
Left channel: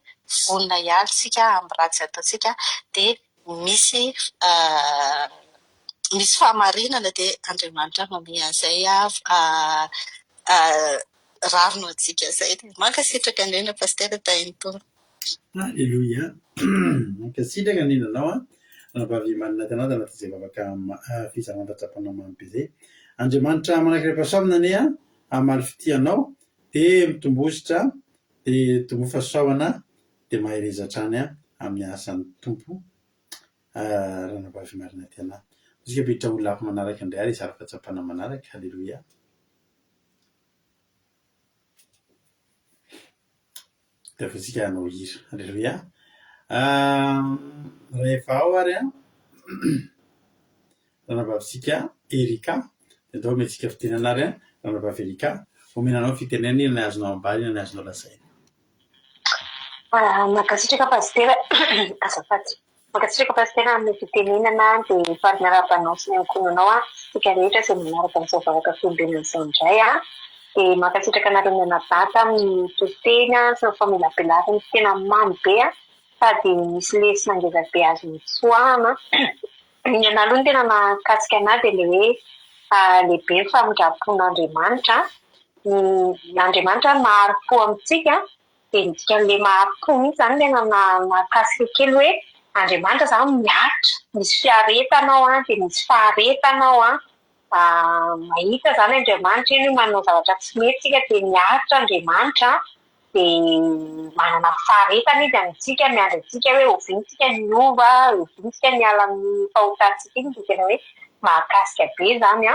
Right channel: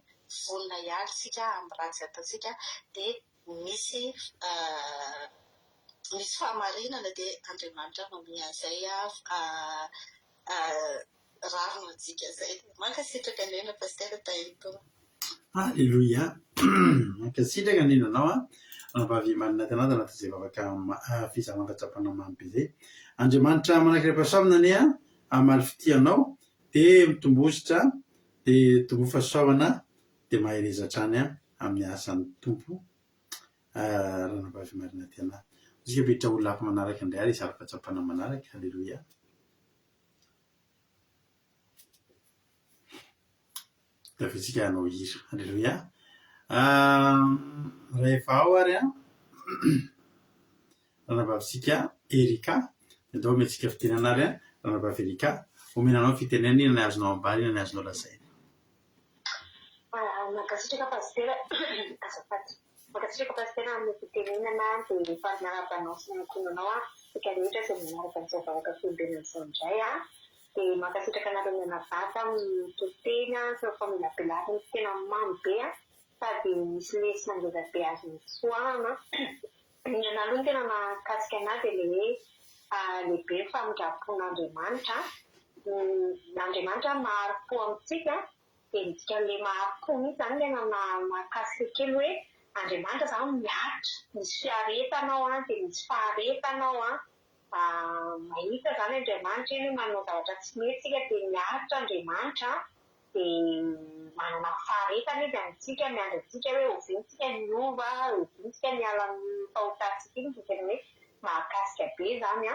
vonona ihany isika amin'ny ratsy ataontsika dia misy fahamarinana dia Andriamanitra manome an'izay rarino antsika izay. Mankasitraka indrindra pastera tain'Tompo. Halleloia. Mankasitraka indrindra anao Ranabavy marina ty anao tanatin'izay vavaka fizarana fahatsapana mamy be izay. Andriamanitra manakaripasoavana anie amaly fitianao dia mitombositra dia tombo fahasoavana dia mahereza hatrany amin'ny asan'ny tompo Ranabavy marina ty anahy. Tsika biditra olona hafa manaraka indray ary izara fahatsapana manaraka. Halleloia. Dia afatsika hanao hira. Halleloia. Rehefa ao ary Ranabavintsika Erika dia atao metsika fitenana ary Rabavelika omenanao fitenenana inona ny azonao ambany inona ny azonao lazaina. Makasitraka pasitera azafady. Makasitraka pasitera amin'ny fitenenana dia farina rabanao sy ny ankonanao tsika rehetra izay manaraka amin'izao vavaka fiombenana izao indray dia makasitraka anareo mianabata amin'ny totena sy ny famelabelarany tena mamy be sady misy lesona ngeza be azo mitsoahana. Ny anahy tena nakasika anahy dia le hoe lehibe ny famindrapon'Andriamanitra. N'Andriamanitra mahari-po amintsika dia midika le mahari-po mihitsy izany tena nakasika kely hoe Andriamanitra izany miaritra, misy fiaretanao dia misy faharetanao mahita izany Andriamanitra iny manao zavatra tsy mety tsika dia miaritra Andriamanitra dia manana faharetana izy amintsika miandry antsika hoe ovintsika miova, ovintsika miala amin'ny fahotantsika iny dia tena hoe mahakasika be izany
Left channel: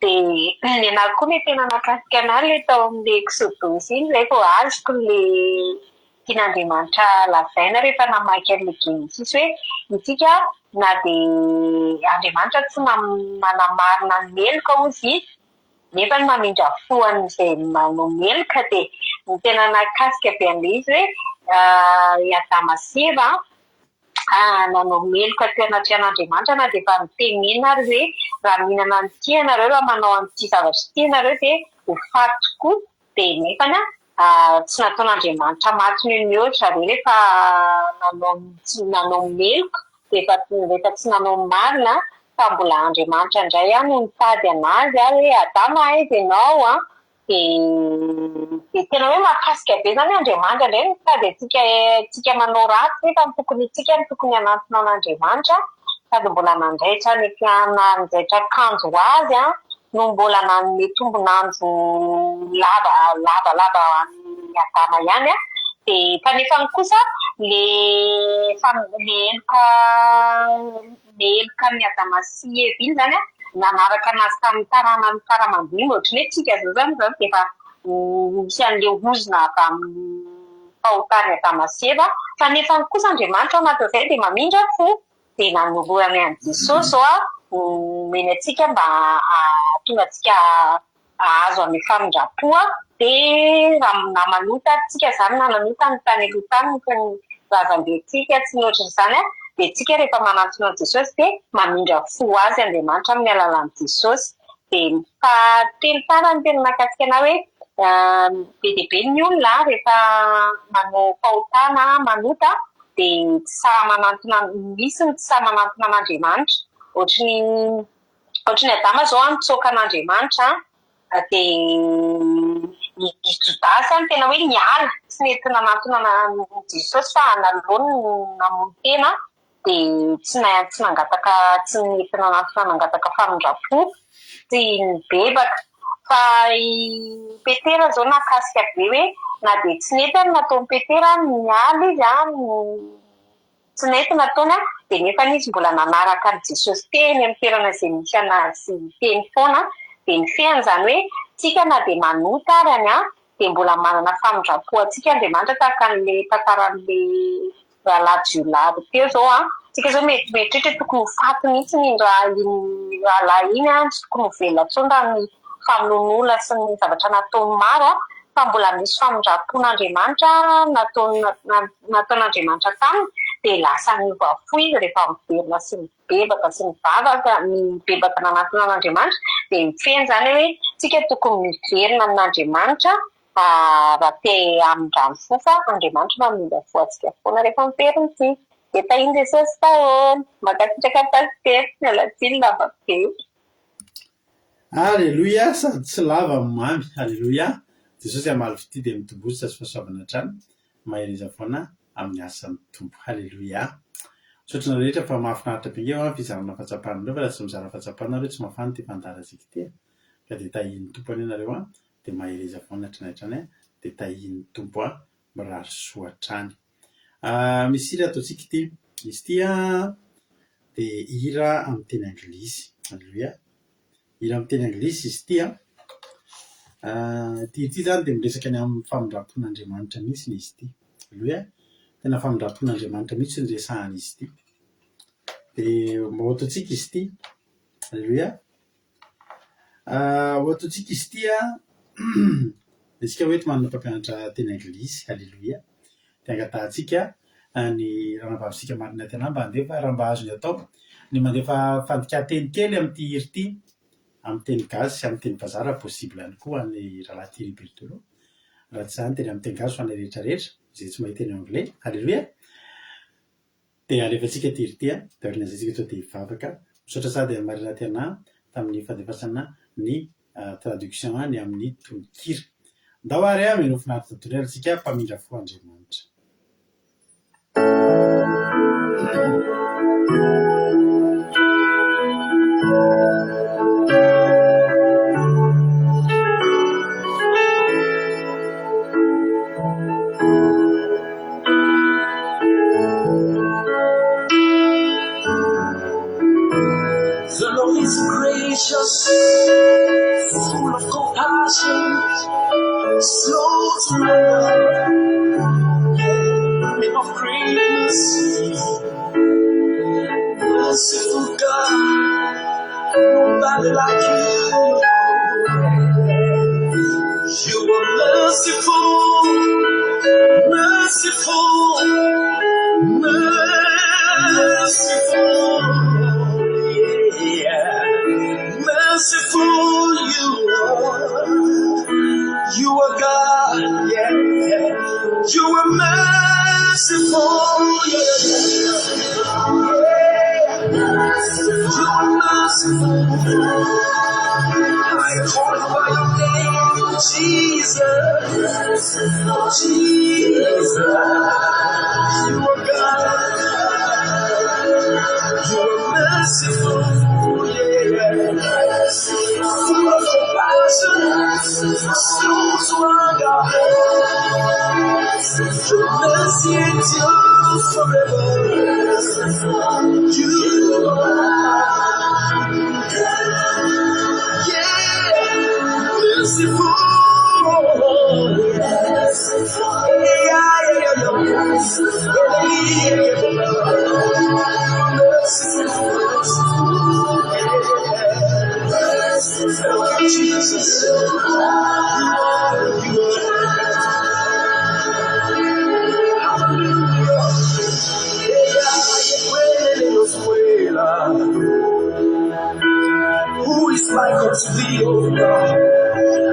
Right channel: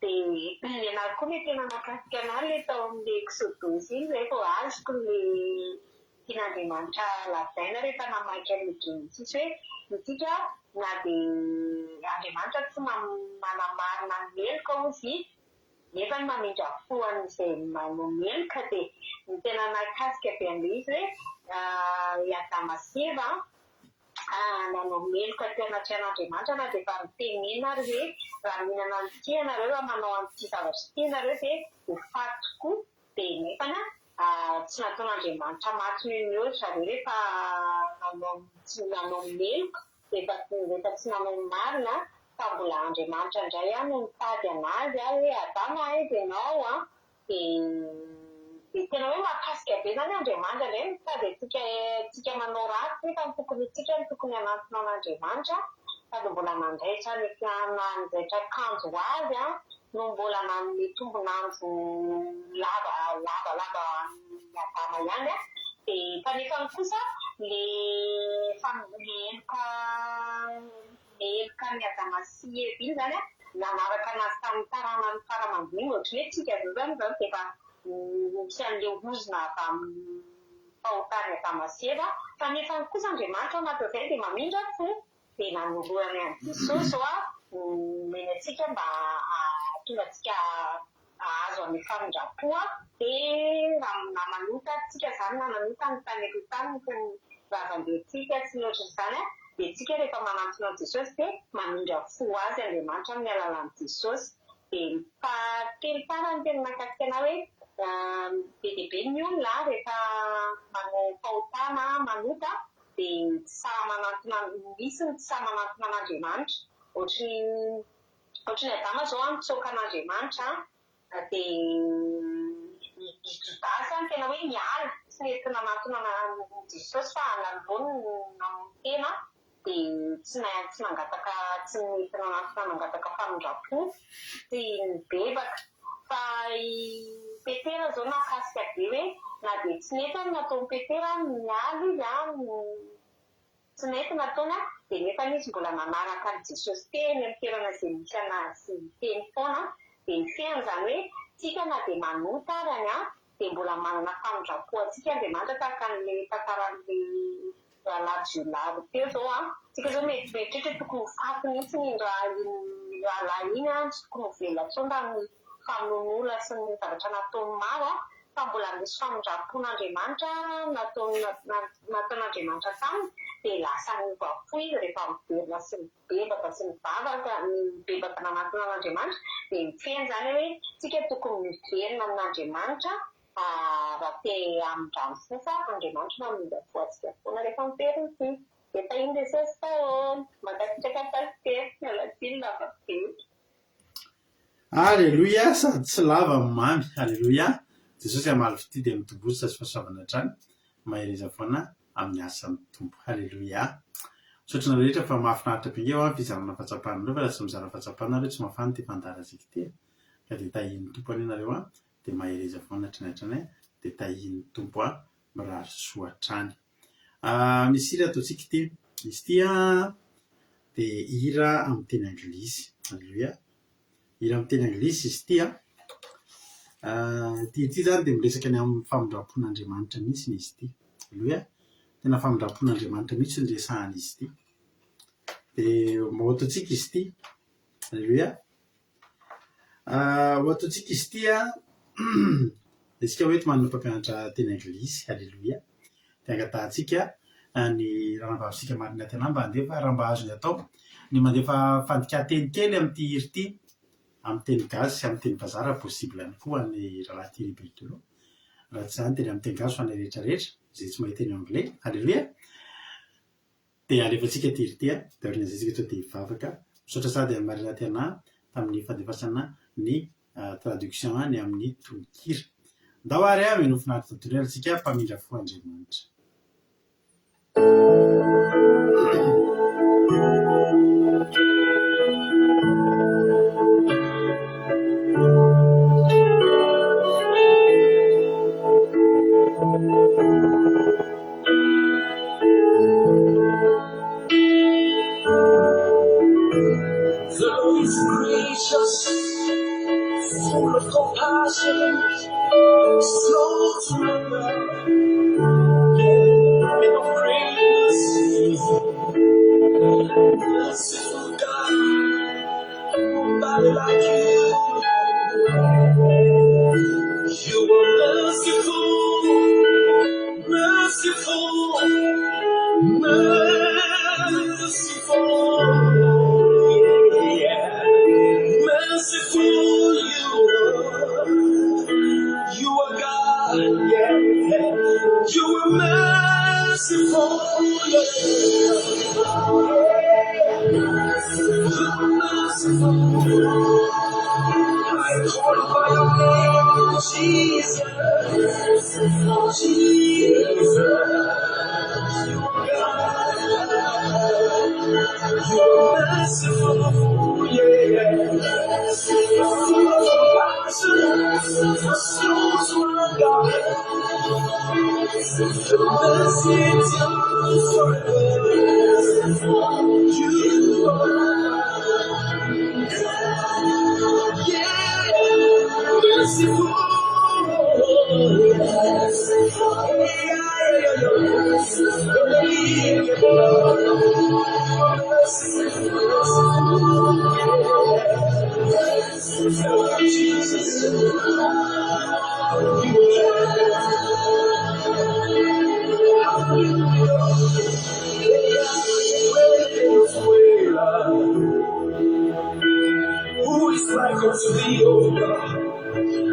dia ny anahy koa ny tena nakasika anahy ilay tao amin'ilay Exodus iny izay vao azoko ilay tian'Andriamanitra lazaina rehefa namaky an'ilay Genesis hoe isika na dia Andriamanitra tsy manamarina ny meloka ozy nefa ny mamindra fo an'izay manao meloka dia ny tena nakasika be an'ilay izy hoe i Adama sy Eva nanao meloka teo anaty an'Andriamanitra na dia efa nitenena ary hoe raha mihinana an'ity ianareo raha manao an'ity zavatra ity ianareo dia ho faty tokoa dia nefany tsy nataon'Andriamanitra maty ny mihoatra zareo rehefa nanao meloka dia rehefa tsy nanao marina fa mbola Andriamanitra indray no nitady anazy hoe Adama aiza ianao dia tena hoe mahakasika be izany Andriamanitra indray nitady antsika manao ratsy nefa ny tokony itsika ny tokony hanantona an'Andriamanitra sady mbola nanjaitra nanjaitra akanjo azy no mbola nanome tombonandro lavalava ny Adama ihany dia kanefa kosa le eloka ny Adama sy Eva iny izany nanaraka anazy tamin'ny taranany tara-mandiny ohatrany hoe tsika zao izany dia efa misy an'ilay ozona avy amin'ny fahotany Adama sy Eva kanefa kosa Andriamanitra anatin'izay dia mamindra fo dia nanolorany an'i Jesosy zao meny antsika mba tonga antsika azo amin'ny famindrapo dia namanota tsika izany nananota ny tany aloha tany ny razambentsika sy ny ohatran'izany dia tsika rehefa manantona an'i Jesosy dia mamindra fo azy Andriamanitra amin'ny alalan'i Jesosy dia fahatelo tarany tena nakasika anahy hoe be dia be ny olona rehefa manao fahotana manota dia tsy sahy manantona misy ny tsy sahy manantona an'Andriamanitra ohatry ny Adama izao nitsoaka an'Andriamanitra dia ny Jodasy tena hoe niala tsy nety nanantona Jesosy fa analony namono tena dia tsy nety nanantona nangataka famindrapo sy nibebaka fa Petera izao nakasika be hoe na dia tsy nety nataon'i Petera niala izy tsy nety nataony dia nefa izy mbola nanaraka ny Jesosy teny amin'ny toerana izay misy anazy teny foana dia ny feany izany hoe tsika na dia manota ary dia mbola manana famindrapo antsika Andriamanitra tahaka an'ilay tantaran'ilay rahalahy Jiolary teo izao tsika izao meritreritra tokony ho faty mihitsy ny rahalahy iny tsy tokony ho velona intsony raha ny famonoana sy ny zavatra nataony maro fa mbola misy famindrapon'Andriamanitra nataon'Andriamanitra taminy dia lasa niova fo izy rehefa miverina sy mibebaka sy mivavaka mibebaka nanantona an'Andriamanitra dia mifeny izany hoe tsika tokony miverina amin'Andriamanitra raha te hamindrano fo fa Andriamanitra mamindra fo antsika foana rehefa miverina ity dia tahiny Jesosy taona makasitraka pasitera ny alatsiny lava be. Aleloia sady tsy lava mamy. Aleloia Jesosy amaly fity dia mitombosa sy fahasoavana hatrany mahireza foana amin'ny asan'ny tompo. Aleloia sotrana rehetra fa mahafinaritra be ngeo fizarana fatsapanareo fa raha tsy mizara fatsapanareo tsy mafany ty fandarazika ty ka dia tahin'ny tompo any ianareo dia mahireza foana hatrany dia tahin'ny tompo mirary soa hatrany. Misy hira ataontsika ity izy ity dia hira amin'ny teny anglisy. Aleloia hira amin'ny teny anglisy izy ity ity zany dia miresaka ny amin'ny famindrapon'Andriamanitra mihitsy ny izy ity. Aleloia tena famindrapon'Andriamanitra mihitsy ny resahana izy ity dia mba ataontsika izy ity. Aleloia Ataontsika izy tia isika hoe manana mpampianatra teny anglisy, halleloia, dia angatahantsika ny ranavavitsika marina tena mba handefa raha mba azony atao ny mandefa fandika-teny kely amin'ity hiri ity amin'ny teny gasy sy amin'ny teny bazara possible ihany koa ny rahalahy Thierry Berthelot, raha tsy izany teny amin'ny teny gasy ho an'ny rehetrarehetra izay tsy mahita teny anglais, halleloia. Dia alefantsika ty hiri ity dia orinazantsika tonga dia hivavaka misaotra sady amin'ny marina tena tamin'ny fandefasana ny traduction ny amin'ny tononkira. Ndao ary meno finaritra tontolo antsika mpamindra fo Andriamanitra. The Lord is gracious, full of compassion, slow to anger, men of great mercy, merciful God, nobody like you. You are merciful, merciful, merciful. Merciful you are God, yeah. You are merciful, yeah. You are merciful. I call by your name, Jesus, Jesus. You are God, you are merciful, yeah. Full of compassion, slow to anger. Your mercy endures forever. You are God, yeah, merciful. Jesus, who is like unto thee, O God?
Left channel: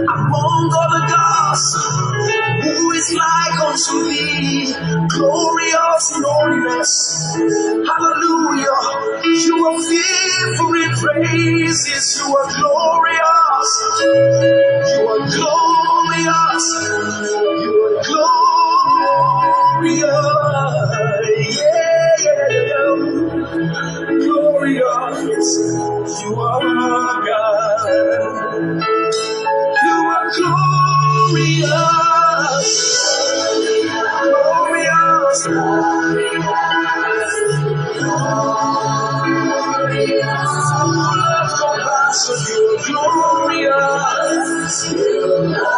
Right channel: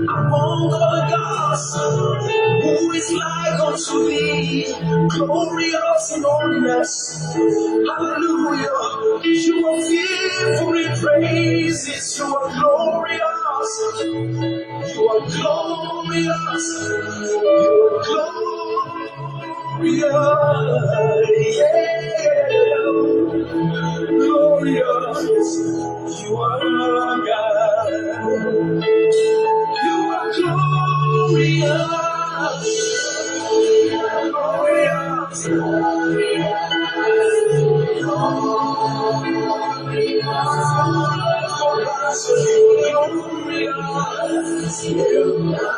Among all the gods, who is like unto thee? Glorious in holiness, hallelujah. You are fearful in praises, you are glorious, you are glorious, you are glorious, yeah, glorious, you are God. You are glorious, glorious, glorious, full of compassion. You are glorious, you are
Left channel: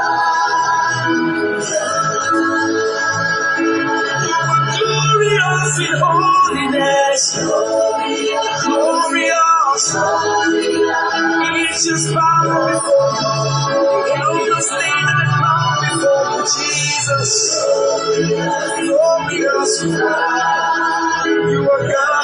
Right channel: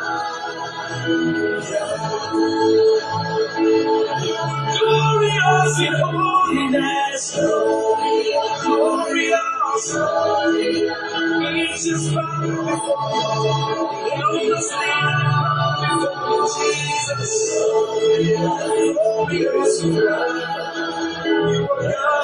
glorious in holiness, glorious, it's just power before you stand and bow before Jesus, glorious, you are God,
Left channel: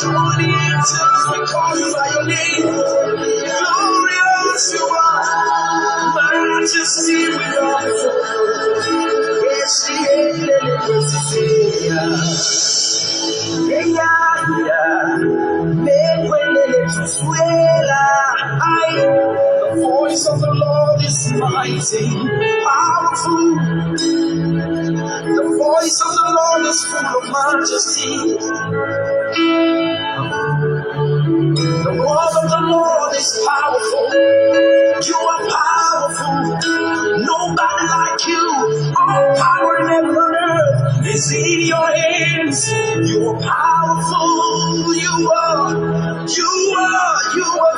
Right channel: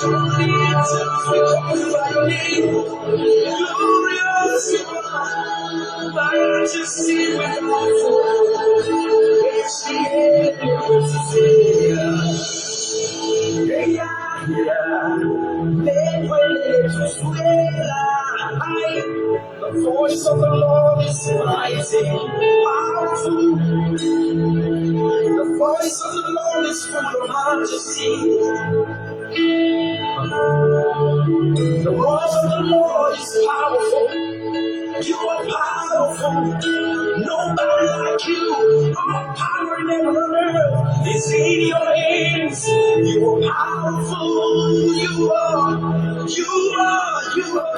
glorious, we call you by name, glorious you are, majesty we are, yes, the voice of the Lord is mighty, powerful. The voice of the Lord is full of majesty. The voice of the Lord is powerful. You are powerful. Nobody like you. All power in heaven and earth is in your hands. You are powerful. You are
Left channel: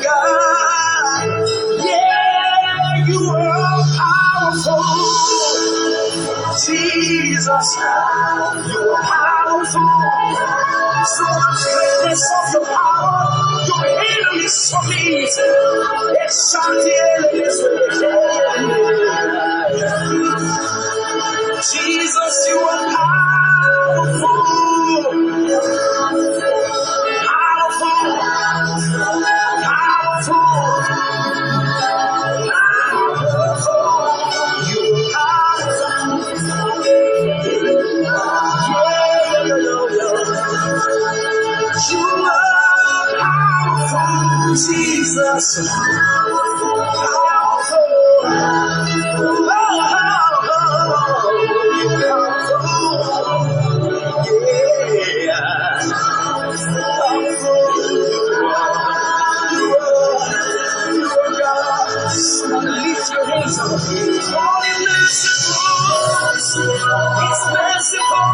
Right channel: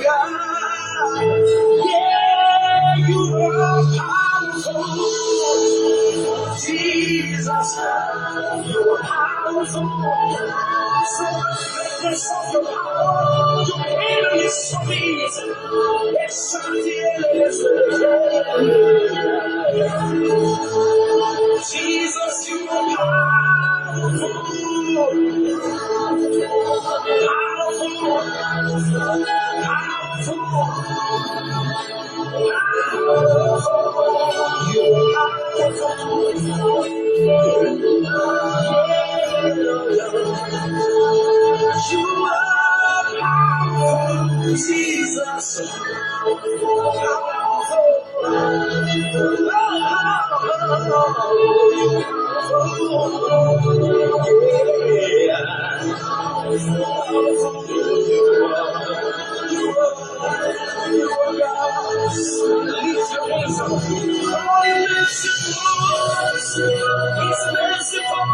God. Yeah, you are powerful. powerful. Jesus, you are powerful. So much greatness of your power, your enemies submit. Jesus, you are powerful. Powerful. Jesus, lift your hands up. Call him merciful. He's merciful.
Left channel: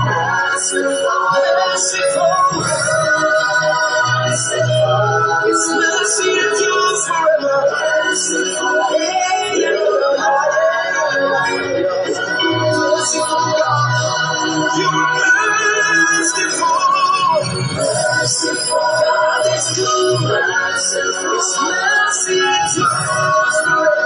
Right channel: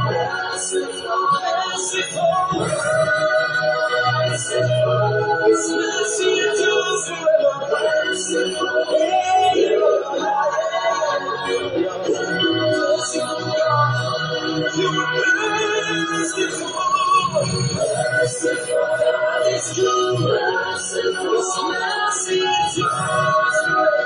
His mercy endures forever. Merciful God, you are merciful. Merciful God is good. His mercy endures forever.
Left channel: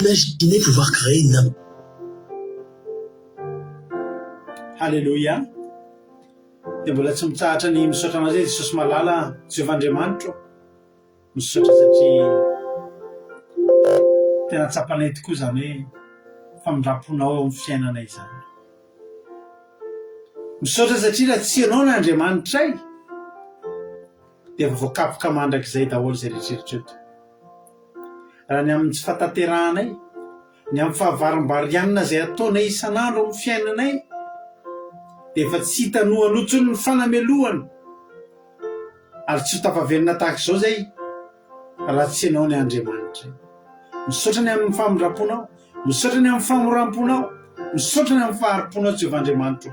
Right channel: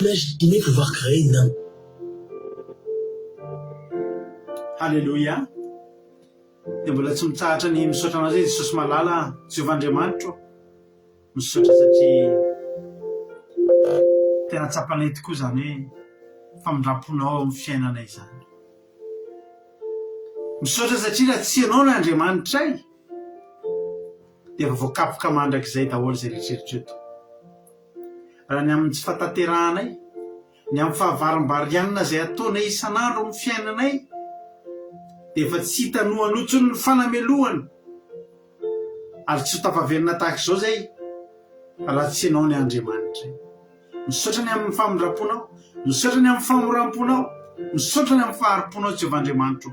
Imaginez pouvoir créer une... Halleluja. Dia mbola tsy mitsahatra ny misaotra anao zay Jesosy malala Jehovah'Andriamanitra misaotra satria tena tsapanay tokoa zany hoe famindraponao amin'ny fiainanay zany. Misaotra satria raha tsy ianao ny Andriamanitray dia efa voakapoka mandrakizay daholo zay rehetrarehetra eto. Raha ny amin'ny tsy fahatanterahanay, ny amin'ny fahavarimbarianina zay ataonay isan'andro amin'ny fiainanay dia efa tsy hitanohanotsony ny fanamelohana ary tsy ho tafaverina tahaka izao zay raha tsy ianao ny Andriamanitray. Misaotra ny amin'ny famindraponao, misaotra ny amin'ny famoramponao, misaotra ny amin'ny faharimponao Jehovah'Andriamanitra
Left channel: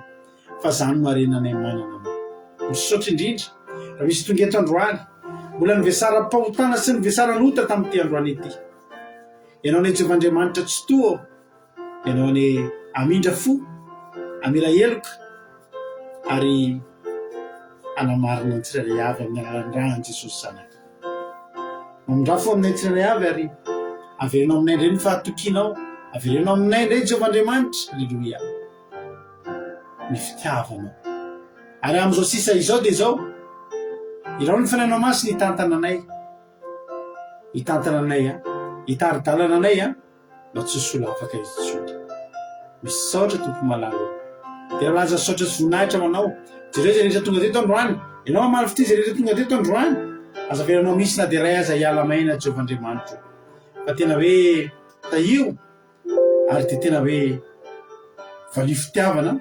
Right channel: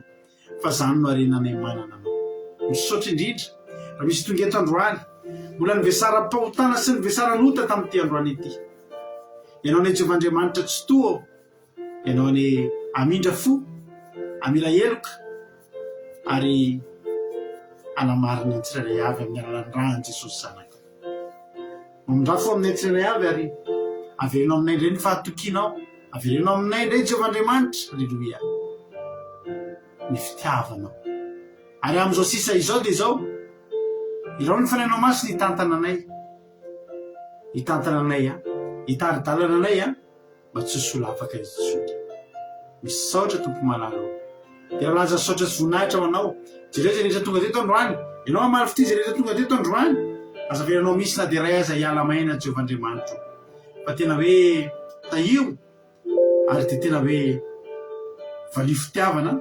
fa zany no arenanay manana anao. Misaotra indrindra raha misy tonga eto androany mbola nivesaram-pahotana sy nivesaran'ota tamin'ity androany ity. Ianao ny Jehovah'Andriamanitra tsy toa, ianao ny amindra fo, amila eloka ary anamarina ny tsirairay avy amin'ny alalan'ny rahany Jesosy zanaka. Mamindra fo aminay tsirairay avy ary averenao aminay indray ny fahatokianao, averenao aminay indray Jehovah'Andriamanitra. Alleluia. Ny fitiavanao. Ary amin'izao sisa izao dia izao, irao ny fanainao masy ny tantananay. Hitantananay hitari-dalananay mba tsy sola afaka izy tsony. Misaotra tompo malalo. Dia raha lanja saotra sy voninahitra ho anao, jereo zay rehetra tonga teto androany, ianao amary fity zay rehetra tonga teto androany, aza veranao misy na dia ray aza hiala maina Jehovah'Andriamanitra. Fa tena hoe tahio ary dia tena hoe valio fitiavana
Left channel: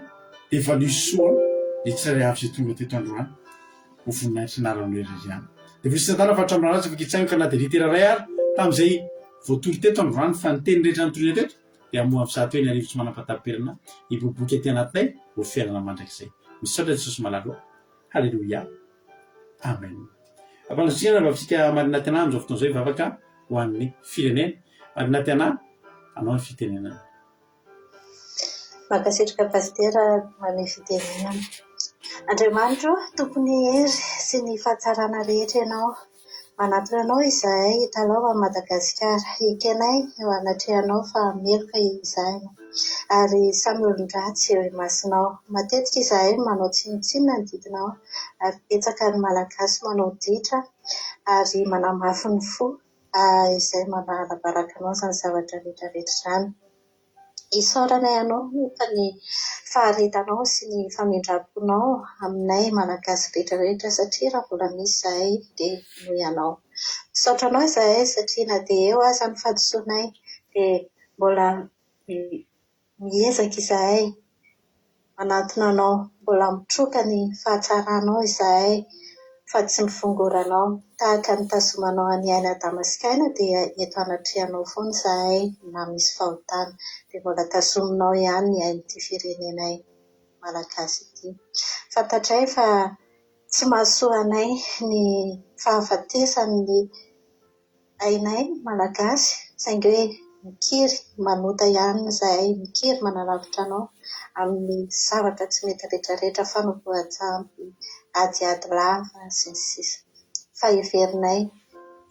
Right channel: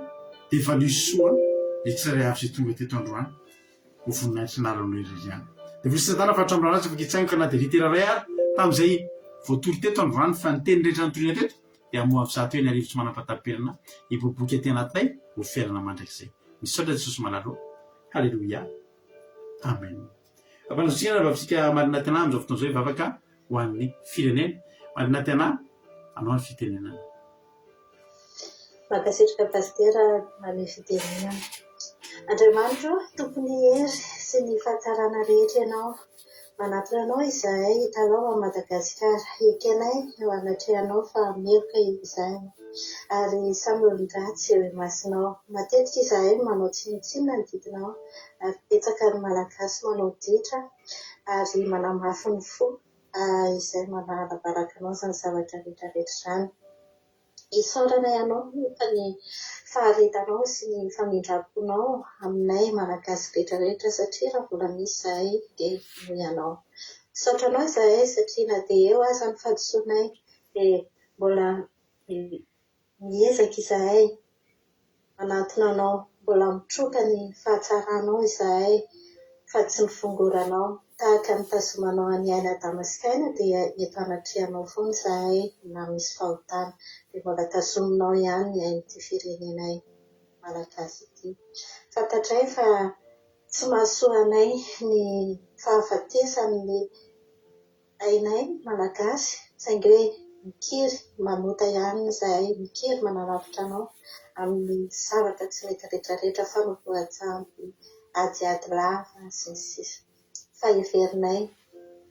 dia valio soa ny tsirairay avy zay tonga teto androany ho voninahitra naranao irery any. Dia volisy satana fa hatrambranazy afaka hitsaingo ka na dia litera ray ary tamin'izay voatory teto androany fa ny teny rehetra notoriana teto dia amoha amin'ny zato hoe ny arivo tsy manam-patapelana hiboboky aty anatinay ho fiainana mandrakizay. Misaotra Jesosy malalo. Halleluja. Amen. Ampanasina vavisika marina tena amin'izao fotoana izao hivavaka ho an'ny firenena. Marina tena anao ny fitenenana. Mankasitraka pastera manay fitenenana. Andriamanitra, tompony hery sy ny fahatsarana rehetra ianao. Manatona anao izahay hitanao a Madagasikara. Ikenay eo anatrehanao fa meloka izahay. Ary samy olon-dratsy eo imasinao. Matetika izahay manao tsinotsinona ny didinao ary betsaka ny malagasy manao ditra ary manamafy ny fo izay manalabaraka anao izany zavatra rehetrarehetra izany. Isaoranay anao fa ny faharetanao sy ny famindram-ponao aminay malagasy rehetrarehetra satria raha mbola misy izahay dia noho ianao. Misaotra anao izahay satria na dia eo aza ny fahadisoanay dia mbola miezaka izahay manatona anao, mbola mitroka ny fahatsaranao izahay fa tsy mifongoranao. Tahaka ny tazomanao any aina Damaskaina dia eto anatrehanao foana izahay na misy fahotana dia mbola tazominao ihany ny ain'ity firenenay malagasy ity. Fantatray fa tsy mahasoa anay ny fahafatesan'ny ainay malagasy saingy hoe mikiry manota ihany izahay, mikiry manalavitra anao amin'ny zavatra tsy mety rehetrarehetra fa no voajanty adiady lava sy ny sisa. Fa heverinay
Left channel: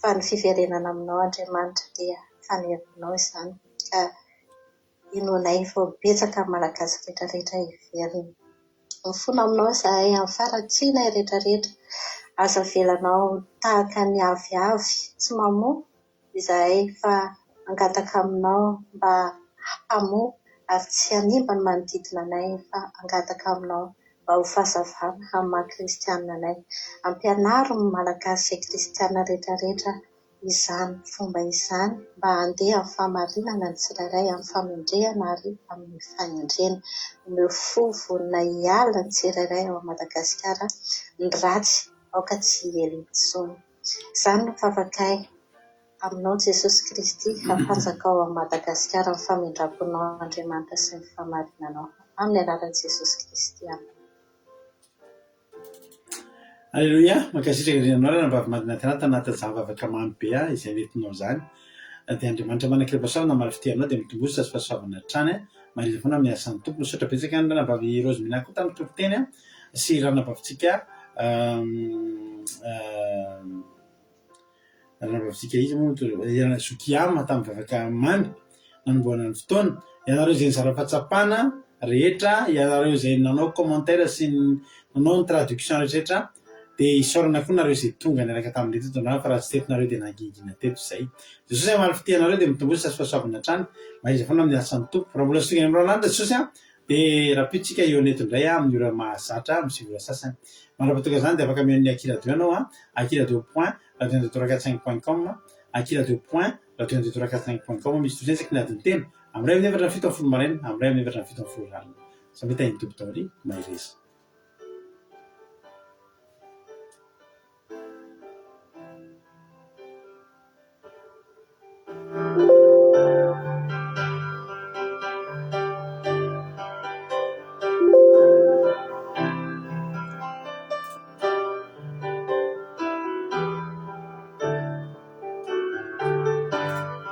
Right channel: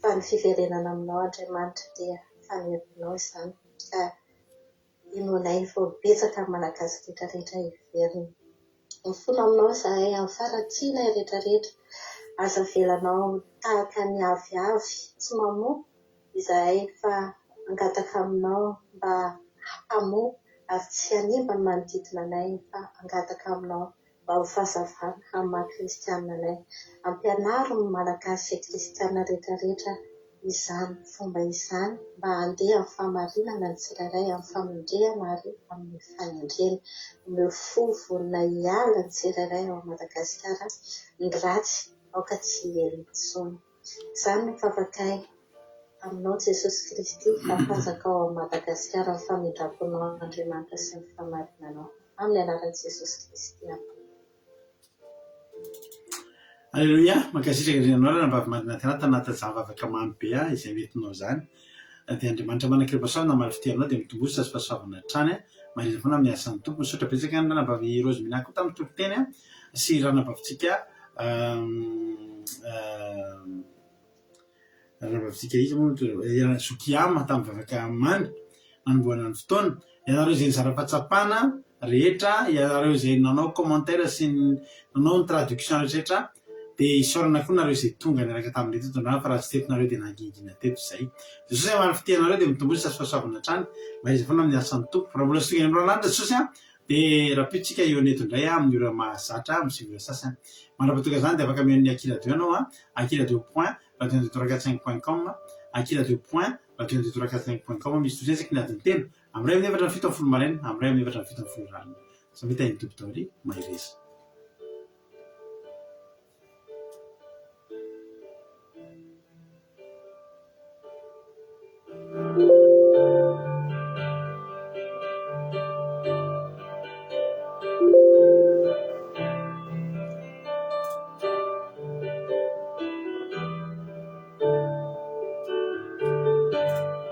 fa ny fiverenana aminao Andriamanitra dia fanerinao izany ka inoanay vao betsaka malagasy rehetrarehetra heverina. Mifono aminao izahay amin'ny farantsianay rehetrarehetra. Aza velanao tahaka ny aviavy tsy mamoa izahay fa angataka aminao mba hamoa ary tsy hanimba ny manodidina anay fa angataka aminao mba ho fahazavana amin'ny maha-kristianina anay. Ampianaro ny malagasy sy kristianina rehetrarehetra izany fomba izany mba handeha amin'ny fahamarinana ny tsirairay amin'ny famindrehana ary amin'ny fahendrena. Omeo fo vonona hiala ny tsirairay ao Madagasikara ny ratsy aoka tsy ela intsony. Izany no favakay aminao Jesosy Kristy fampanjaka ao amin'ny Madagasikara ny famindram-ponao Andriamanitra sy ny fahamarinanao. Amin'ny anaran'i Jesosy Kristy amina. Alleluia, mankasitraka andrianao raha mbavimadina tenata natazavavaka mamy be izay metinao izany. Dia Andriamanitra manan-kirepa-soavana maro fitehanao dia mitombosa sy fahasoavana hatrany marina foana amin'ny asan'ny tompo. Misaotra betsaka ny ranambavy Rose Minako tamin'ny tompoteny sy ranambavitsika ranambavitsika izy moa Zokiama tamin'ny vavaka mamy nanomboana ny fotoana. Ianareo izay nizara fahatsapana rehetra, ianareo izay nanao commentaire sy nanao ny traduction rehetrarehetra dia isaorana koa nareo izay tonga niaraka tamin'ny tetonao fa raha tsy tetonareo dia nangingina teto izay. Jesosy maro fitehanareo dia mitombosa sy fahasoavana hatrany mariza foana amin'ny asan'ny tompo. Raha mbola sy tonga amin'ny ranandro Jesosy dia raha pitsika eo neto indray amin'ny ora mahazatra amin'ny sivy sasany. Manapatoka izany dia afaka mihaon'ny Akira 2 anao Akira 2.radio445.com Akira 2.radio445.com misy tozesaky ny adiny telo amin'ny ray amin'ny efatra ny fito amin'ny folo maraina amin'ny ray amin'ny efatra ny fito amin'ny folo rano. Samby tahiny tompo taory mahireza.